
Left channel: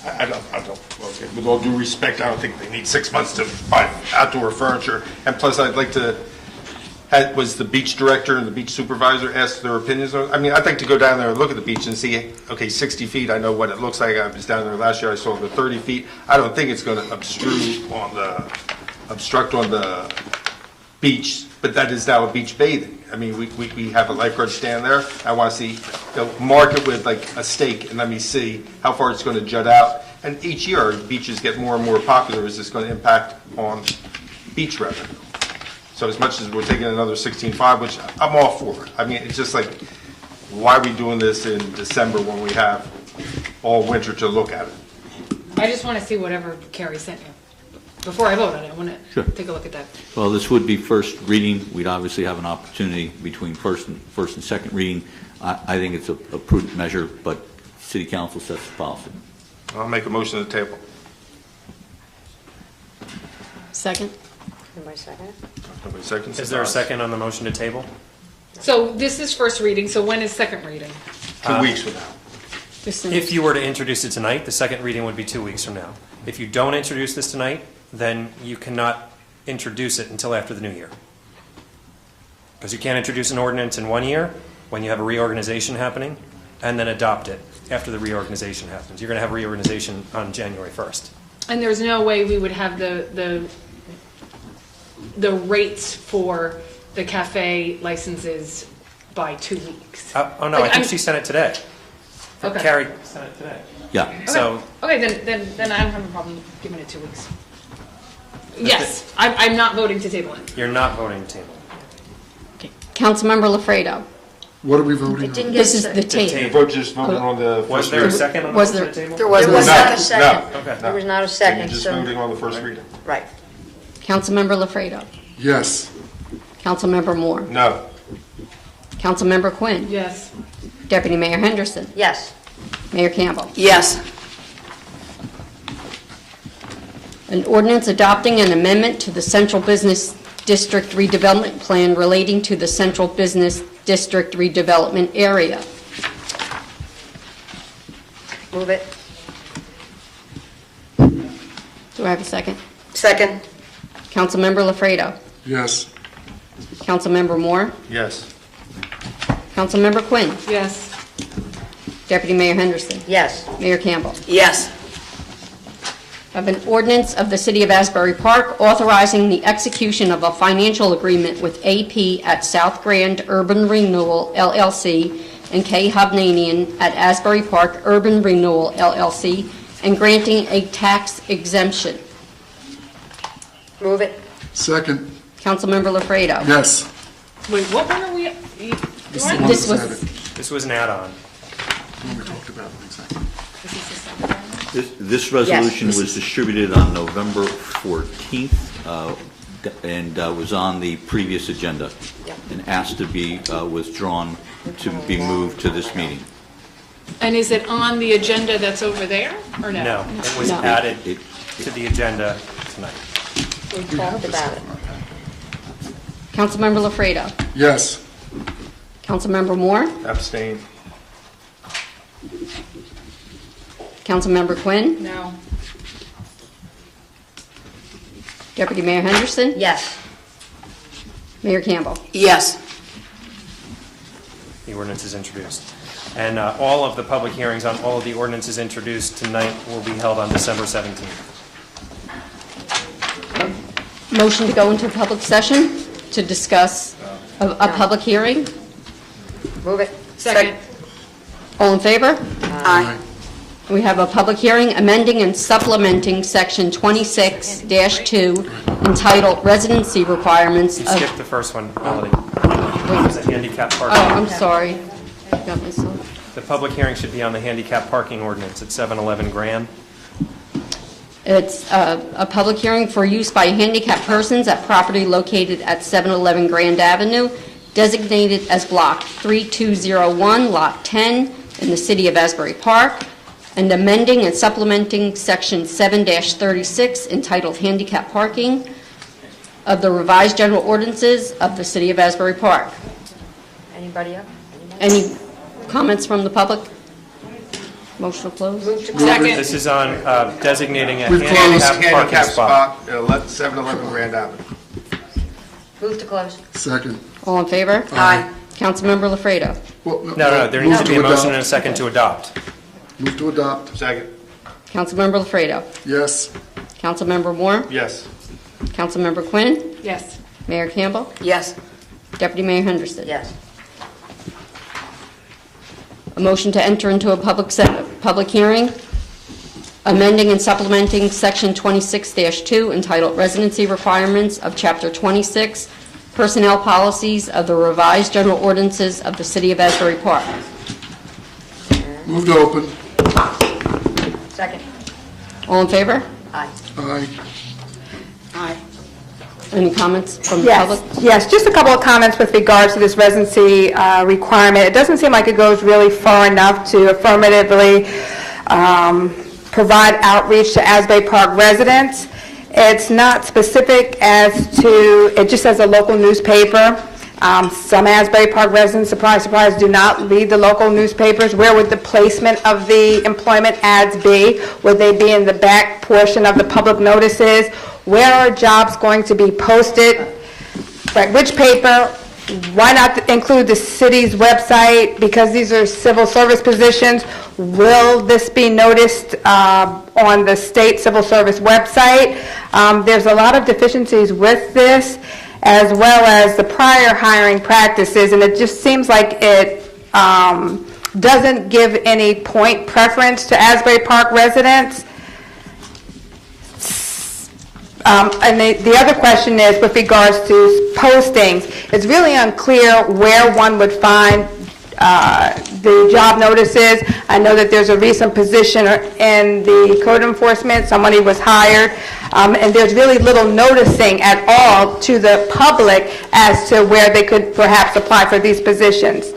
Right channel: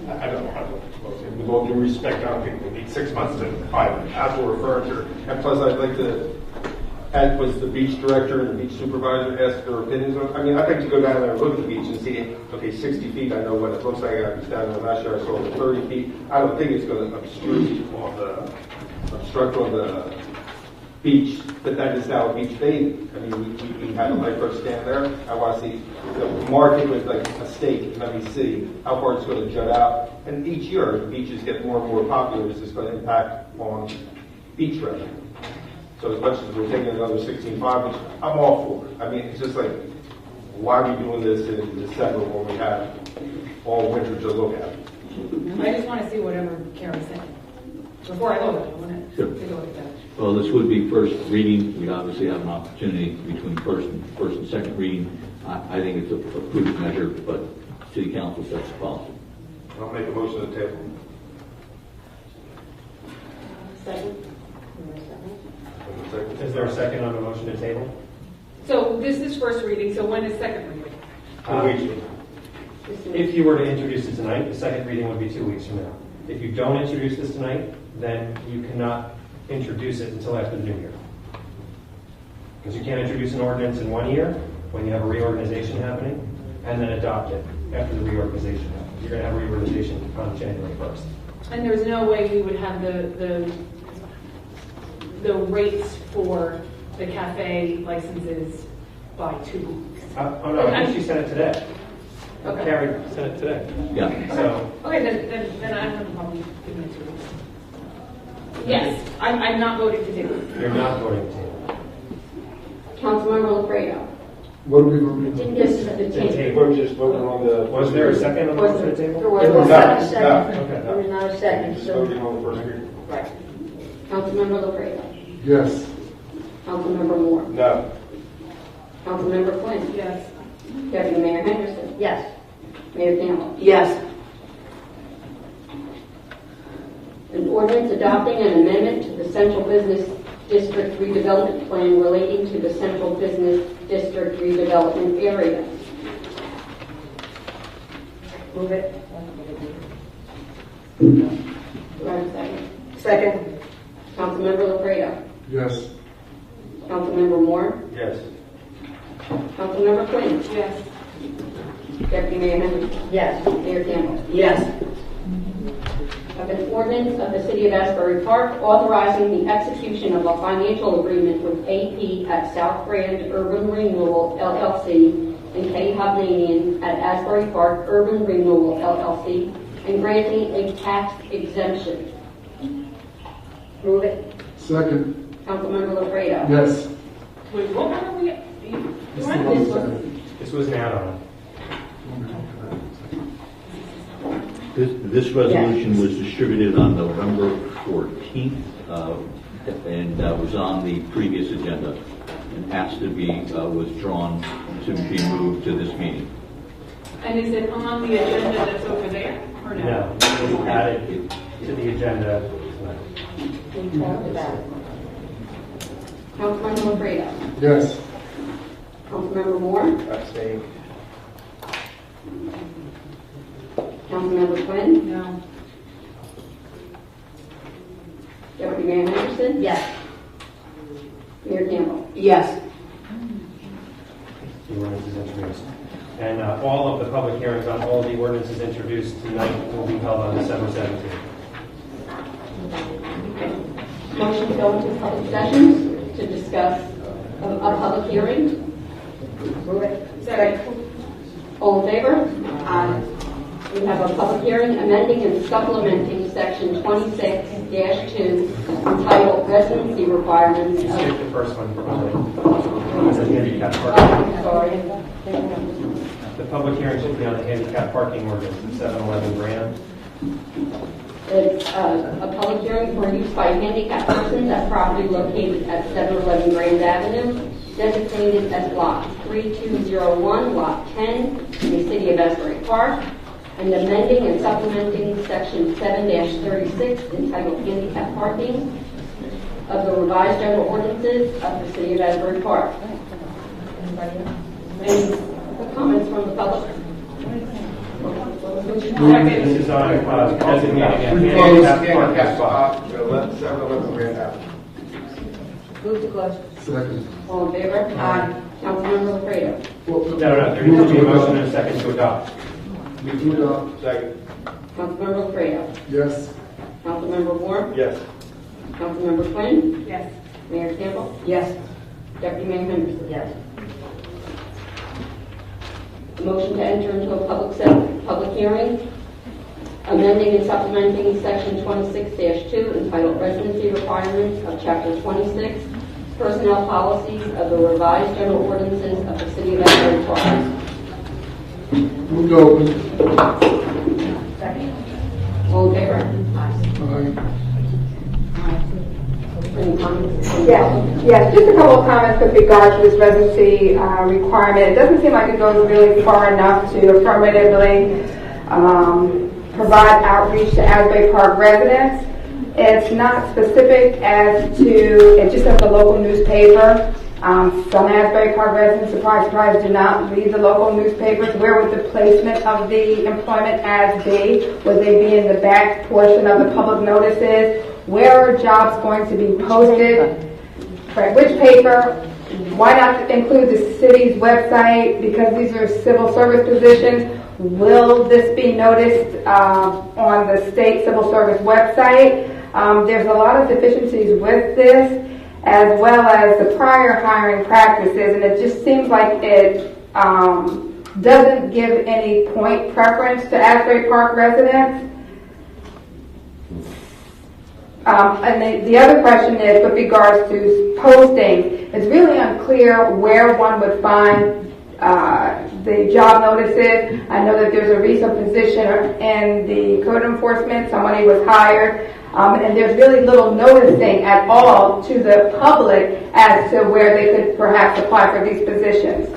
I don't, with all due respect, I don't think they need 6 months to buy outdoor furniture. And plus, I'd like to, was the beach director and the beach supervisor asked their opinions on it? I mean, I'd like to go down there and look at the beach and see, okay, 60 feet, I know what it looks like. I was down there last year, I saw the 30 feet. I don't think it's going to obstruct on the beach, but that is now a beach bathing. I mean, we have a lifeguard stand there. I want to see, mark it with like a stake and let me see how far it's going to jut out. And each year, beaches get more and more popular. Is this going to impact on beach revenue? So as much as we're taking another 16.5, which I'm all for. I mean, it's just like, why are we doing this in December when we have all winter to look at it? I just want to see whatever Carrie sent. Before I vote on it, I want to take a look at that. Well, this would be first reading. We'd obviously have an opportunity between first and second reading. I think it's a prudent measure, but City Council sets the policy. I'll make a motion to the table. Second? Second. Is there a second on the motion to table? So this is first reading, so when is second reading? 2 weeks from now. If you were to introduce it tonight, the second reading would be 2 weeks from now. If you don't introduce this tonight, then you cannot introduce it until after the new year. Because you can't introduce an ordinance in 1 year when you have a reorganization happening, and then adopt it after the reorganization happens. You're going to have reorganization on January 1st. And there's no way we would have the rates for the cafe licenses by 2 weeks. Oh no, I think she sent it today. Okay. Carrie sent it today. Yeah. So. Okay, then I don't have a problem giving it 2 weeks. Yes, I'm not voting to table it. You're not voting to table. Councilmember Lafredo. What are we voting on? This is the table. We're just voting on the. Was there a second on the Was motion there- to table? There was No, not a no, second. okay. There was not a second, Just so, voting on the first reading. right. Councilmember Lafredo. Yes. Councilmember Moore. No. Councilmember Quinn. Yes. Deputy Mayor Henderson. Yes. Mayor Campbell. Yes. An ordinance adopting an amendment to the Central Business District redevelopment plan relating to the Central Business District redevelopment area. Move it. Do I have a second? Second. Councilmember Lafredo. Yes. Councilmember Moore. Yes. Councilmember Quinn. Yes. Deputy Mayor Henderson. Yes. Mayor Campbell. Yes. Of an ordinance of the City of Asbury Park authorizing the execution of a financial agreement with AP at South Grand Urban Renewal LLC and K. Hovnanian at Asbury Park Urban Renewal LLC and granting a tax exemption. Move it. Second. Councilmember Lafredo. Yes. Wait, what were we? This was This was an add-on. We talked about it in executive. This resolution was distributed on November 14th and was on the previous agenda and asked to be withdrawn to be moved to this meeting. And is it on the agenda that's over there, or no? No, it was added to the agenda tonight. We talked about it. Councilmember Lafredo. Yes. Councilmember Moore. Abstain. Councilmember Quinn. No. Deputy Mayor Henderson. Yes. Mayor Campbell. Yes. The ordinance is introduced. And all of the public hearings on all of the ordinances introduced tonight will be held on December 17th. Motion to go into public session to discuss a public hearing. Move it. Second. All in favor? Aye. We have a public hearing amending and supplementing Section 26-2 entitled Residency Requirements You of... skipped the first one, Melody. It's a handicap Oh, parking. I'm sorry. The public hearing should be on the handicap parking ordinance at 711 Grand. It's a public hearing for use by handicapped persons at property located at 711 Grand Avenue, designated as Block 3201, Lot 10, in the city of Asbury Park, and amending and supplementing Section 7-36 entitled Handicap Parking of the revised general ordinances of the city of Asbury Park. Anybody else? Any comments from the public? Motion to close. Second. This is on designating a We've handicap closed parking handicap spot. spot, 711 Grand Avenue. Move to close. Second. All in favor? Aye. Councilmember Lafredo. No, there needs to be a motion and a second to adopt. Move to adopt. Second. Councilmember Lafredo. Yes. Councilmember Moore. Yes. Councilmember Quinn. Yes. Mayor Campbell. Yes. Deputy Mayor Henderson. Yes. A motion to enter into a public hearing, amending and supplementing Section 26-2 entitled Residency Requirements of Chapter 26, Personnel Policies of the Revised General Ordinances of the City of Asbury Park. Move to open. Second. All in favor? Aye. Aye. Any comments from the Yes, public? yes, just a couple of comments with regards to this residency requirement. It doesn't seem like it goes really far enough to affirmatively provide outreach to Asbury Park residents. It's not specific as to, it just says a local newspaper. Some Asbury Park residents, surprise, surprise, do not read the local newspapers. Where would the placement of the employment ads be? Would they be in the back portion of the public notices? Where are jobs going to be posted? Like which paper? Why not include the city's website? Because these are civil service positions. Will this be noticed on the state civil service website? There's a lot of deficiencies with this, as well as the prior hiring practices, and it just seems like it doesn't give any point preference to Asbury Park residents. And the other question is with regards to postings. It's really unclear where one would find the job notices. I know that there's a recent position in the code enforcement. Somebody was hired. And there's really little noticing at all to the public as to where they could perhaps apply for these positions.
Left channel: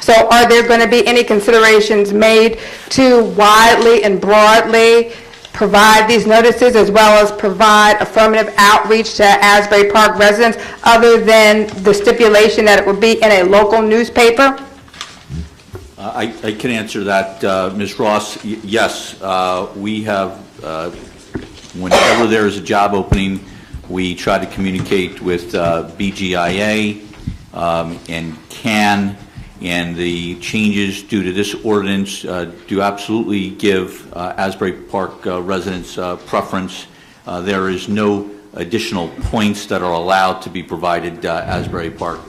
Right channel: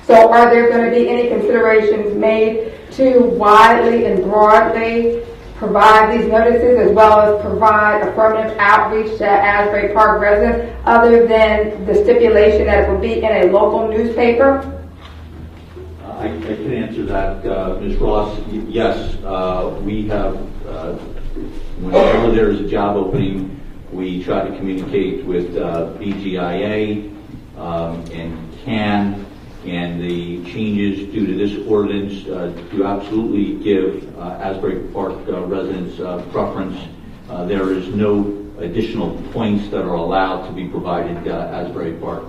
So are there going to be any considerations made to widely and broadly provide these notices, as well as provide affirmative outreach to Asbury Park residents, other than the stipulation that it will be in a local newspaper? I can answer that, Ms. Ross. Yes, we have, whenever there is a job opening, we try to communicate with BGIA and CAN, and the changes due to this ordinance do absolutely give Asbury Park residents preference. There is no additional points that are allowed to be provided Asbury Park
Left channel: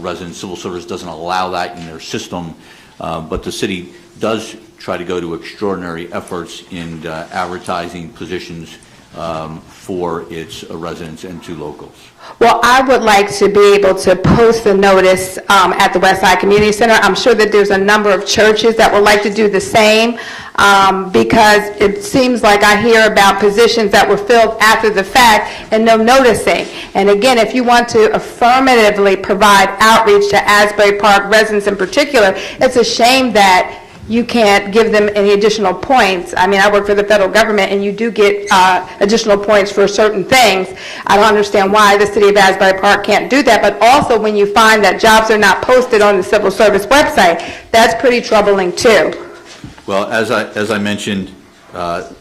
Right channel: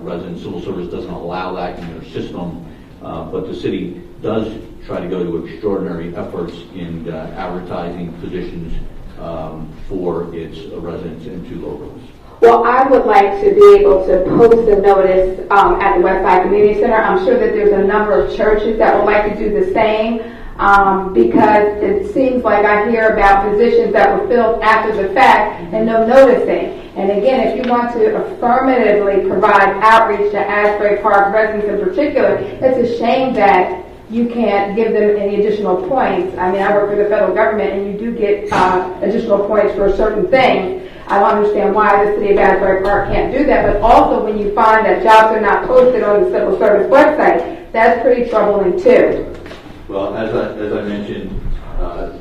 residents. Civil Service doesn't allow that in their system, but the city does try to go to extraordinary efforts in advertising positions for its residents and to locals. Well, I would like to be able to post the notice at the Westside Community Center. I'm sure that there's a number of churches that would like to do the same. because it seems like I hear about positions that were filled after the fact and no noticing. And again, if you want to affirmatively provide outreach to Asbury Park residents in particular, it's a shame that you can't give them any additional points. I mean, I work for the federal government, and you do get additional points for certain things. I don't understand why the city of Asbury Park can't do that, but also when you find that jobs are not posted on the civil service website, that's pretty troubling too. Well, as I mentioned,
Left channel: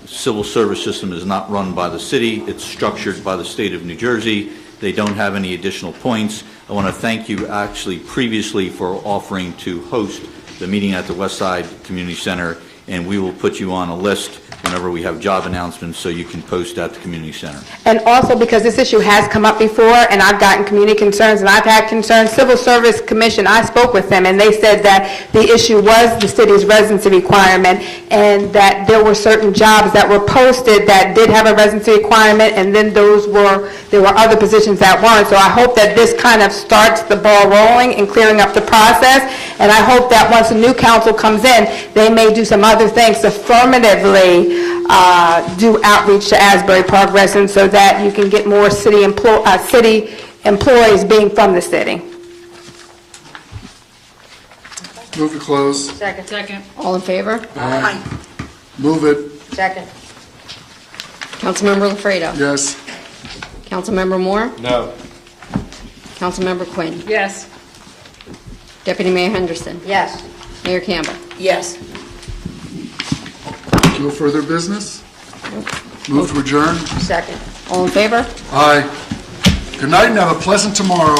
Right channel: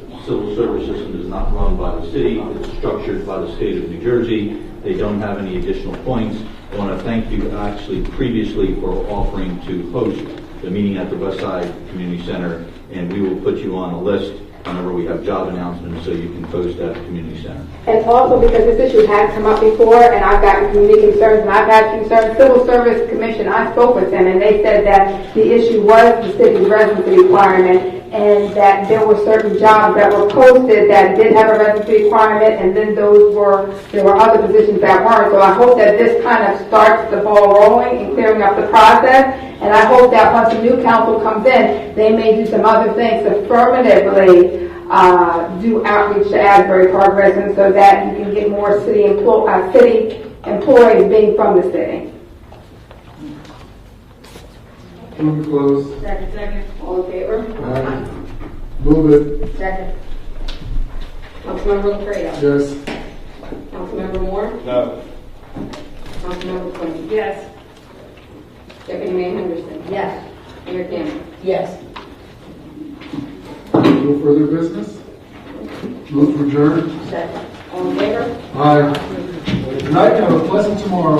civil service system is not run by the city. It's structured by the state of New Jersey. They don't have any additional points. I want to thank you actually previously for offering to host the meeting at the Westside Community Center, and we will put you on a list whenever we have job announcements so you can post at the community center. And also because this issue has come up before, and I've gotten community concerns, and I've had concerns. Civil Service Commission, I spoke with them, and they said that the issue was the city's residency requirement, and that there were certain jobs that were posted that did have a residency requirement, and then there were other positions that weren't. So I hope that this kind of starts the ball rolling and clearing up the process, and I hope that once a new council comes in, they may do some other things affirmatively do outreach to Asbury Park residents so that you can get more city employees being from the city. Move to close. Second. All in favor? Aye. Move it. Second. Councilmember Lafredo? Yes. Councilmember Moore? No. Councilmember Quinn? Yes. Deputy Mayor Henderson? Yes. Mayor Campbell? Yes. No further business? Move to adjourn. Second. All in favor? Aye. Good night and have a pleasant tomorrow.